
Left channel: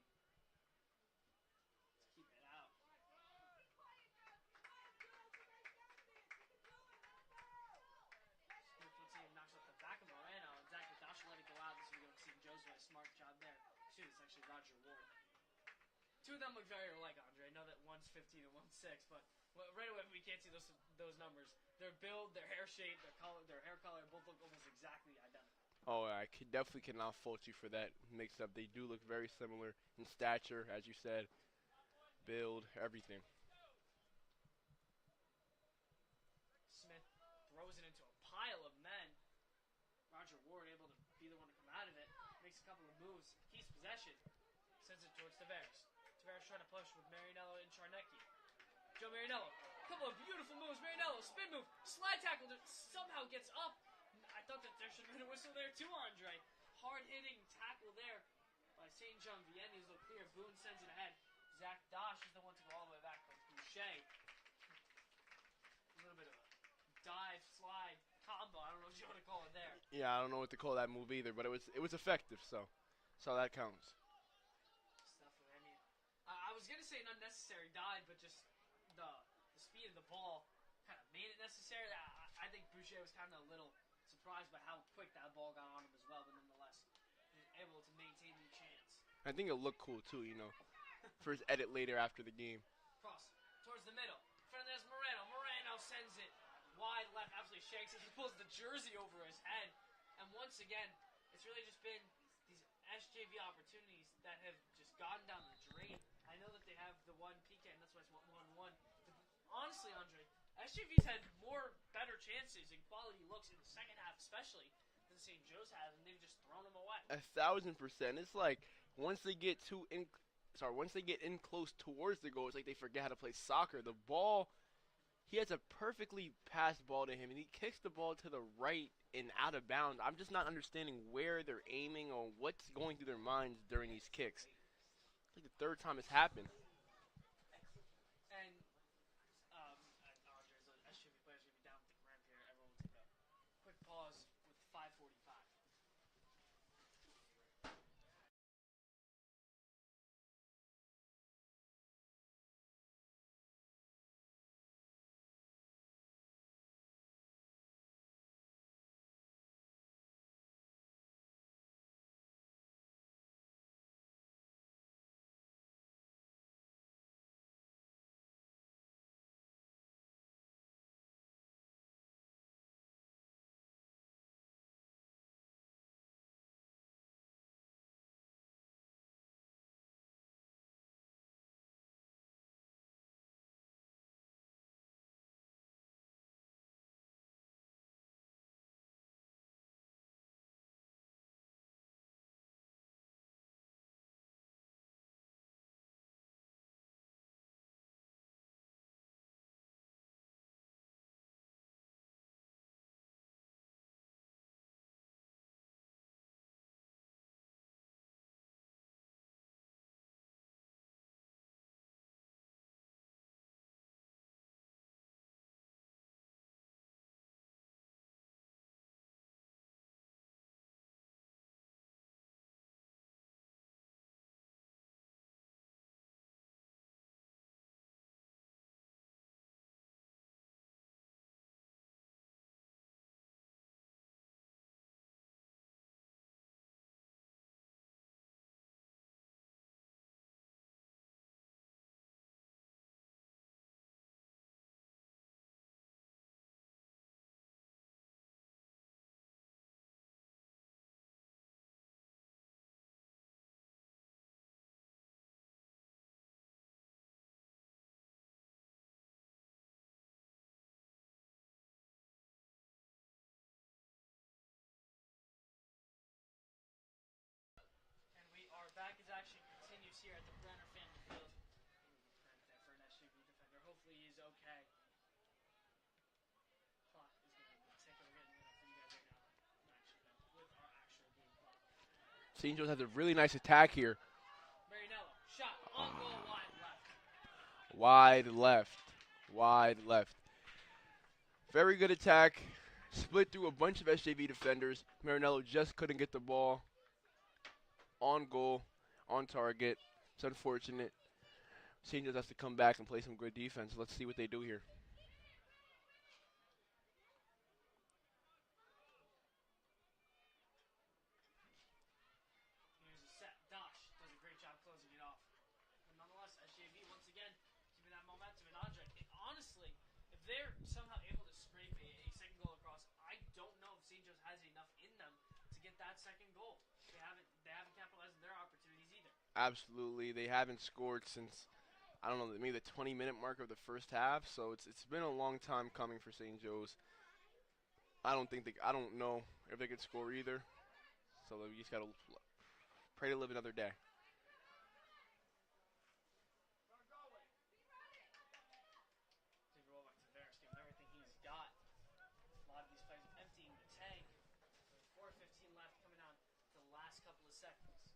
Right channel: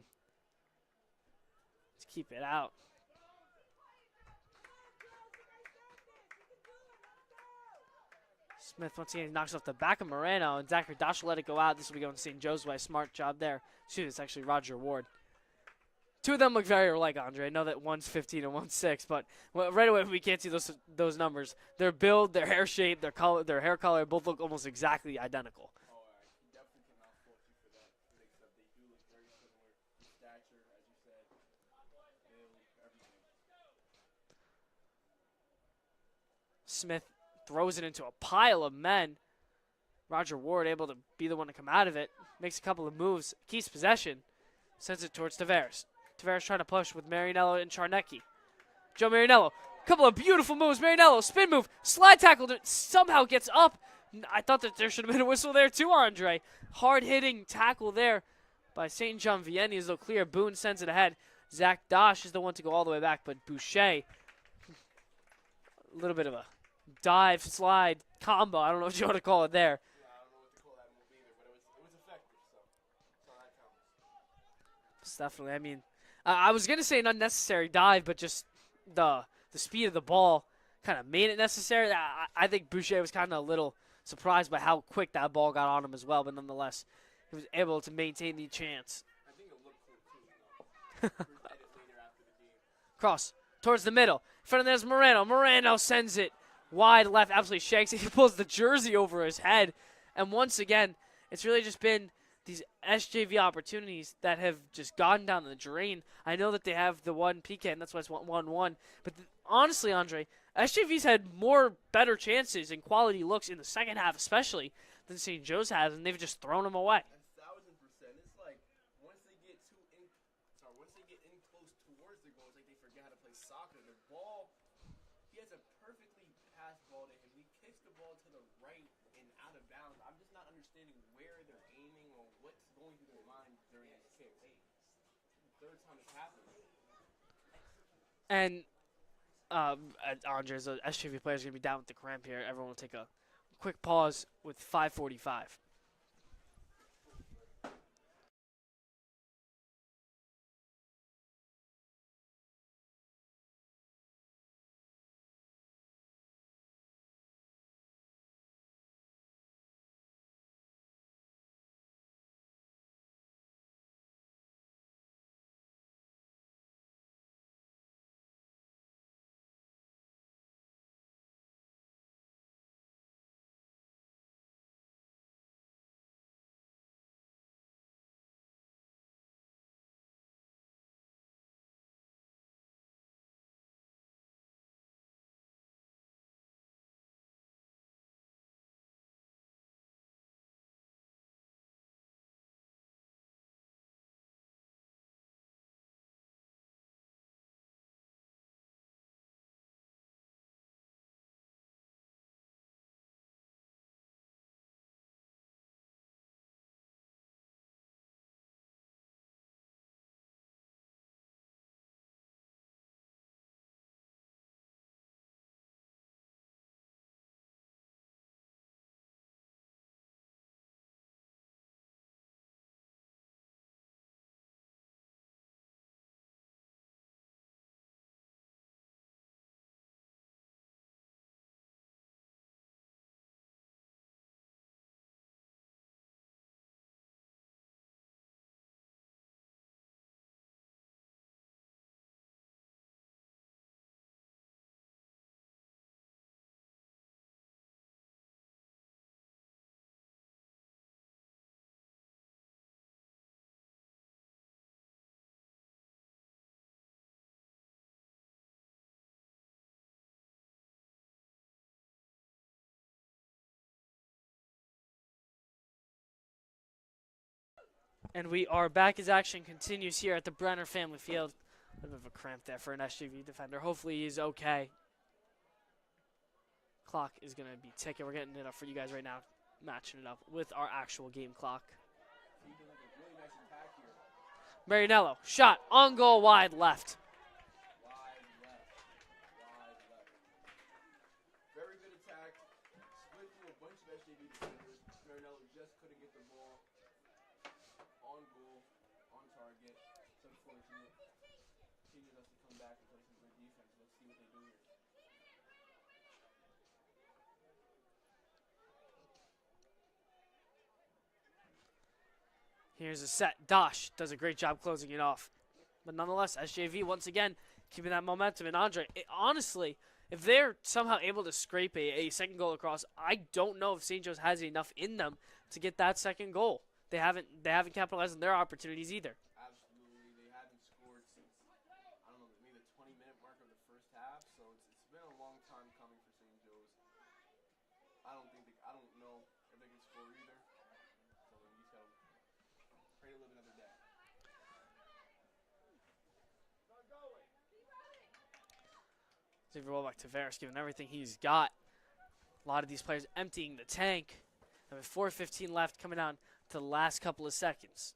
to keep it out. Smith once again knocks off the back of Moreno, and Zachary Dosh will let it go out. This will be going St. Joe's way. Smart job there. Shoot, it's actually Roger Ward. Two of them look very alike, Andre. I know that one's 15 and one's 6, but right away we can't see those numbers. Their build, their hair shape, their color, their hair color both look almost exactly identical. Oh, I definitely cannot fault you for that mix-up. They do look very similar in stature, as you said, build, everything. Smith throws it into a pile of men. Roger Ward able to be the one to come out of it. Makes a couple of moves, keeps possession, sends it towards Tavares. Tavares trying to push with Marinello and Charnecki. Joe Marinello, couple of beautiful moves. Marinello, spin move, slide tackle, somehow gets up. I thought that there should have been a whistle there too, Andre. Hard-hitting tackle there by St. John Vianney as though clear. Boone sends it ahead. Zach Dosh is the one to go all the way back, but Boucher, a little bit of a dive, slide, combo. I don't know what you want to call it there. Yeah, I don't know what to call that move either, but it was effective, so that counts. It's definitely, I mean, I was going to say an unnecessary dive, but just the speed of the ball kind of made it necessary. I think Boucher was kind of a little surprised by how quick that ball got on him as well, but nonetheless, he was able to maintain the chance. I think it looked cool too, for his edit later after the game. Cross towards the middle. In front of there's Moreno. Moreno sends it wide left, absolutely shanks it. He pulls the jersey over his head. And once again, it's really just been these SJV opportunities that have just gone down the drain. I know that they have the one PK, and that's why it's 1-1. But honestly, Andre, SJV's had better chances and quality looks in the second half especially than St. Joe's has, and they've just thrown them away. 1,000%. It's like once they get in close towards the goal, it's like they forget how to play soccer. The ball, he has a perfectly passed ball to him, and he kicks the ball to the right and out of bounds. I'm just not understanding where they're aiming or what's going through their minds during these kicks. It's like the third time it's happened. And Andre's SJV players going to be down with the cramp here. Everyone will take a quick pause with 5:45. And we are back as action continues here at the Brenner Family Field. A bit of a cramp there for an SJV defender. Hopefully he's okay. Clock is going to be ticking. We're getting it up for you guys right now, matching it up with our actual game clock. St. Joe's has a really nice attack here. Marinello, shot on goal, wide left. Wide left. Wide left. Very good attack. Split through a bunch of SJV defenders. Marinello just couldn't get the ball on goal, on target. It's unfortunate. St. Joe's has to come back and play some good defense. Let's see what they do here. Here's a set. Dosh does a great job closing it off. But nonetheless, SJV once again keeping that momentum. And Andre, honestly, if they're somehow able to scrape a second goal across, I don't know if St. Joe's has enough in them to get that second goal. They haven't capitalized on their opportunities either. Absolutely. They haven't scored since, I don't know, maybe the 20-minute mark of the first half. So it's been a long time coming for St. Joe's. I don't know if they could score either. So we just got to pray to live another day. Xavier roll back to Varys, given everything he's got. A lot of these players emptying the tank. And with 4:15 left, coming down to the last couple of seconds.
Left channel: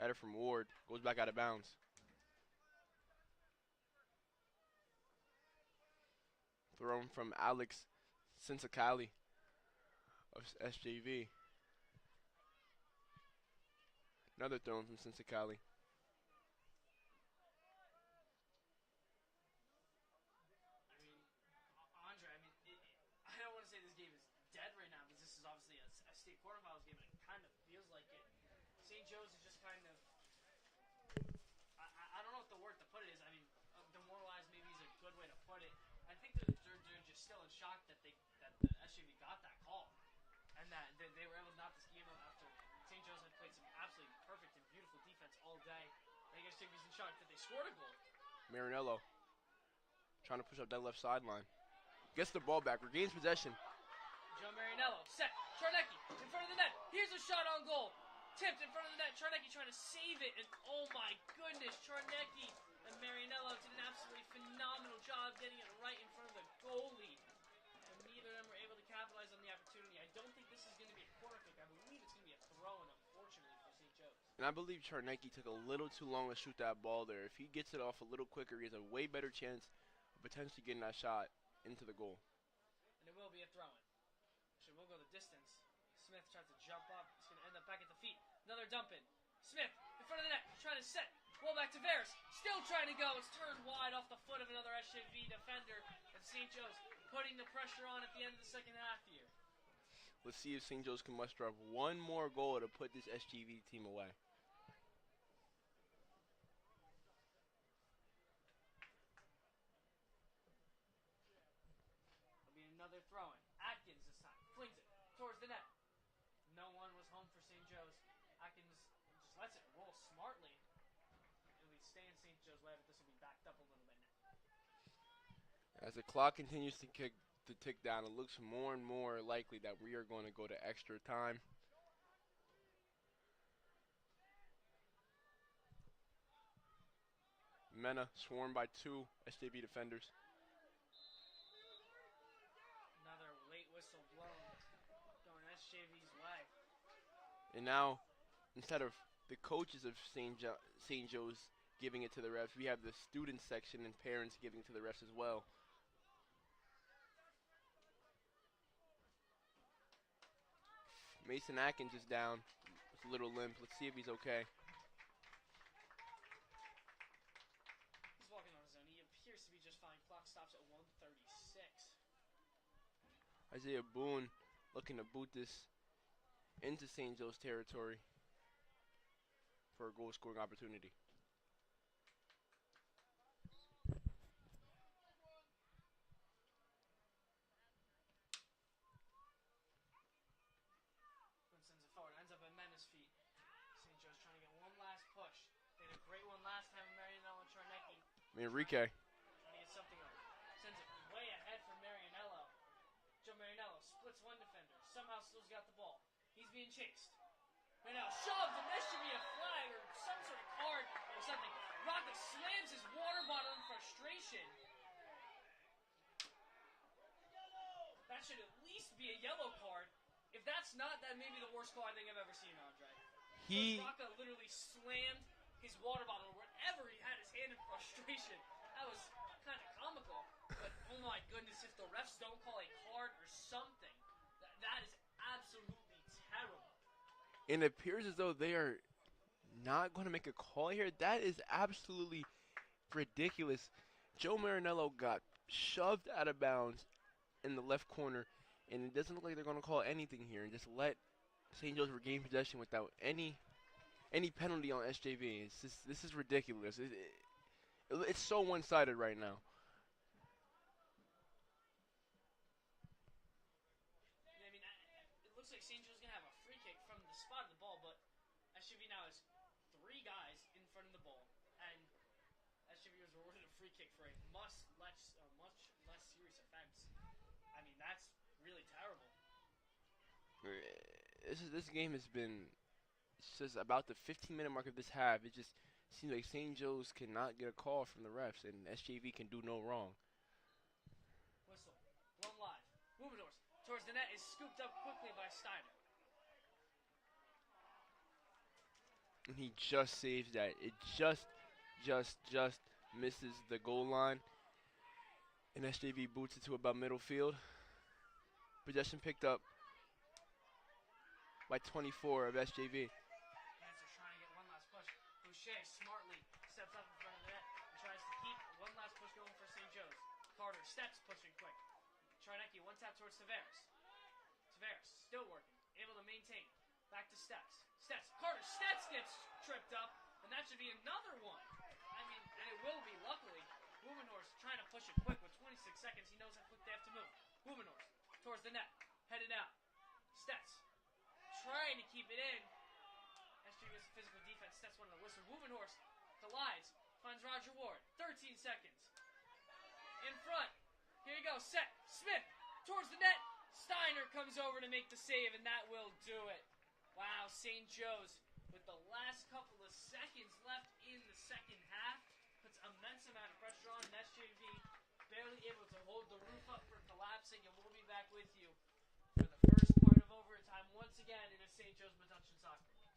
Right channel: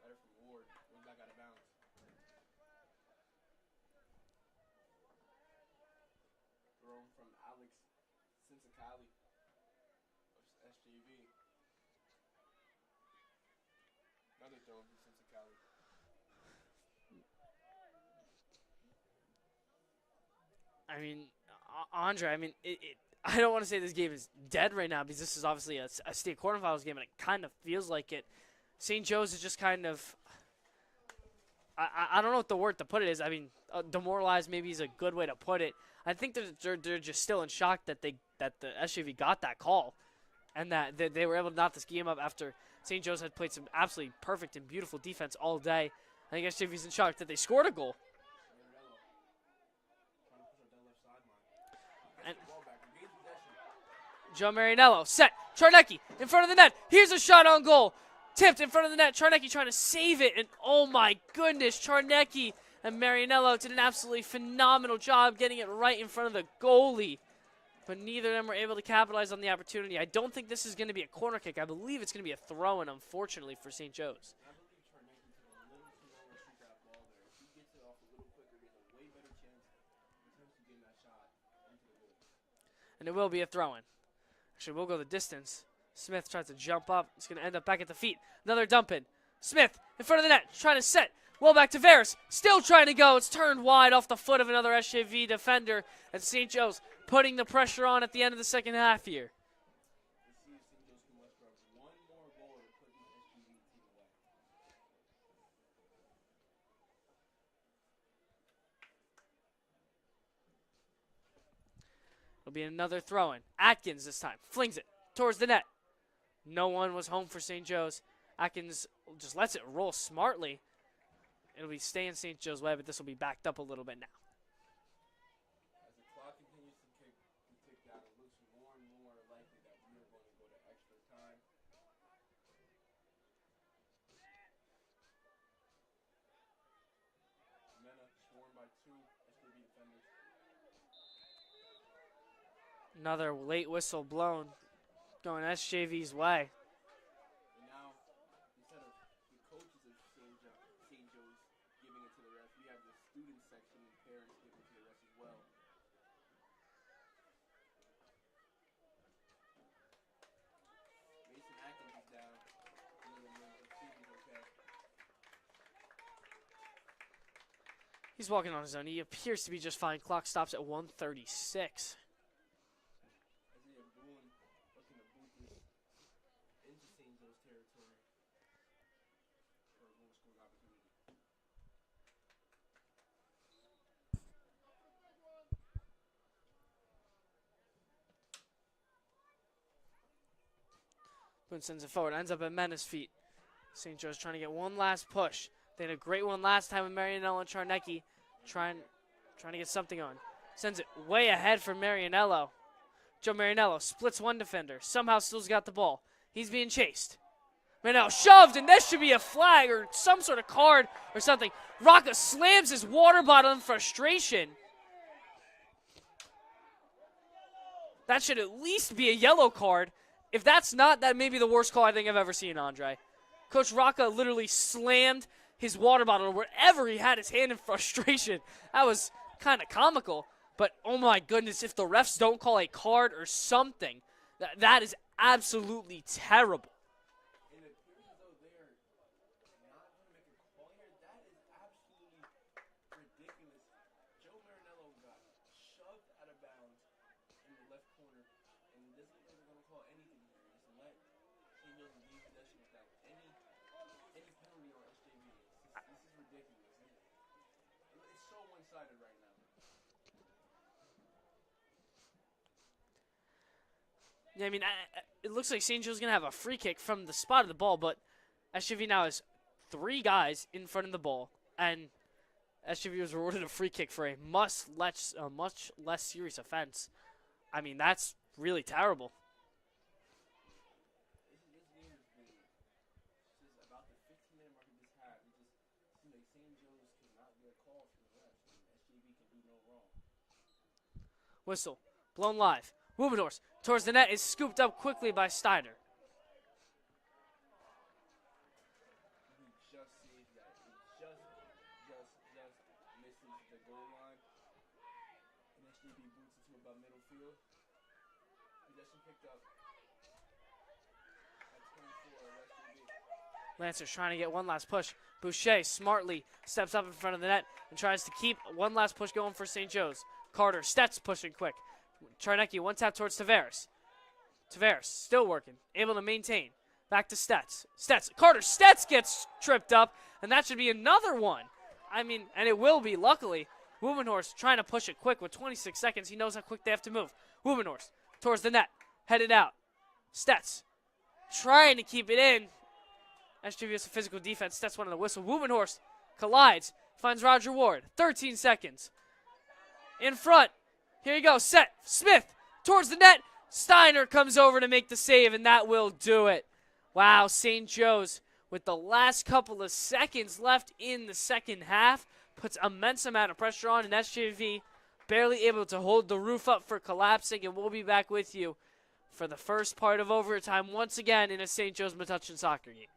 Header from Ward goes back out of bounds. Thrown from Alex Sinsakali of SJV. Another throw from Sinsakali. I mean, Andre, I don't want to say this game is dead right now because this is obviously a state quarterfinals game and it kind of feels like it. St. Joe's is just kind of, I don't know what the word to put it is. I mean, demoralized maybe is a good way to put it. I think they're just still in shock that the SJV got that call and that they were able to knock this game up after St. Joe's had played some absolutely perfect and beautiful defense all day. I think SJV's in shock that they scored a goal. Marinello trying to push up that left sideline. Gets the ball back, regains possession. Joe Marinello set. Czarnecki in front of the net. Here's a shot on goal. Tipped in front of the net. Czarnecki trying to save it. And oh my goodness, Czarnecki and Marinello did an absolutely phenomenal job getting it right in front of the goalie. But neither of them were able to capitalize on the opportunity. I don't think this is going to be a corner kick. I believe it's going to be a throw-in, unfortunately, for St. Joe's. And I believe Czarnecki took a little too long to shoot that ball there. If he gets it off a little quicker, he has a way better chance of potentially getting that shot into the goal. And it will be a throw-in. Actually, we'll go the distance. Smith tries to jump up. It's going to end up back at the feet. Another dump-in. Smith in front of the net, trying to set. Well back to Varys. Still trying to go. It's turned wide off the foot of another SJV defender. And St. Joe's putting the pressure on at the end of the second half here. Let's see if St. Joe's can muster up one more goal to put this SJV team away. It'll be another throw-in. Atkins this time. Flings it towards the net. No one was home for St. Joe's. Atkins just lets it roll smartly. It'll be staying St. Joe's way, but this will be backed up a little bit now. As the clock continues to tick down, it looks more and more likely that we are going to go to extra time. Mena swarmed by two SJV defenders. Another late whistle blown, going SJV's way. And now, instead of the coaches of St. Joe's giving it to the refs, we have the student section and parents giving to the refs as well. Mason Atkins is down. It's a little limp. Let's see if he's okay. He's walking on his own. He appears to be just fine. Clock stops at 1:36. Isaiah Boone looking to boot this into St. Joe's territory for a goal-scoring opportunity. Boone sends it forward. Ends up at Mena's feet. St. Joe's trying to get one last push. They had a great one last time with Marianello and Czarnecki. Trying to get something on. Sends it way ahead for Marianello. Joe Marinello splits one defender. Somehow still's got the ball. He's being chased. Marinello shoved, and this should be a flag or some sort of card or something. Rocca slams his water bottle in frustration. That should at least be a yellow card. If that's not, that may be the worst call I think I've ever seen, Andre. Coach Rocca literally slammed his water bottle wherever he had his hand in frustration. That was kind of comical. But, oh my goodness, if the refs don't call a card or something, that is absolutely terrible. And it appears as though they are not going to make a call here. That is absolutely ridiculous. Joe Marinello got shoved out of bounds in the left corner, and it doesn't look like they're going to call anything here and just let St. Joe's regain possession without any penalty on SJV. This is ridiculous. It's so one-sided right now. Yeah, I mean, it looks like St. Joe's going to have a free kick from the spot of the ball, but SJV now has 3 guys in front of the ball, and SJV was rewarded a free kick for a much less serious offense. I mean, that's really terrible. This game has been just about the 15-minute mark of this half. It just seems like St. Joe's cannot get a call from the refs, and SJV can do no wrong. Whistle, blown live. Wubendorf towards the net is scooped up quickly by Steiner. And he just saves that. It just misses the goal line. And SJV boots it to about middle field. Possession picked up by 24 of SJV. Lancers trying to get one last push. Boucher smartly steps up in front of the net and tries to keep one last push going for St. Joe's. Carter, Stetz pushing quick. Charnecki, one tap towards Tavares. Tavares still working, able to maintain. Back to Stetz. Carter Stetz gets tripped up, and that should be another one. I mean, and it will be, luckily. Wubenhorst trying to push it quick with 26 seconds. He knows how quick they have to move. Wubenhorst towards the net, headed out. Stetz trying to keep it in. SJV has a physical defense. Stetz one on the whistle. Wubenhorst collides, finds Roger Ward. 13 seconds. In front. Here you go. Set. Smith towards the net. Steiner comes over to make the save, and that will do it. Wow, St. Joe's with the last couple of seconds left in the second half puts immense amount of pressure on, and SJV barely able to hold the roof up for collapsing, and we'll be back with you for the first part of overtime once again in a St. Joe's Metuchen soccer game.